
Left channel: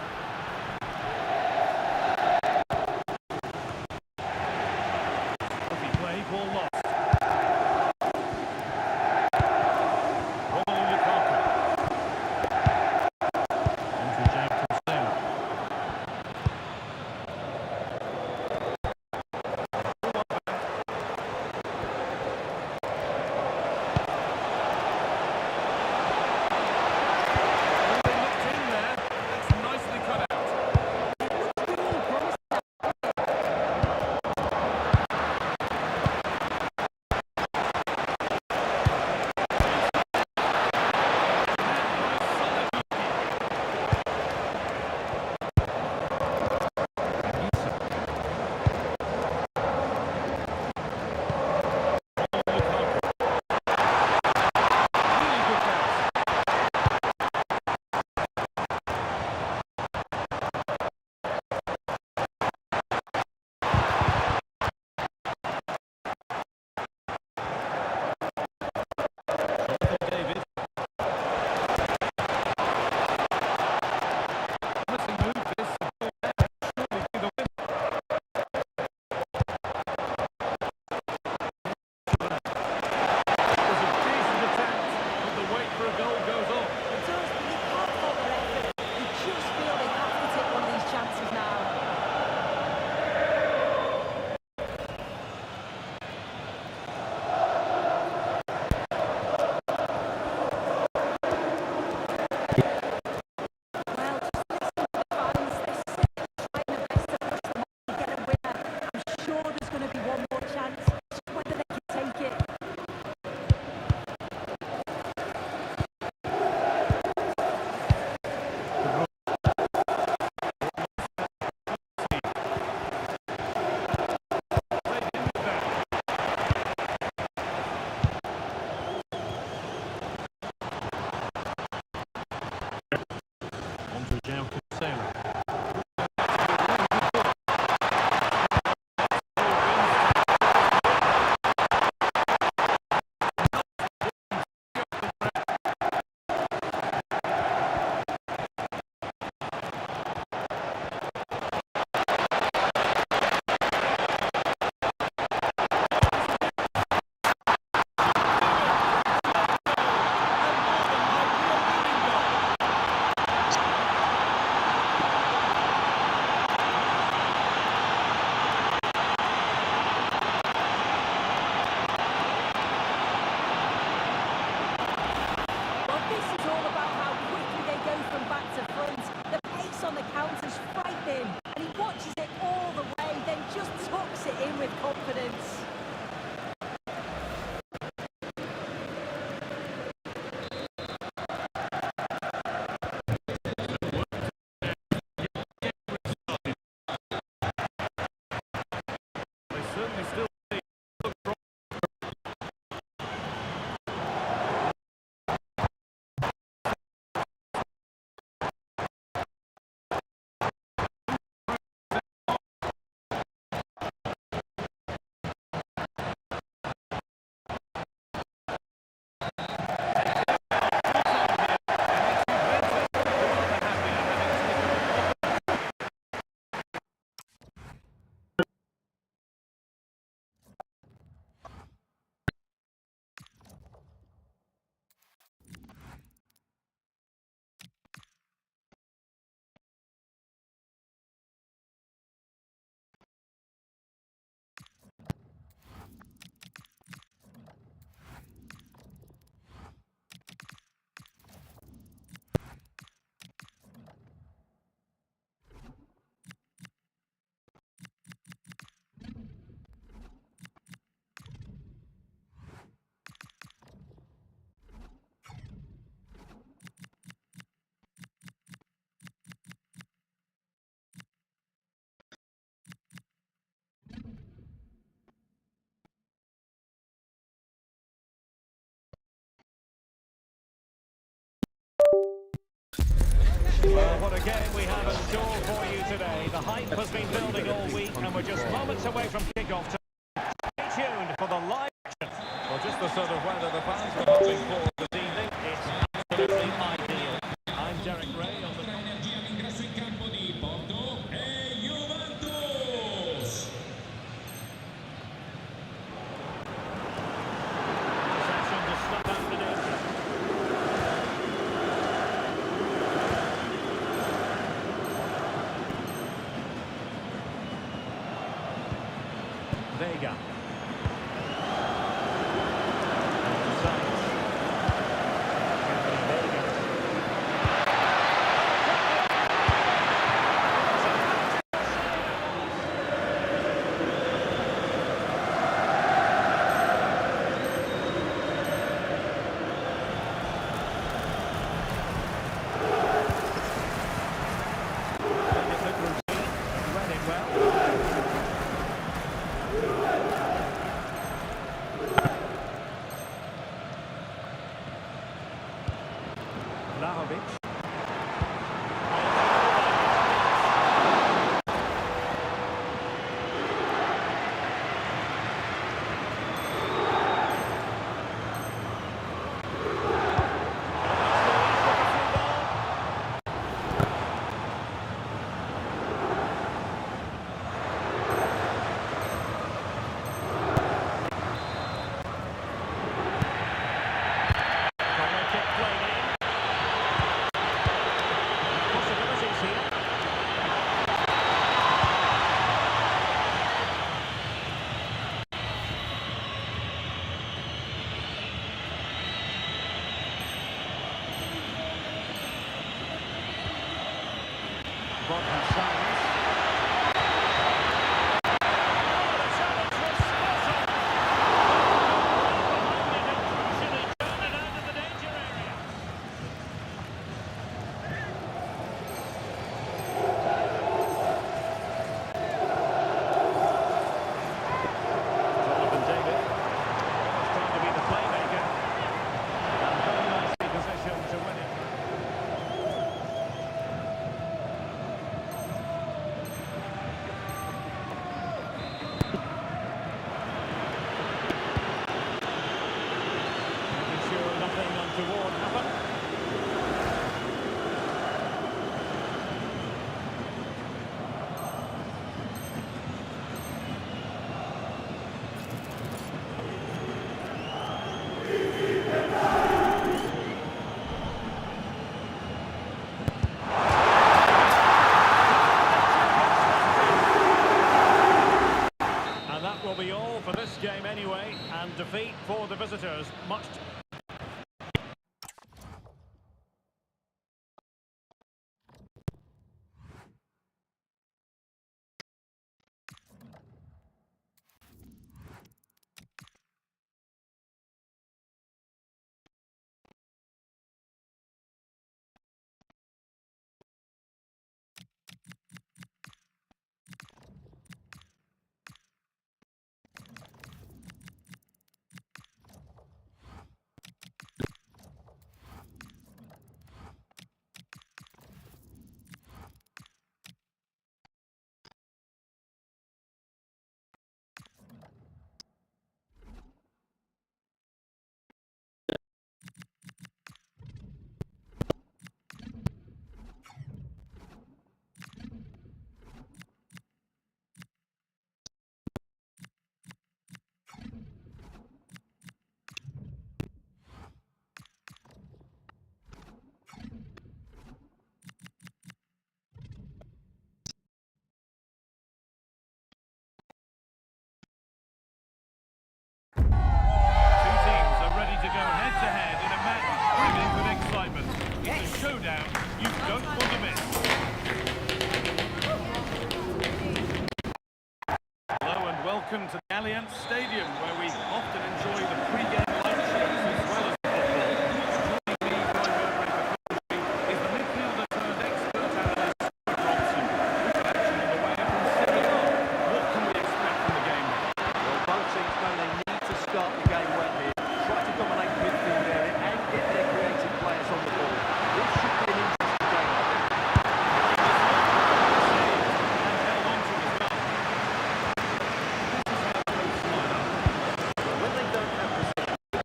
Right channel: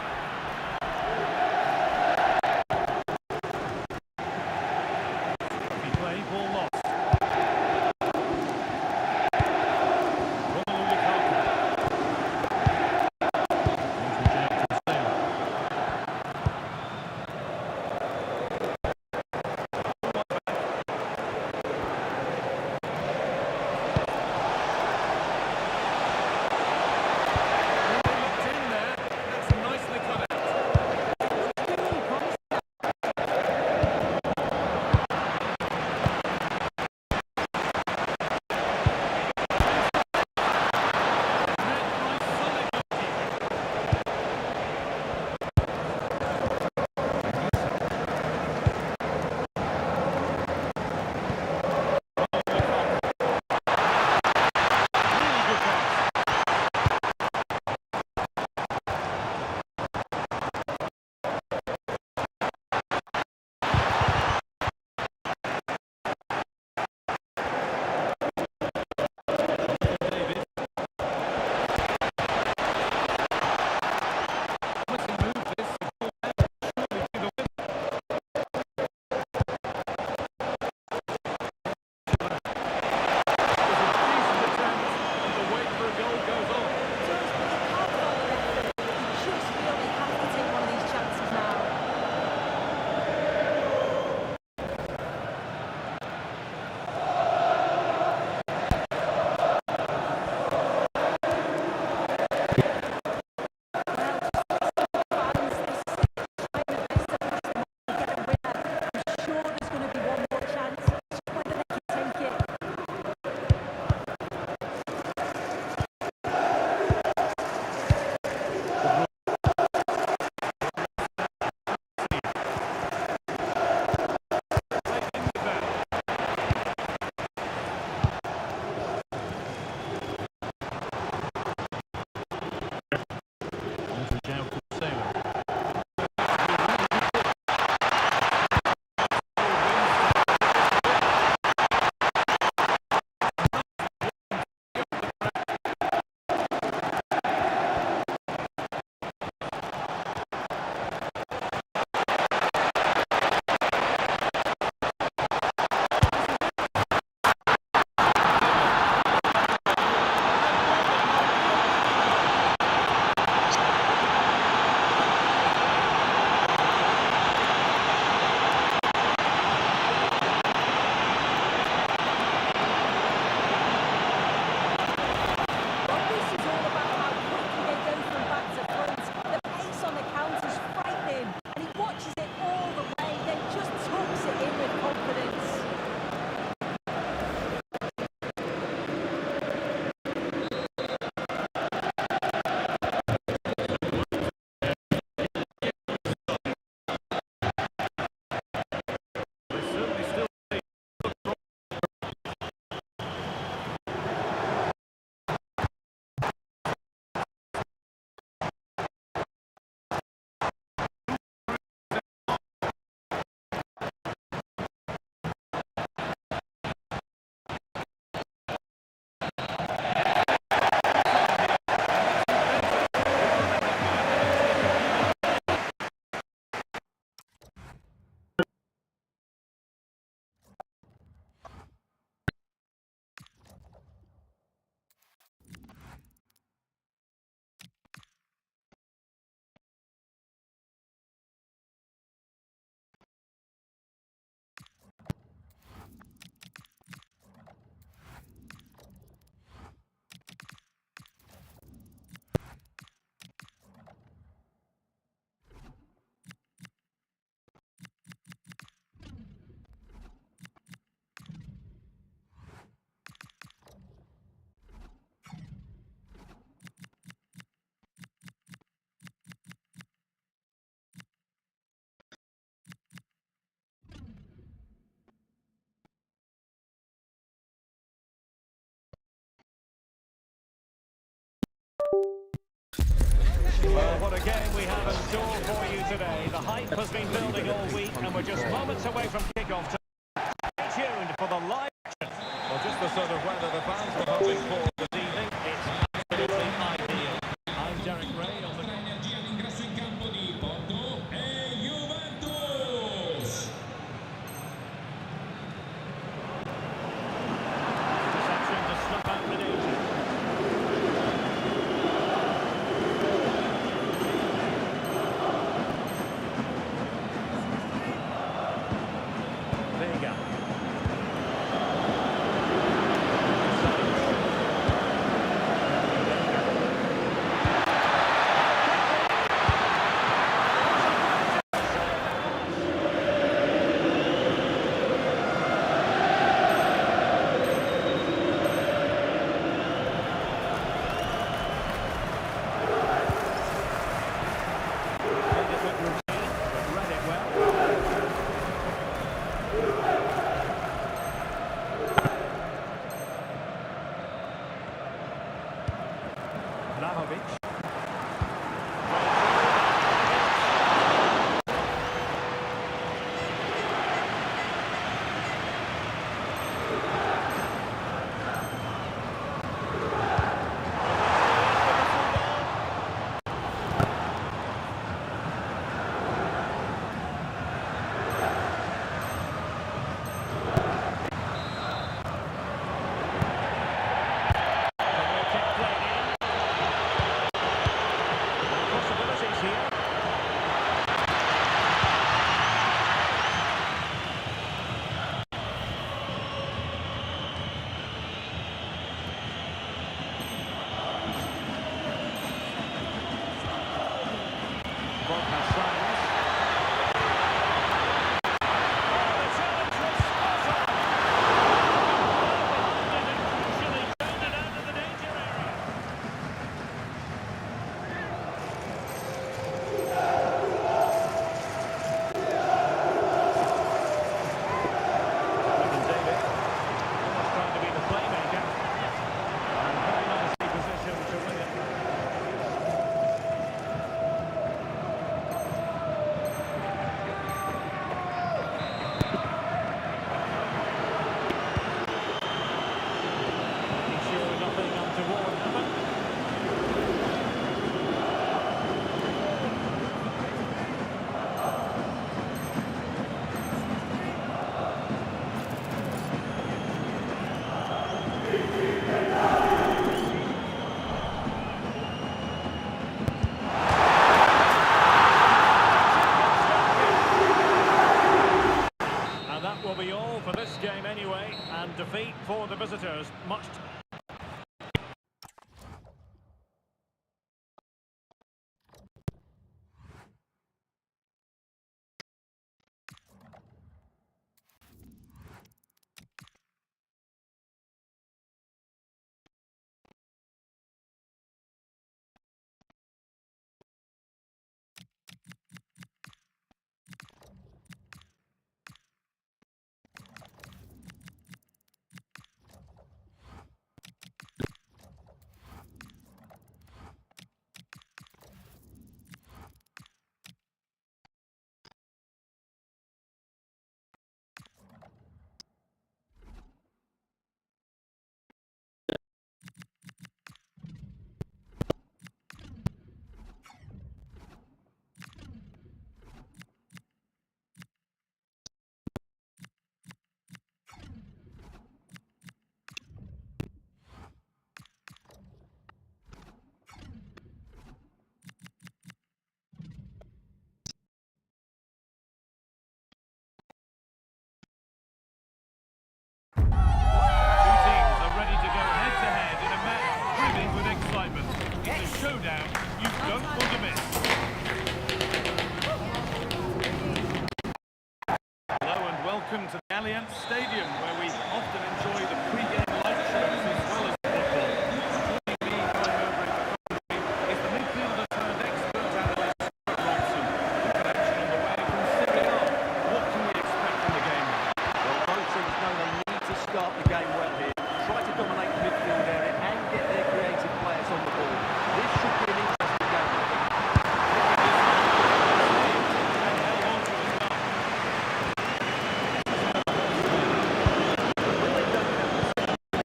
Play, ball lost. Romelu Lukaku. On to Juventus. They looked in there. That's nicely cut out. Well, what a game we have in store for you today. The hype has been building all week, and we're just moments away from kick-off time. Stay tuned for the live action. Well, just the sort of weather the fans were hoping for this evening. It's absolutely ideal. I'm Jeremy. Vega. Sainz. Anthony Vega. Vlahovic. Corner kick played in. Possibilities here. Borja Sainz. Oh, the challenge was spot on. Right behind it and crucially turned it out of the danger area. Jonathan David, almost trying to be the playmaker, and very nicely positioned to win it. Making sure nothing untoward happened. And that will be all for this game anyway, and defeat for the visitors. Much showdown you don't want to miss. Hello and welcome to the Allianz Stadium, where we often enjoy the pre-game light shows as well as the football. Joining me from over in the country is the midfielder turned expert analyst, Stuart Robson. We've got action on the way from Serie A. What can we expect from the game? Well, both teams know they need to start the game well here. Try to dominate the midfield area and get their creative players on the ball. This should be an interesting game, I think. This one saved and held on to as well. This is how the hosts line up. But when they don't have possession,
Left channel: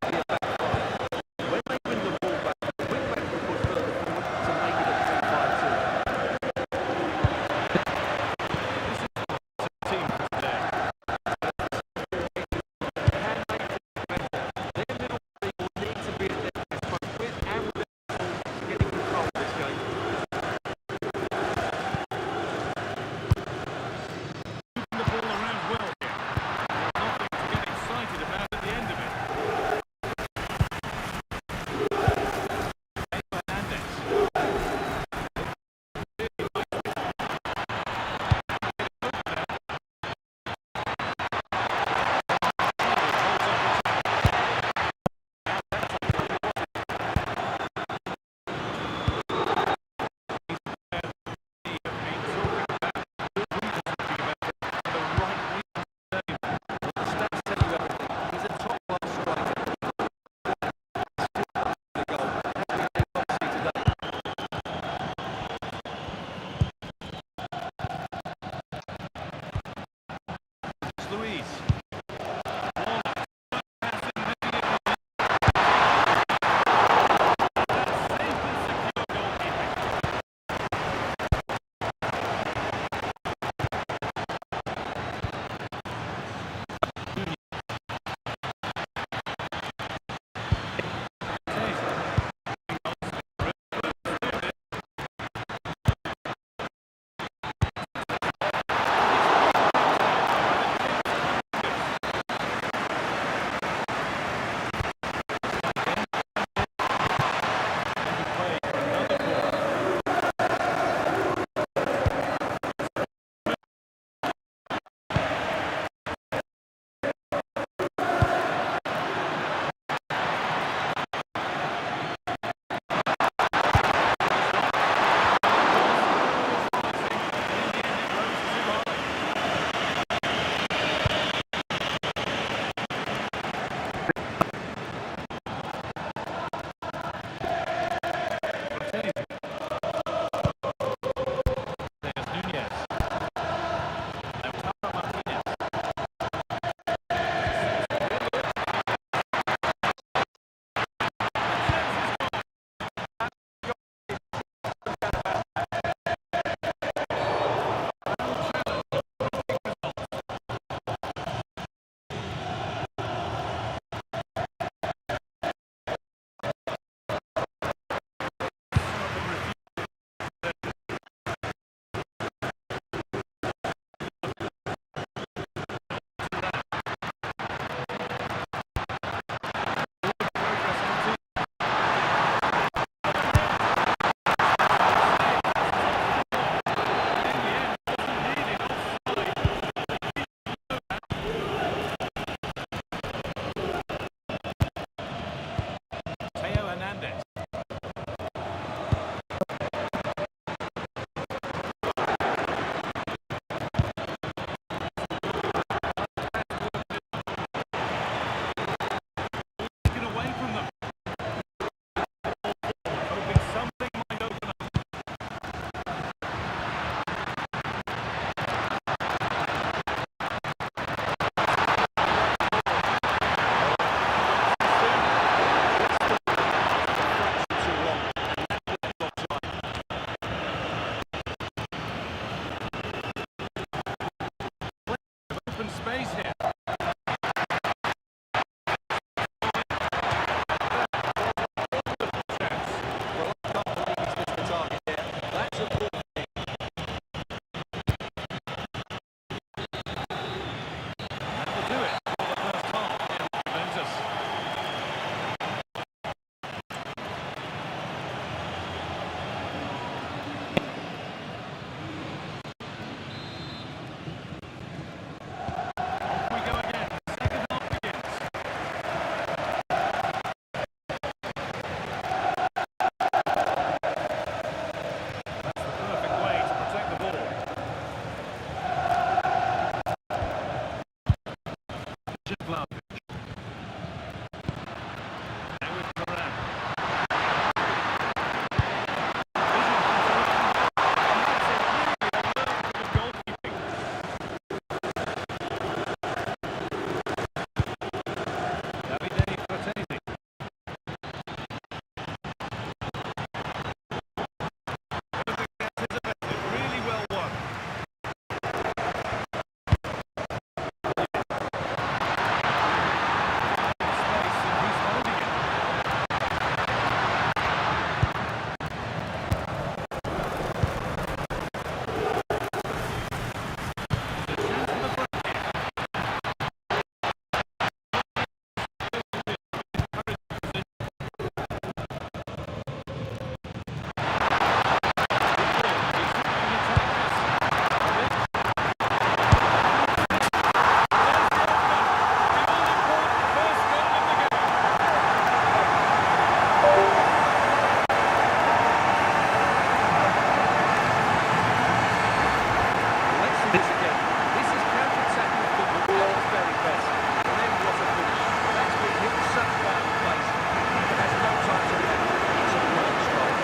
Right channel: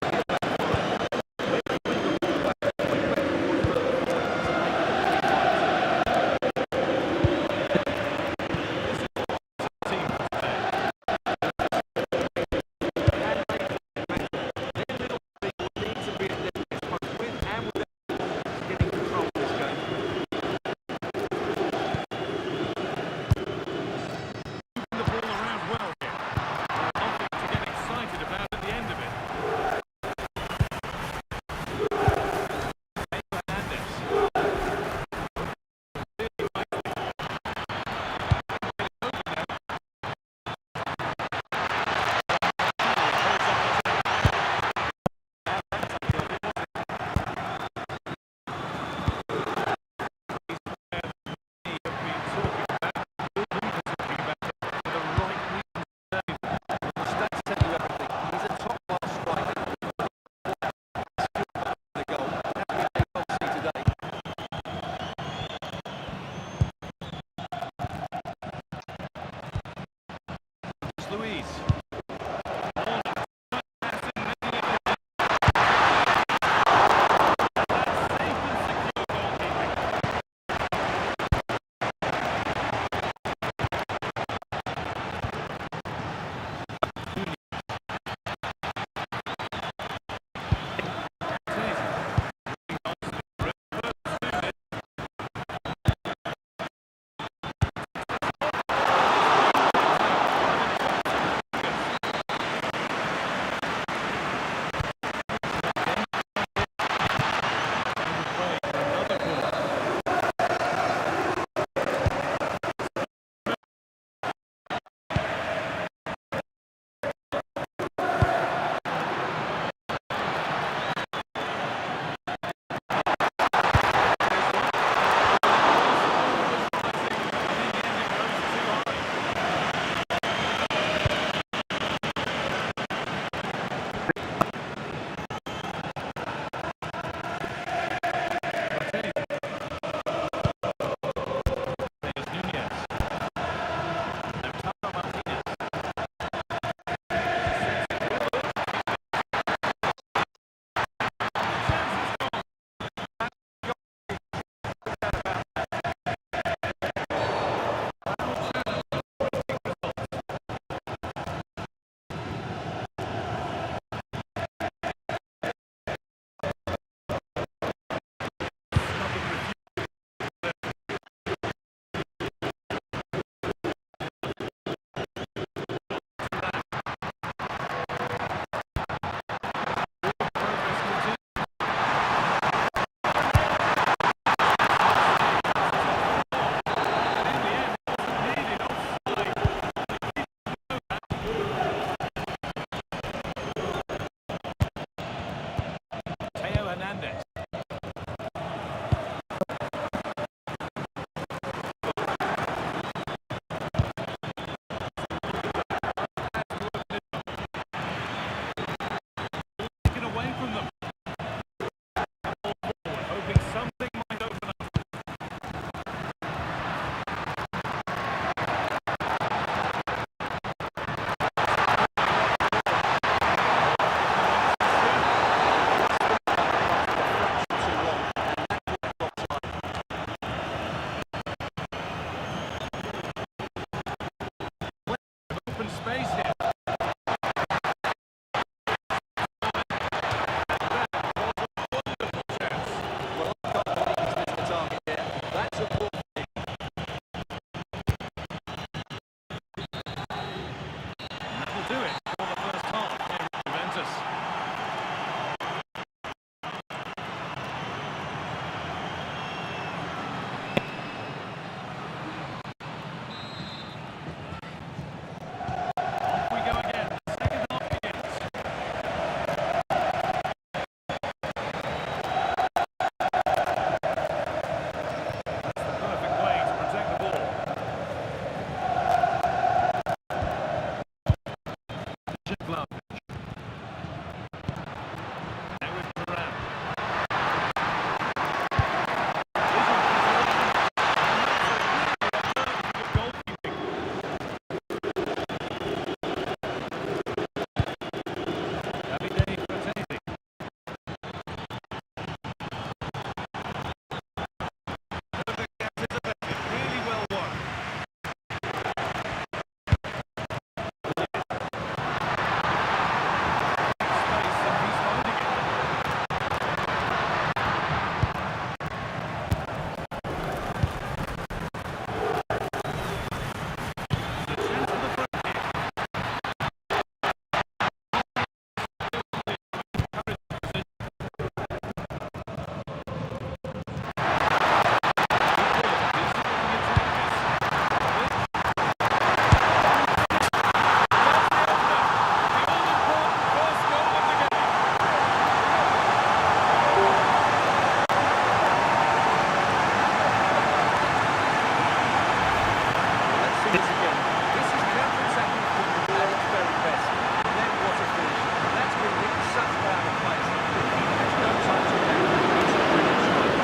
Luis. Ball and pass in, making it easy. That's safe and secure goalkeeping. Taser. Hernandez. Taken away from them. The ball forward, hoping something might open up. Open space here. Well, I can't believe he's missed the target there. That's a poor thing. And that will do it for the first half here at Juventus. Off we go again. The second half begins. That's the perfect way to protect the ball. Vlahovic. Now with Thuram. Vision from Thuram. And that's a really alert bit of goalkeeping. Davide Frattesi. Perfect pass is effective. Really well won. Space and he's holding it. There's a chance for the break here. Let's see this again. This is counter-attacking football at its very best. And then what a finish. That's been hit with such power and pace. The keeper has no time to react. It's a brilliant strike.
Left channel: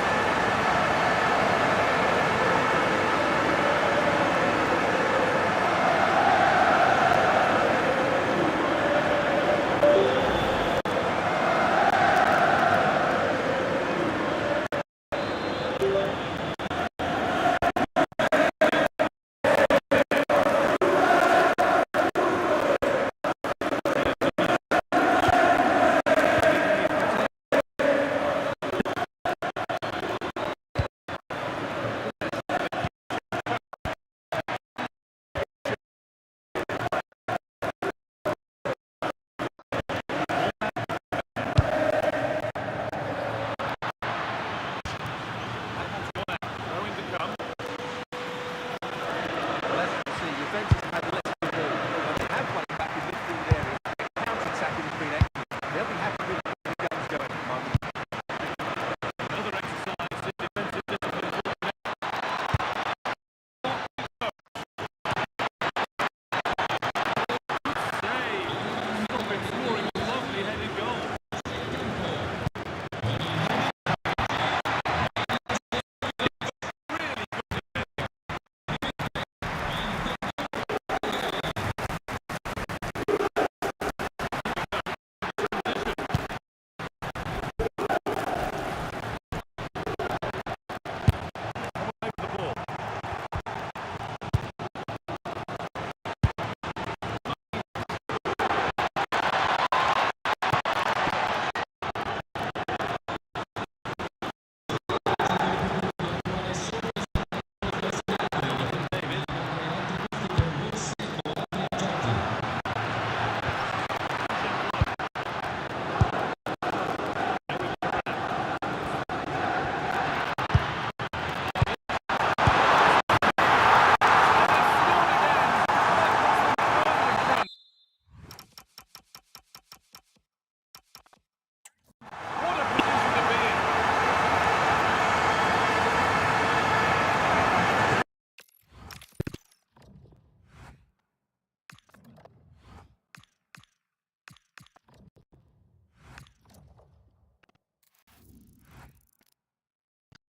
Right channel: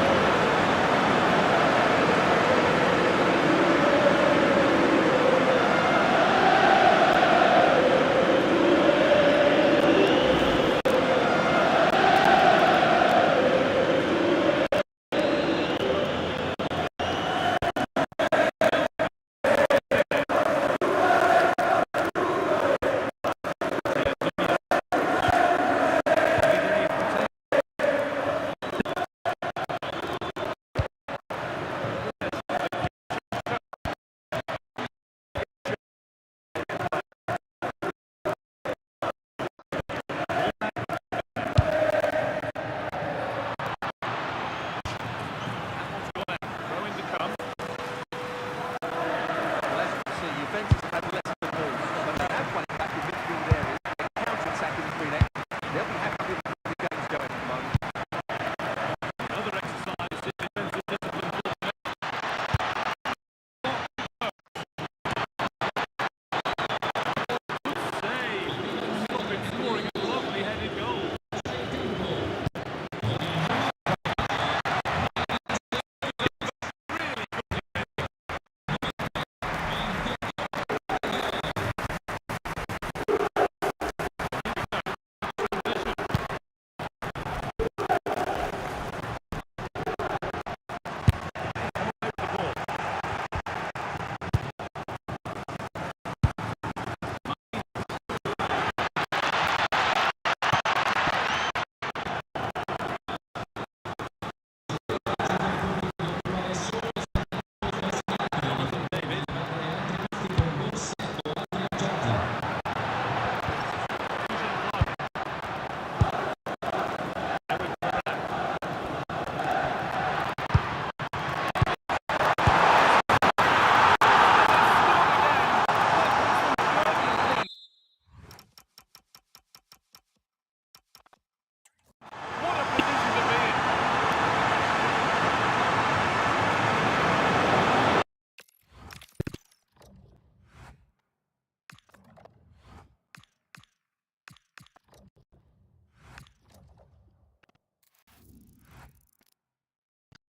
Juventus have had less